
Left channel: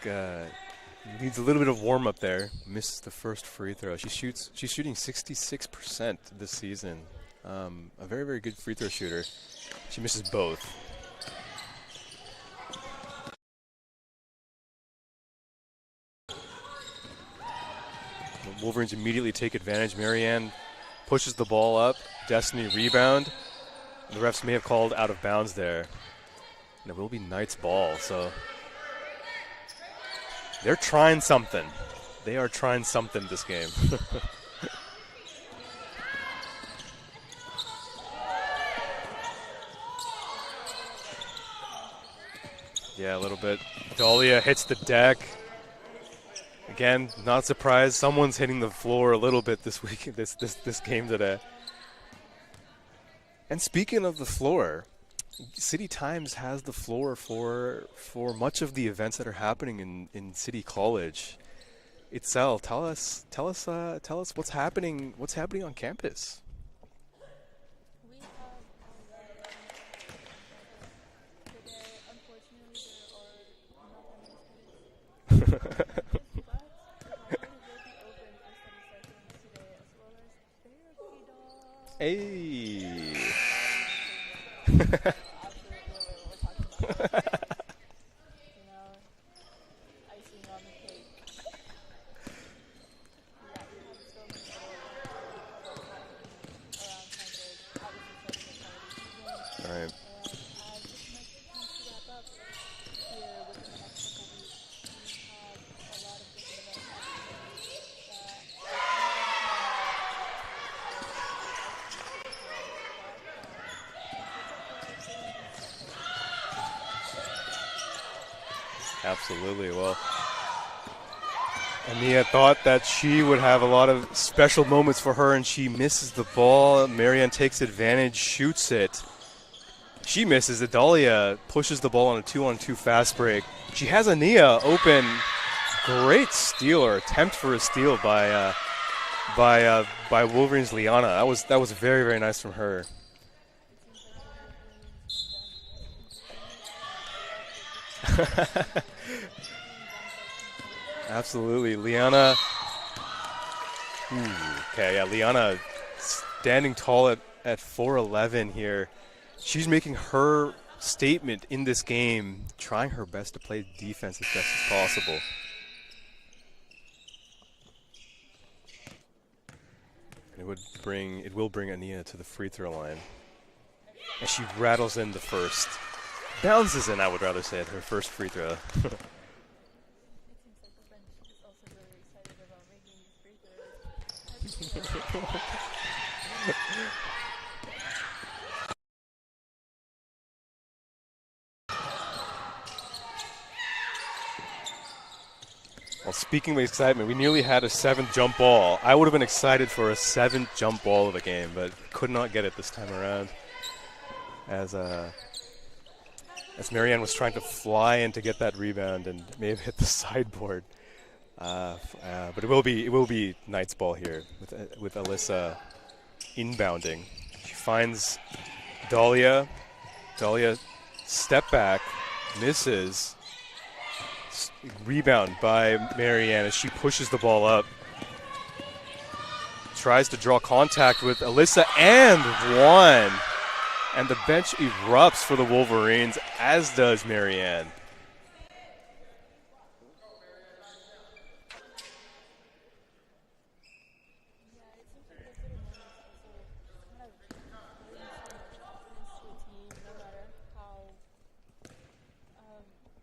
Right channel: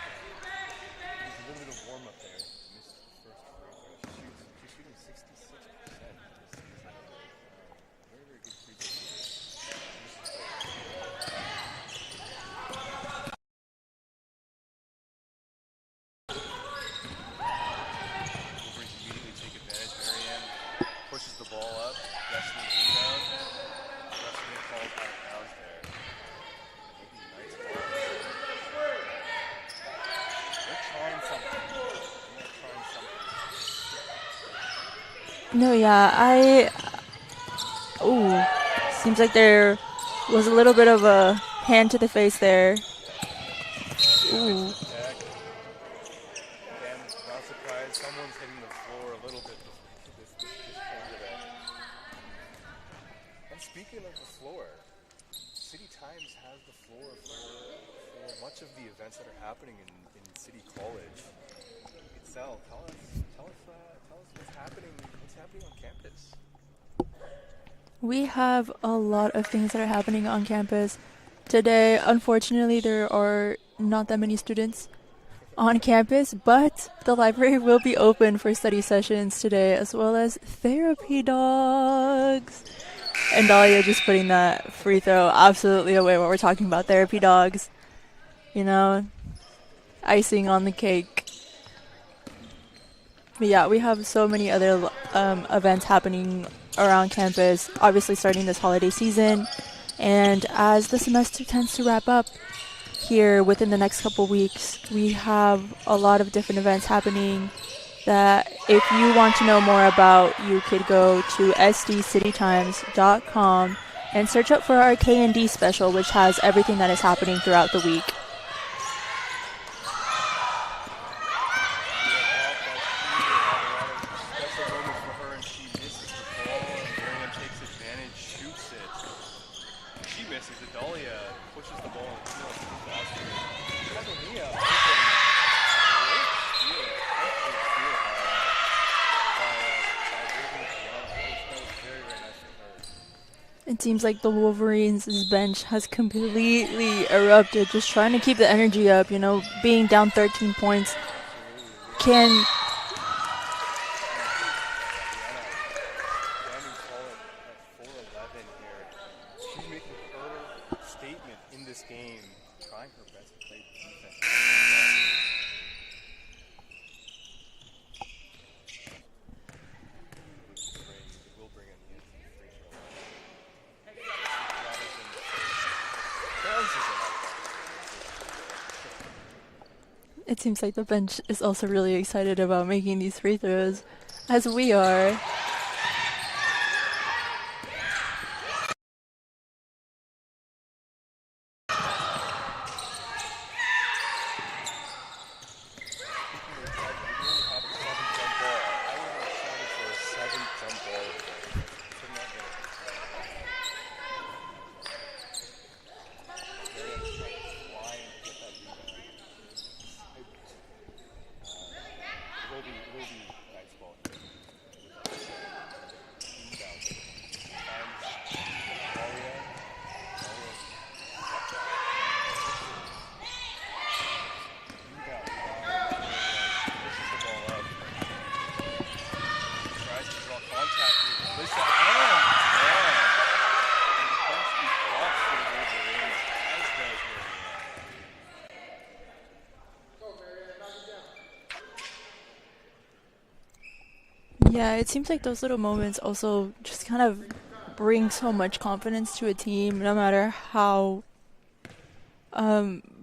needs a little bit of warm up there. Misses the first free throw. She's shooting 66% this season. A very, very good free throw shooter. She misses both. The Wolverines immediately take advantage. Marianne pushes the ball up. Destiny rebound. The refs may have called out of bounds there. And it will be Knights ball, so they're trying something. They are trying something this game. No, yeah, seems like there was a little bit of a hand to the face there. Yeah, a little bit. Dahlia hits the deck. Again, not surprised. Someone's hitting the floor a little bit this week, this game today. And speaking of the floor, City Times has the floor for much of the events that are happening in City College. Itzel, tell us what's happening on campus. We have a lot of things that are happening on campus today. Unfortunately, there are not that many students on campus, but the library will be open for study sessions today, as well as therapy dogs. Hey. And Dahlia just putting that free throw absolutely away when we're talking about therapy dogs. You know, icing on the cake. But yeah, we have so many other events happening around campus, obviously starting this holiday season. Right. And as the semester tends to wrap up here within the next couple weeks, we have a lot of different events happening that if you want to know more about, you could go to sdcitytimes.com and search up for our K&D special, which has everything that is happening throughout the week. Absolutely. Well, Mia thought that she would have a lot of special moments for her, and she misses the ball. Marianne takes advantage, shoots it. She misses it. Dahlia pushes the ball on a 2-on-2 fast break. She has Ania open. Great steal or attempt for a steal by Wolverines' Liana. That was very, very nice from her. It seems like the Wolverines' bench has completely erupted, just trying to keep the energy up, being down 13 points. Absolutely. Liana. Okay, yeah, Liana standing tall at 4'11" here. She's making her statement in this game, trying her best to play defense as best as possible. It will bring Ania to the free throw line. As she rattles in the first. Bounces in, I would rather say, her first free throw. It seems like the bench is also really excited about making these free throws, as we are. Well, speaking of excitement, we nearly had a 7th jump ball. I would have been excited for a 7th jump ball of the game, but could not get it this time around. As Marianne was trying to fly in to get that rebound and may have hit the sideboard. But it will be Knight's ball here with Alyssa inbounding. She finds Dahlia. Dahlia step back, misses. Rebound by Marianne as she pushes the ball up. Tries to draw contact with Alyssa and one. And the bench erupts for the Wolverines, as does Marianne. Yeah, it seems like those little moments also just kind of bring so much confidence to a team, no matter how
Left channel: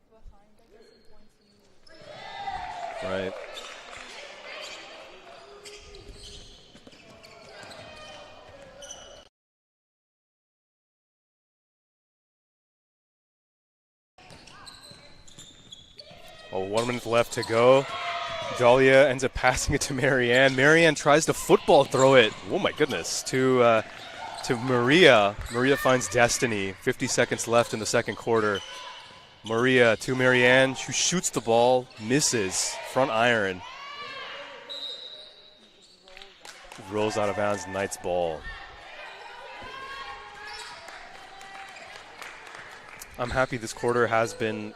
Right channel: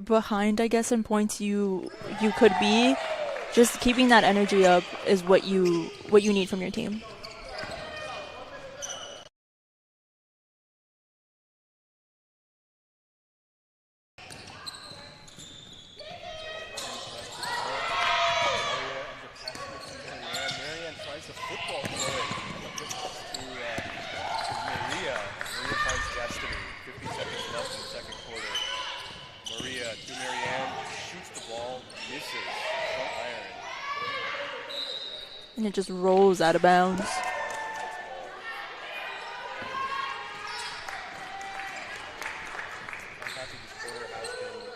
behind, I guess, in points you could be. Right. Just keeping that energy up is what you need from your team. Oh, 1 minute left to go. Dahlia ends up passing it to Marianne. Marianne tries to football throw it. Oh my goodness. To Maria. Maria finds Destiny. 50 seconds left in the second quarter. Maria to Marianne. She shoots the ball, misses. Front iron. And it just rolls out of bounds. Rolls out of bounds. Knight's ball. I'm happy this quarter has been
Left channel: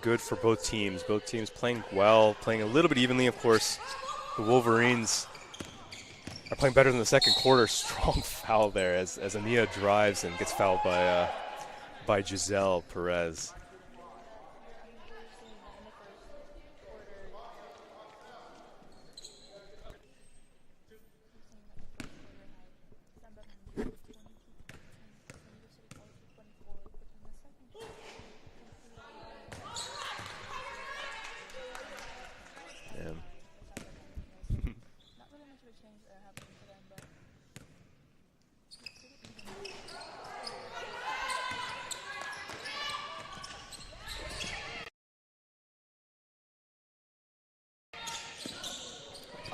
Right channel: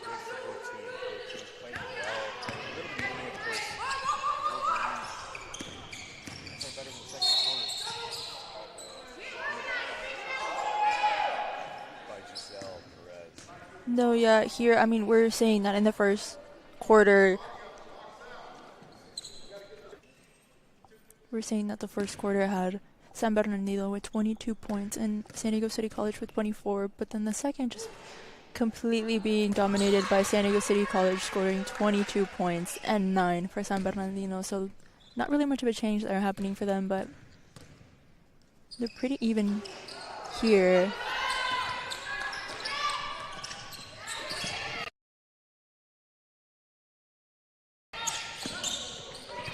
good for both teams. Both teams playing well, playing a little bit evenly. Of course, the Wolverines are playing better than the second quarter. Strong foul there as Ania drives and gets fouled by Giselle Perez. No, yeah, here, I mean, we're saying that in the first quarter. We're saying that the first quarter had San Bernardino with 22 points and San Diego City College with 24, but then the second just completely being dominated by San Diego City College, scoring 22 points and 9 for San Bernardino. So not really much of a change there happening for them, but they're pretty even here.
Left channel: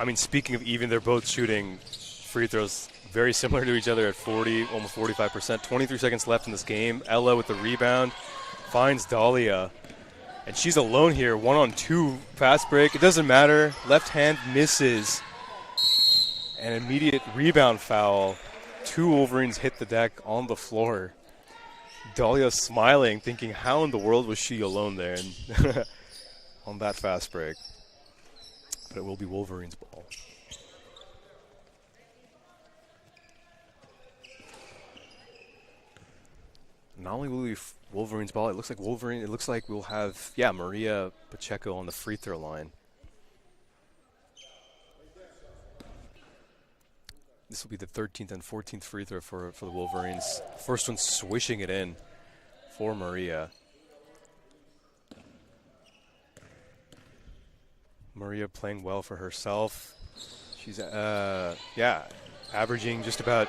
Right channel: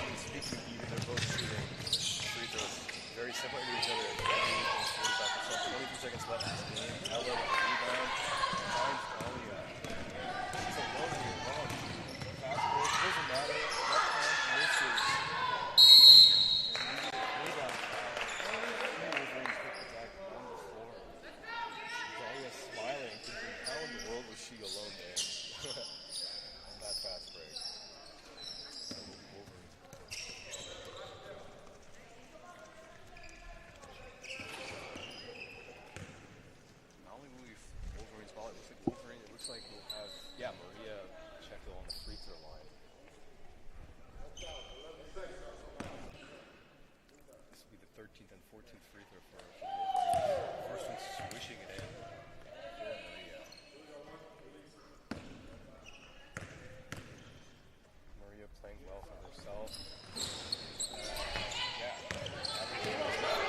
I mean, speaking of even, they're both shooting free throws very similar to each other at 40, almost 45%. 23 seconds left in this game. Ella with the rebound finds Dahlia. And she's alone here, 1-on-2 fast break. It doesn't matter. Left hand misses. An immediate rebound foul. 2 Wolverines hit the deck on the floor. Dahlia smiling, thinking how in the world was she alone there and on that fast break. But it will be Wolverines' ball. Not only will it be Wolverines' ball, it looks like we'll have, Maria Pacheco on the free throw line. This will be the 13th and 14th free throw for the Wolverines. First one swishing it in for Maria. Maria playing well for herself. She's, averaging just about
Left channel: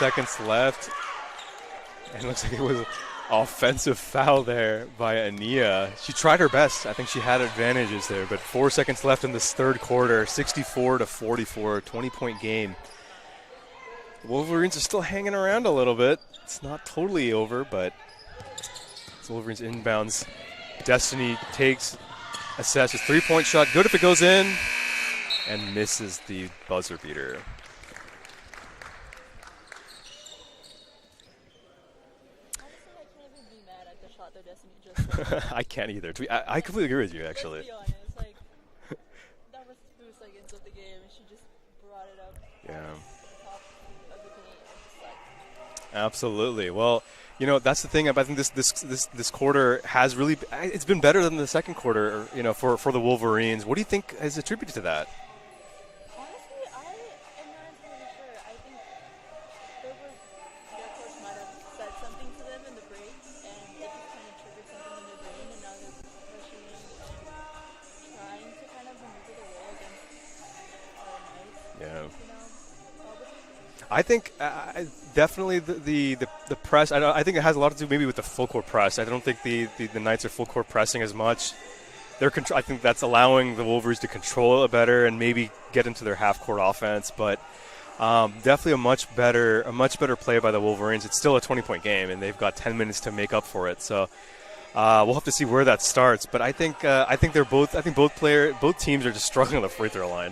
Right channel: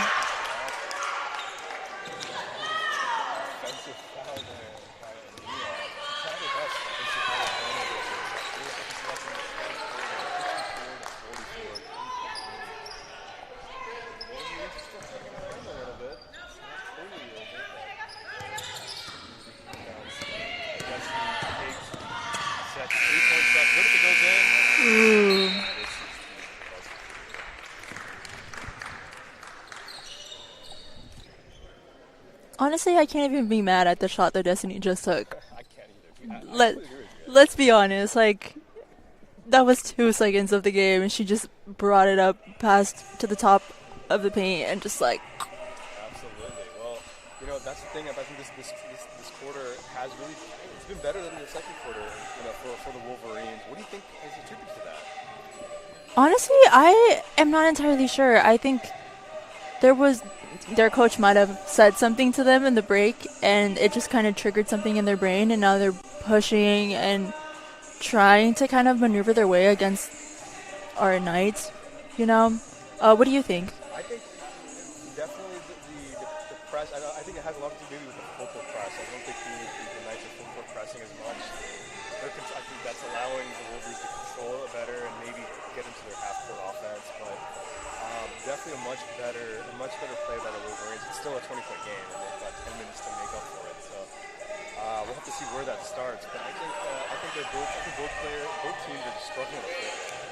seconds left. It looks like it was an offensive foul there by Ania. She tried her best. I think she had advantages there, but 4 seconds left in this third quarter. 64-44, 20-point game. Wolverines are still hanging around a little bit. It's not totally over, but it's Wolverines inbounds. Destiny takes a Seth's 3-point shot. Good if it goes in. And misses the buzzer beater. Honestly, I can't even be mad at the shot that Destiny just took. I can't either. I completely agree with you, actually. Let's be honest. Like, that was 2 seconds of the game, and she just brought it up past to the top of the paint and just like. Absolutely. Well, you know, that's the thing. I think this quarter has really, it's been better than the second quarter, you know, for the Wolverines. What do you think is attributed to that? Honestly, I am not entirely sure. I think their coach might have said something to them in the break, and it just kind of triggered something in their brain, and now they're pushing and trying to kind of maneuver their way against our Knights. Yeah. You know, what do you think? I think definitely the press. I think it has a lot to do maybe with the full court press. I don't think the Knights are full court pressing as much. I think that's allowing the Wolverines to control it better and maybe get into their half court offense, but. Definitely a much better play by the Wolverines. It's still a 20-point game, and they've got 10 minutes to make up for it. So we'll have to see where that starts. But I think both teams are just struggling on the free throw line,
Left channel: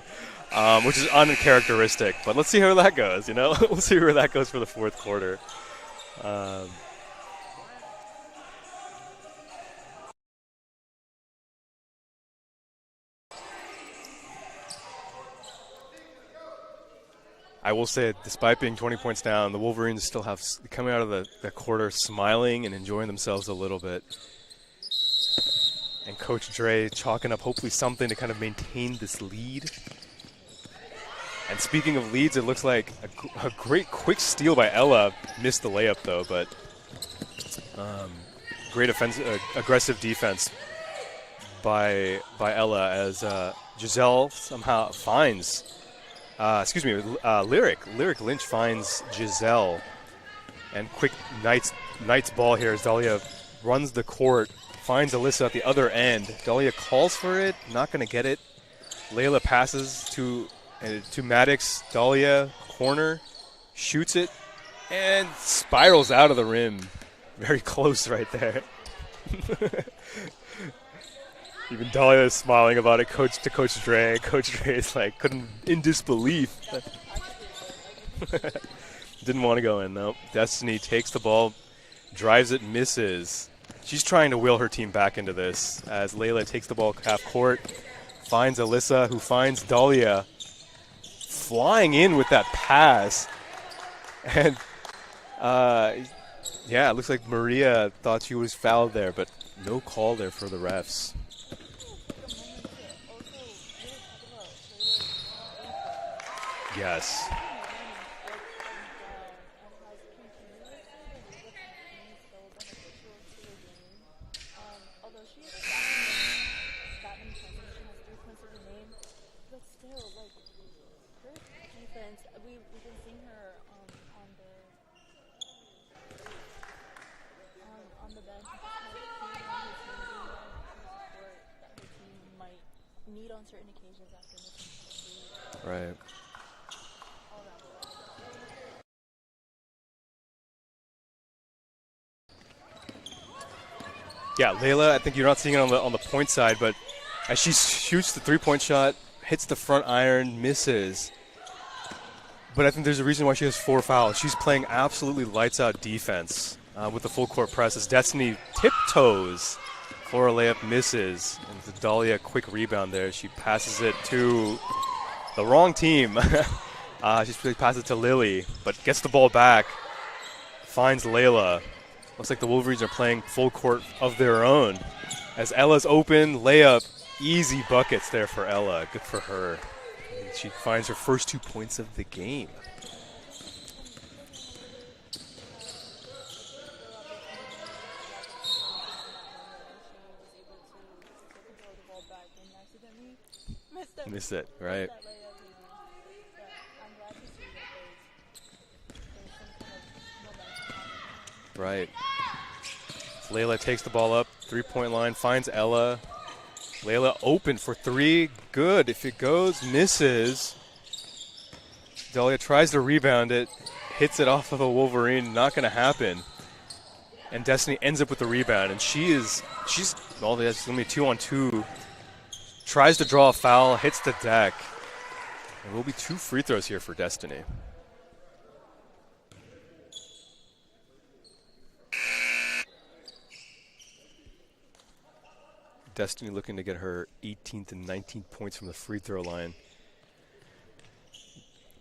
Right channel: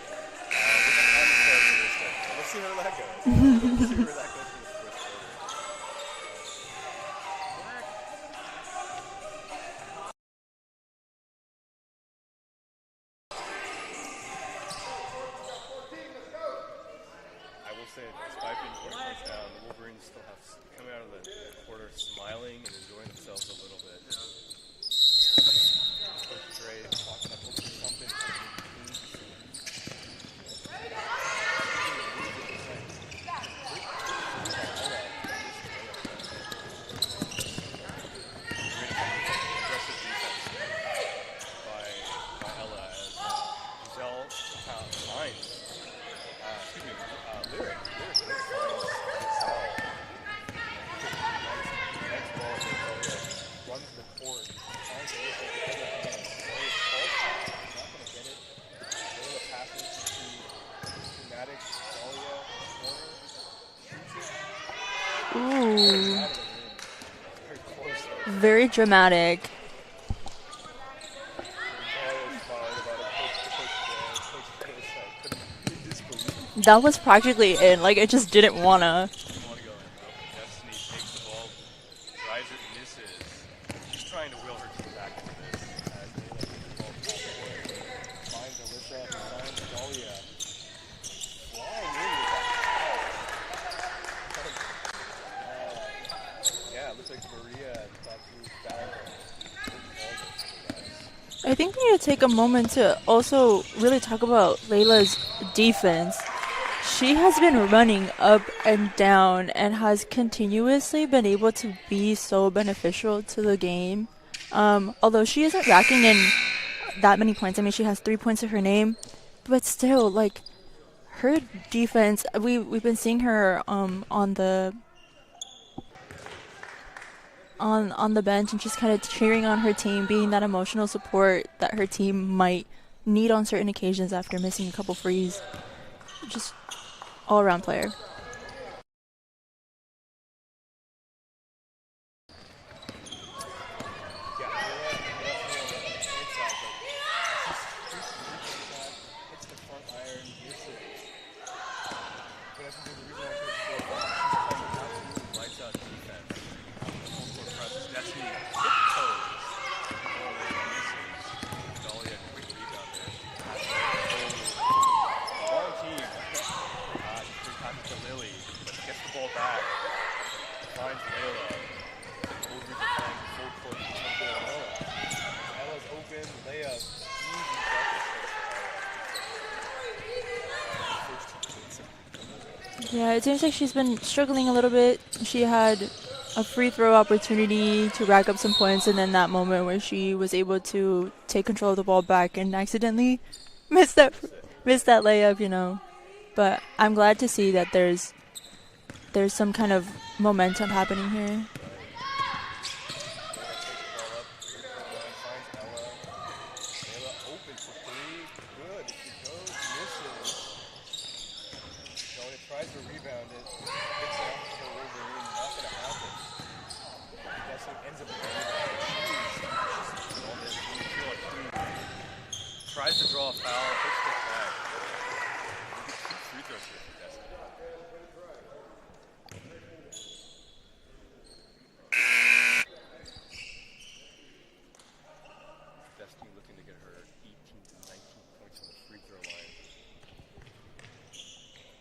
which is uncharacteristic. But let's see how that goes. You know, we'll see where that goes for the fourth quarter. I will say, despite being 20 points down, the Wolverines still have coming out of the quarter smiling and enjoying themselves a little bit. And Coach Dre chalking up hopefully something to kind of maintain this lead. And speaking of leads, it looks like a great quick steal by Ella. Missed the layup though, but great aggressive defense by Ella as Giselle somehow finds. Lyric Lynch finds Giselle. And quick Knights ball here as Dahlia runs the court, finds Alyssa at the other end. Dahlia calls for it, not going to get it. Layla passes to Maddox. Dahlia, corner, shoots it, and spirals out of the rim. Very close right there. Very dramatic. Even Dahlia is smiling about it. Coach Dre. Coach Dre is like in disbelief. That was practically in. Like, it just didn't wanna. Didn't want to go in. Nope. Destiny takes the ball, drives it, misses. She's trying to will her team back into this as Layla takes the ball half court, finds Alyssa, who finds Dahlia, flying in with that pass. And it looks like Maria thought she was fouled there, but no call there for the refs. I think we need to take a moment to also really talk about Layla's defense. Yes. She has been running up and down and has continuously been able to be so beneficial to the game. Although she isn't racking in that many points. I mean, she has 3 points to her name. But still, like, her defense, we've been seeing her on the bench and just kind of cheering on her team, being that emotional support that her team might need on certain occasions after missing a couple frees. Right. Just all-around player. Yeah, Layla, I think you're not seeing it on the point side, but as she shoots the three-point shot, hits the front iron, misses. But I think there's a reason why she has 4 fouls. She's playing absolutely lights-out defense with the full court press as Destiny tiptoes for a layup, misses. Dahlia, quick rebound there. She passes it to the wrong team. She passes it to Lily, but gets the ball back, finds Layla. Looks like the Wolverines are playing full court of their own. As Ella's open, layup, easy buckets there for Ella. Good for her. She finds her first 2 points of the game. Yeah, it seems like she's been struggling a little bit. She had a free throw opportunity to rack up some points, and then that moment where she was able to take control of the ball back and accidentally missed that layup, you know. But I'm glad to see that there's there's some kind of momentum happening here. Right. Layla takes the ball up, 3-point line, finds Ella. Layla open for 3, good. If it goes, misses. Dahlia tries to rebound it, hits it off of a Wolverine, not gonna happen. And Destiny ends up with the rebound, and she's all that's only 2-on-2. Tries to draw a foul, hits the deck. There will be 2 free throws here for Destiny. Destiny looking to get her 18th and 19th points from the free throw line.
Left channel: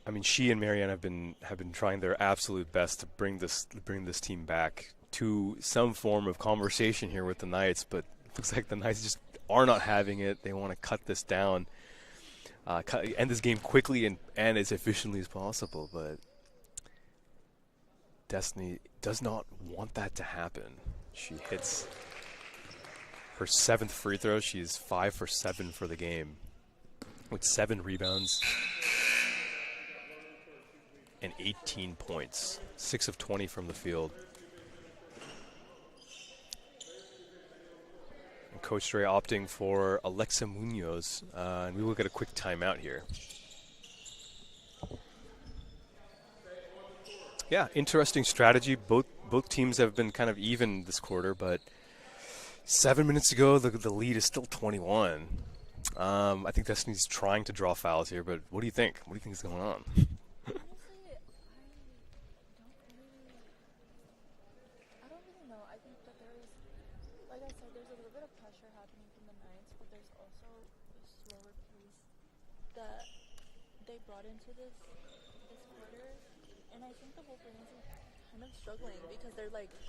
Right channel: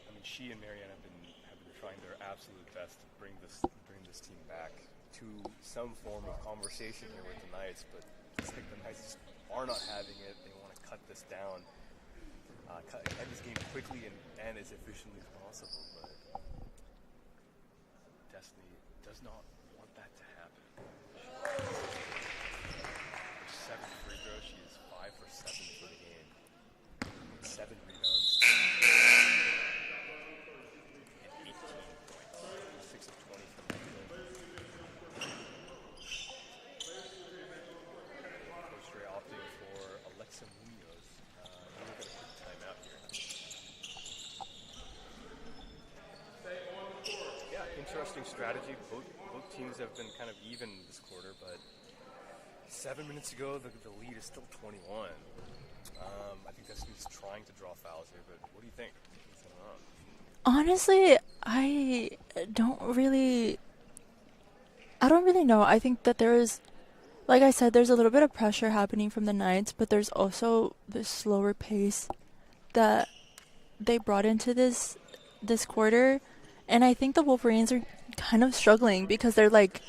I mean, she and Marianne have been trying their absolute best to bring this team back to some form of conversation here with the Knights, but it looks like the Knights just are not having it. They want to cut this down, end this game quickly and as efficiently as possible, but Destiny does not want that to happen. She hits her 7th free throw. She is 5 for 7 for the game with 7 rebounds and 18 points, 6 of 20 from the field. And Coach Dre opting for Alexa Munoz, and we will get a quick timeout here. Yeah, interesting strategy. Both teams have been kind of even this quarter, but 7 minutes ago, the lead is still 21. I think Destiny's trying to draw fouls here, but what do you think? What do you think is going on? Honestly, I don't really know. I think that there is, like I said, there's a little bit of pressure happening from the Knights, but there's also this slower pace that they brought into this quarter. And I think the Wolverines are kind of struggling because they're like,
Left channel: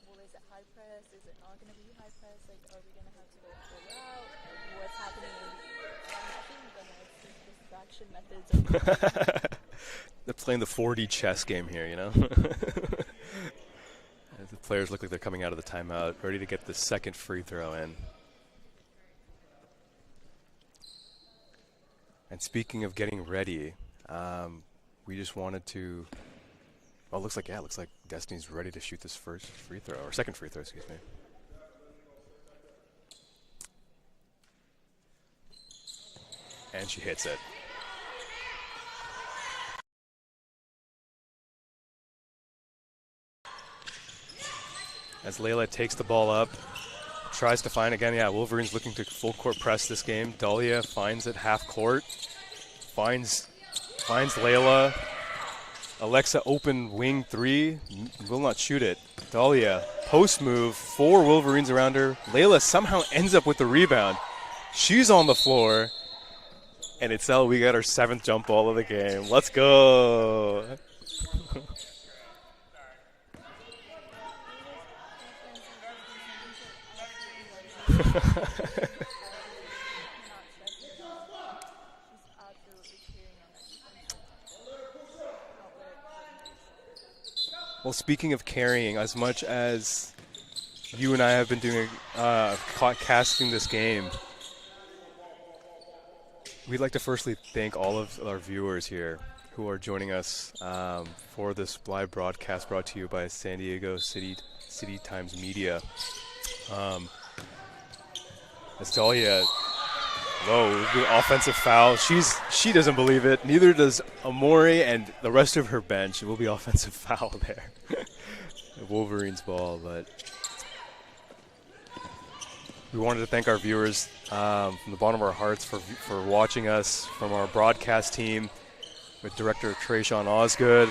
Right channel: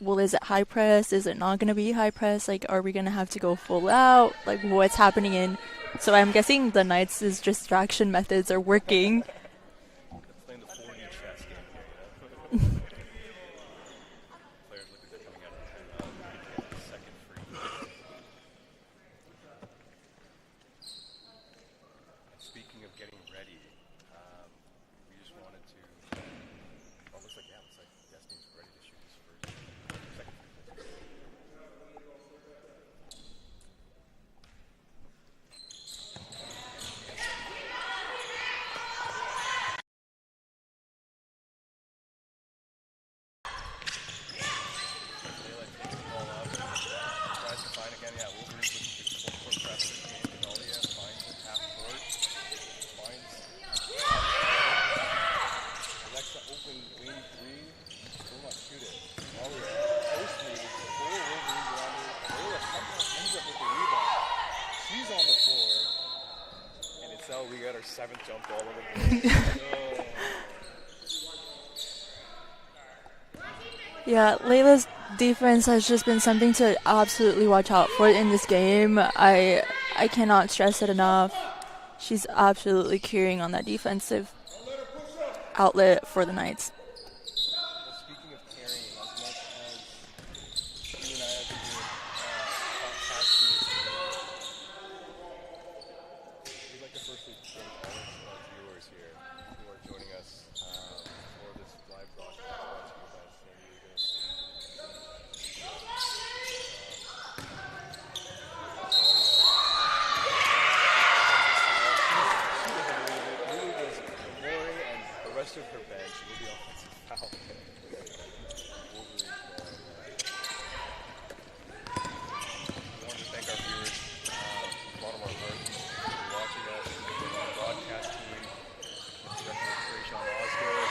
well, is it high press? Is it not going to be high press? Like, are we going to have to go full out? Like, what's happening So I'm guessing the Knights' distraction methods are working. They're playing the 4D chess game here, you know? The players look like they're coming out of the timeout, ready to get the 2nd free throw in. And speaking of getting ready, we just wanted to... Oh, looks like Destiny's ready to shoot this 1st free throw, or 2nd free throw, excuse me. And she hits it. As Layla takes the ball up, tries to find again. Yeah, Wolverines looking to full court press this game. Dahlia finds it half court, finds Layla. Alexa open wing 3, will not shoot it. Dahlia post move, 4 Wolverines around her. Layla somehow ends up with the rebound. She's on the floor, and Itzel, we got our 7th jump ball of the game. Let's go. Yeah, Layla's defense has just been something to absolutely watch out for in this game. I cannot stress it enough. She's absolutely carrying on that defensive outlet for the Knights. Well, speaking of carrying, as much as you and I have been doing casting this game, we'd like to firstly thank all of our viewers here who are joining us for this live broadcast brought to you by San Diego City Times Media. Dahlia, the offensive foul. She doesn't believe it. Neither does Amori and the rest of her bench. It will be offensive foul there. The Wolverines ball, but we wanted to thank our viewers from the bottom of our hearts for watching us, from our broadcast team with director Tresean Osgood.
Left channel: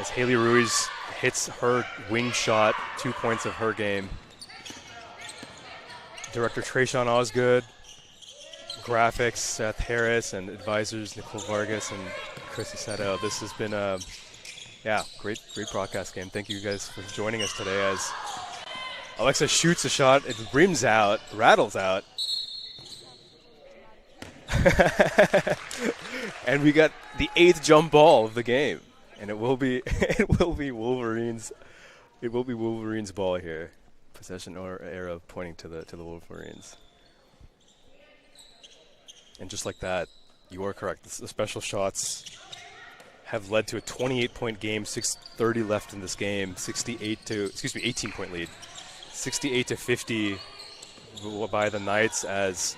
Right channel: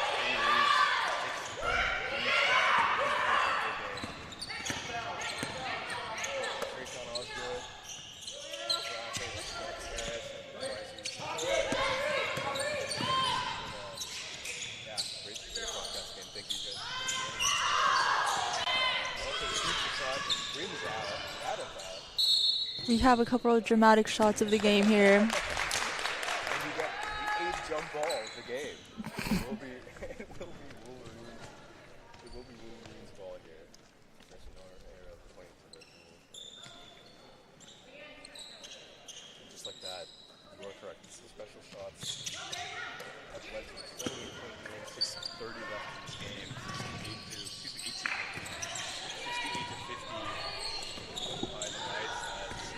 As Haley Ruiz hits her wing shot, 2 points of her game. Director Tresean Osgood, graphics Seth Harris, and advisors Nicole Vargas and Chris Aceto. This has been a great broadcast game. Thank you guys for joining us today. As Alexa shoots a shot, it rims out, rattles out. We have a couple of dramatic shots of the game here. And we got the 8th jump ball of the game. And it will be Wolverines. It will be Wolverines ball here. Possession or arrow pointing to the Wolverines. And just like that, you are correct. The special shots have led to a 28-point game, 6:30 left in this game, 18-point lead. 68-50 by the Knights as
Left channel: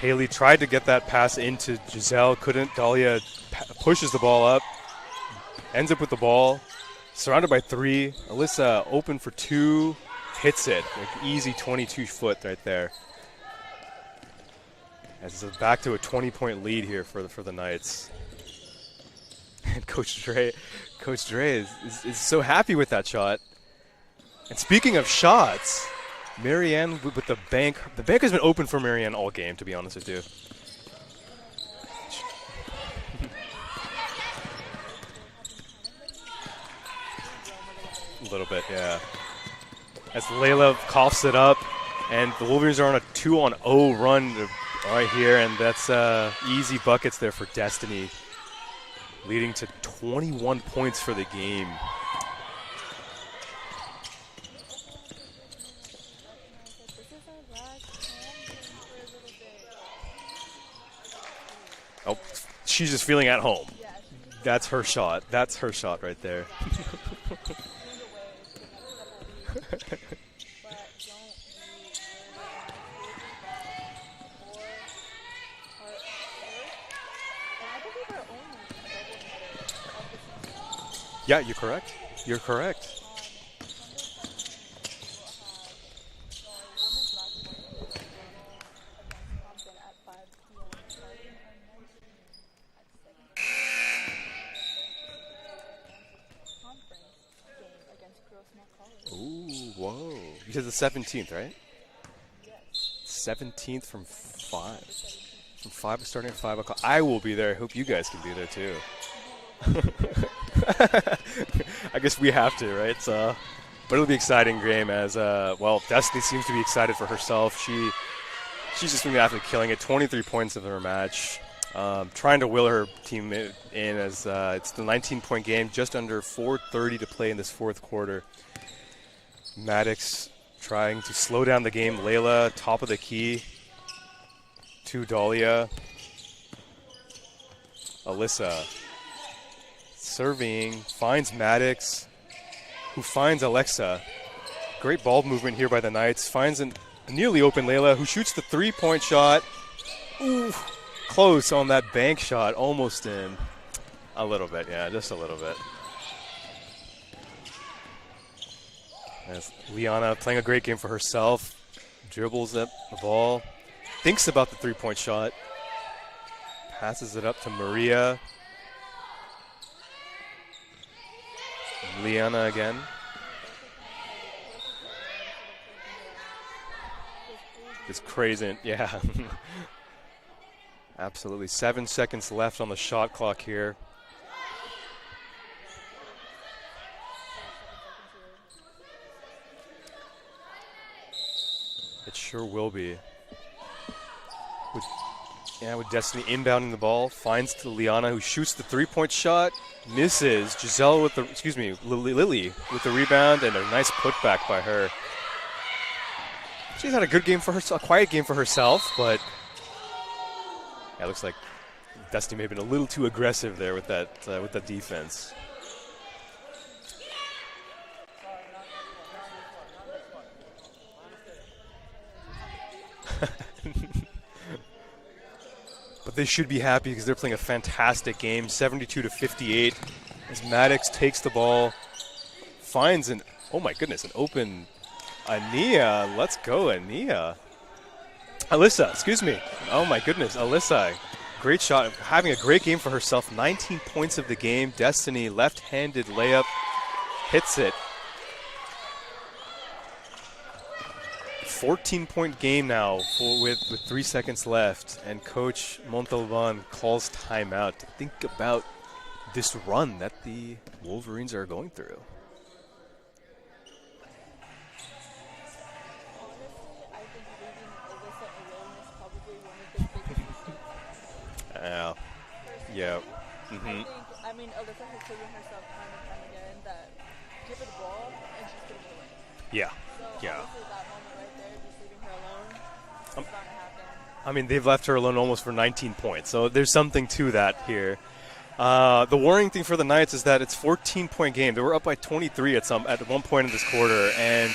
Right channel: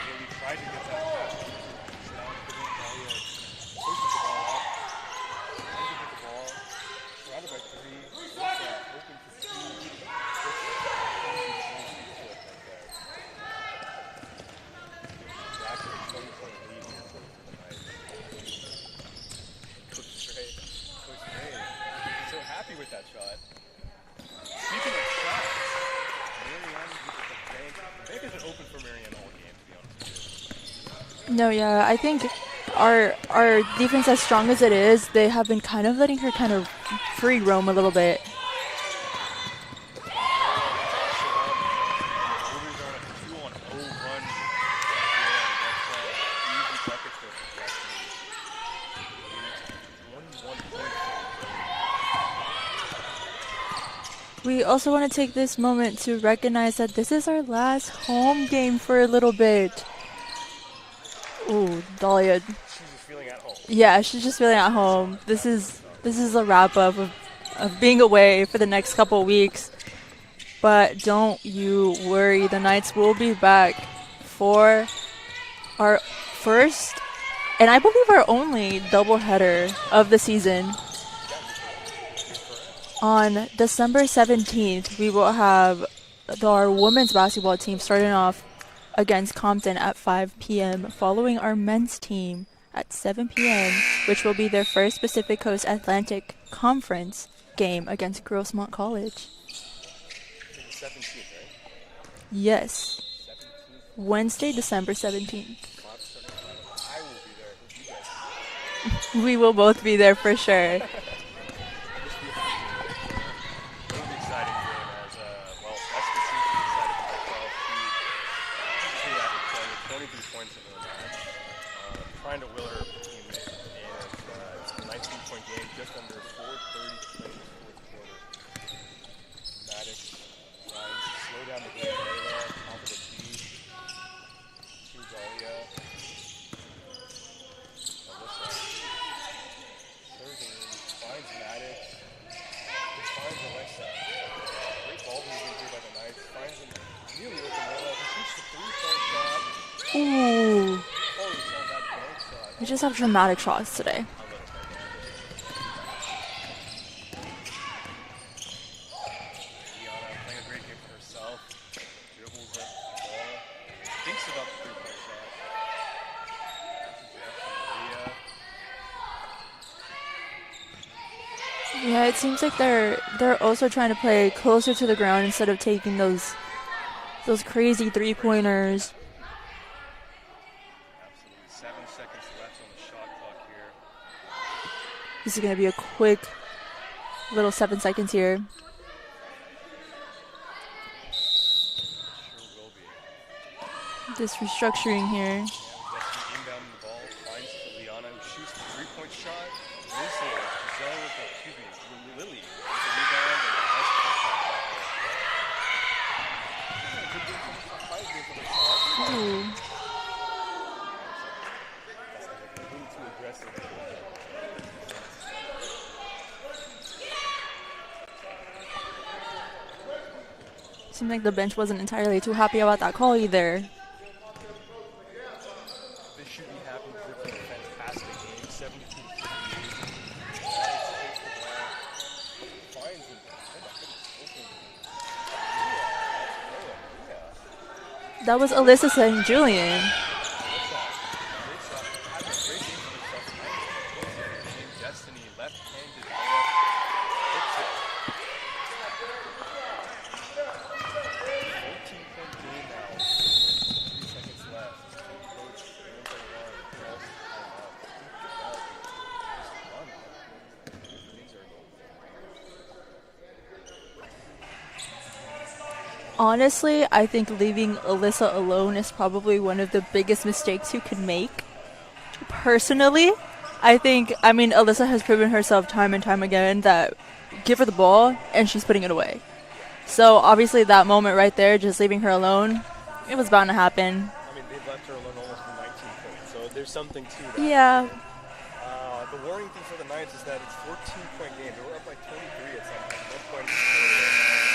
Haley tried to get that pass into Giselle, couldn't. Dahlia pushes the ball up, ends up with the ball, surrounded by 3. Alyssa open for 2, hits it. Like easy 22-foot right there. And so back to a 20-point lead here for the Knights. And Coach Dre is so happy with that shot. And speaking of shots, Marianne with the bank. The bank has been open for Marianne all game, to be honest with you. No, yeah, I think our defense, as strong as it is, they have been kind of letting her kind of free roam a little bit. A little bit, yeah. As Layla coughs it up, and the Wolverines are on a 2-on-0 run right here, and that's easy buckets there for Destiny, leading to 21 points for the game. We also want to take this moment to recognize that this is our last home game for a little bit. Ooh, Dahlia. She's just feeling at home. Yeah, she's just feeling at home. That's her shot. That's her shot right there. This is a wrap-up of being away for the next couple weeks. But don't you worry. The Knights will be back for our first, and I believe our only, doubleheader of the season. Yeah, you're correct. You're correct. On December 17th, we will have our women's basketball team starting off against Compton at 5 p.m., following our men's team at 7 p.m., which will be their first Pacific Coast Atlantic Conference game against Grossmont College. Ooh, whoa. You said the 17th, right? Yes. 17th from Wednesday, 5. December 17th. From 5, starting at 5 o'clock. I will be there. I hope you guys can be there too. We will both be there for sure. I guess we have to, right? So, but it'll be an exciting game as, well, Destiny seems to be excited for herself. She's just been absolutely killing it. 23 points in her match. Trying to will her team in as it's the 19-point game, just under 4:30 to play in this fourth quarter. Maddox trying to slow down the game. Layla, top of the key to Dahlia. Alyssa serving, finds Maddox, who finds Alexa. Great ball movement here by the Knights. Finds a nearly open Layla, who shoots the 3-point shot. Ooh. Close on that bank shot. We Almost just have dramatic shots today. a little bit, yeah, just a little bit. As Liana playing a great game for herself. Dribbles up the ball. Thinks about the 3-point shot. Passes it up to Maria. Yeah, it seems like they're also trying to play closer to the ground instead of taking those crazy three-pointers. Yeah. Absolutely. 7 seconds left on the shot clock here. This is going to be a quick little 7 seconds here. It sure will be. This restructuring here. Yeah, with Destiny inbounding the ball, finds to Liana, who shoots the 3-point shot, misses. Giselle with the, Lily with the rebound, and a nice putback by her. She's had a good game for herself, a quiet game for herself, but yeah, it looks like Destiny may have been a little too aggressive there with that defense. Seems like the bench wasn't entirely too happy about that call either. But they should be happy because they're playing a fantastic game, 72-58. As Maddox takes the ball, finds an open Ania. Let's go, Ania. That was Alyssa excuse me. Julian. Oh my goodness, Alyssa. Great shot, having a great game for herself. 19 points of the game. Destiny, left-handed layup, hits it. 14-point game now with 3 seconds left, and Coach Montalban calls timeout to think about this run that the Wolverines are going through. Honestly, I think leaving Alyssa alone is probably one of the biggest mistakes you can make. Yeah. Personally, I think, Alyssa has proven herself time and time again that give her the ball and she's putting it away. Yeah. So obviously that moment right there, just leaving her alone, it was bound to happen. I mean, they've left her alone almost for 19 points, so there's something to that here. The worrying thing for the Knights is that it's 14-point game. They were up by 23 at one point in this quarter, and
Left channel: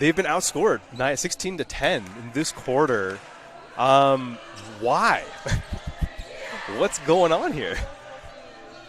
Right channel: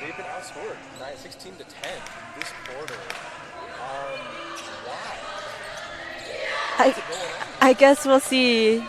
they've been outscored 16-10 in this quarter. Why? What's going on here? I guess we'll see.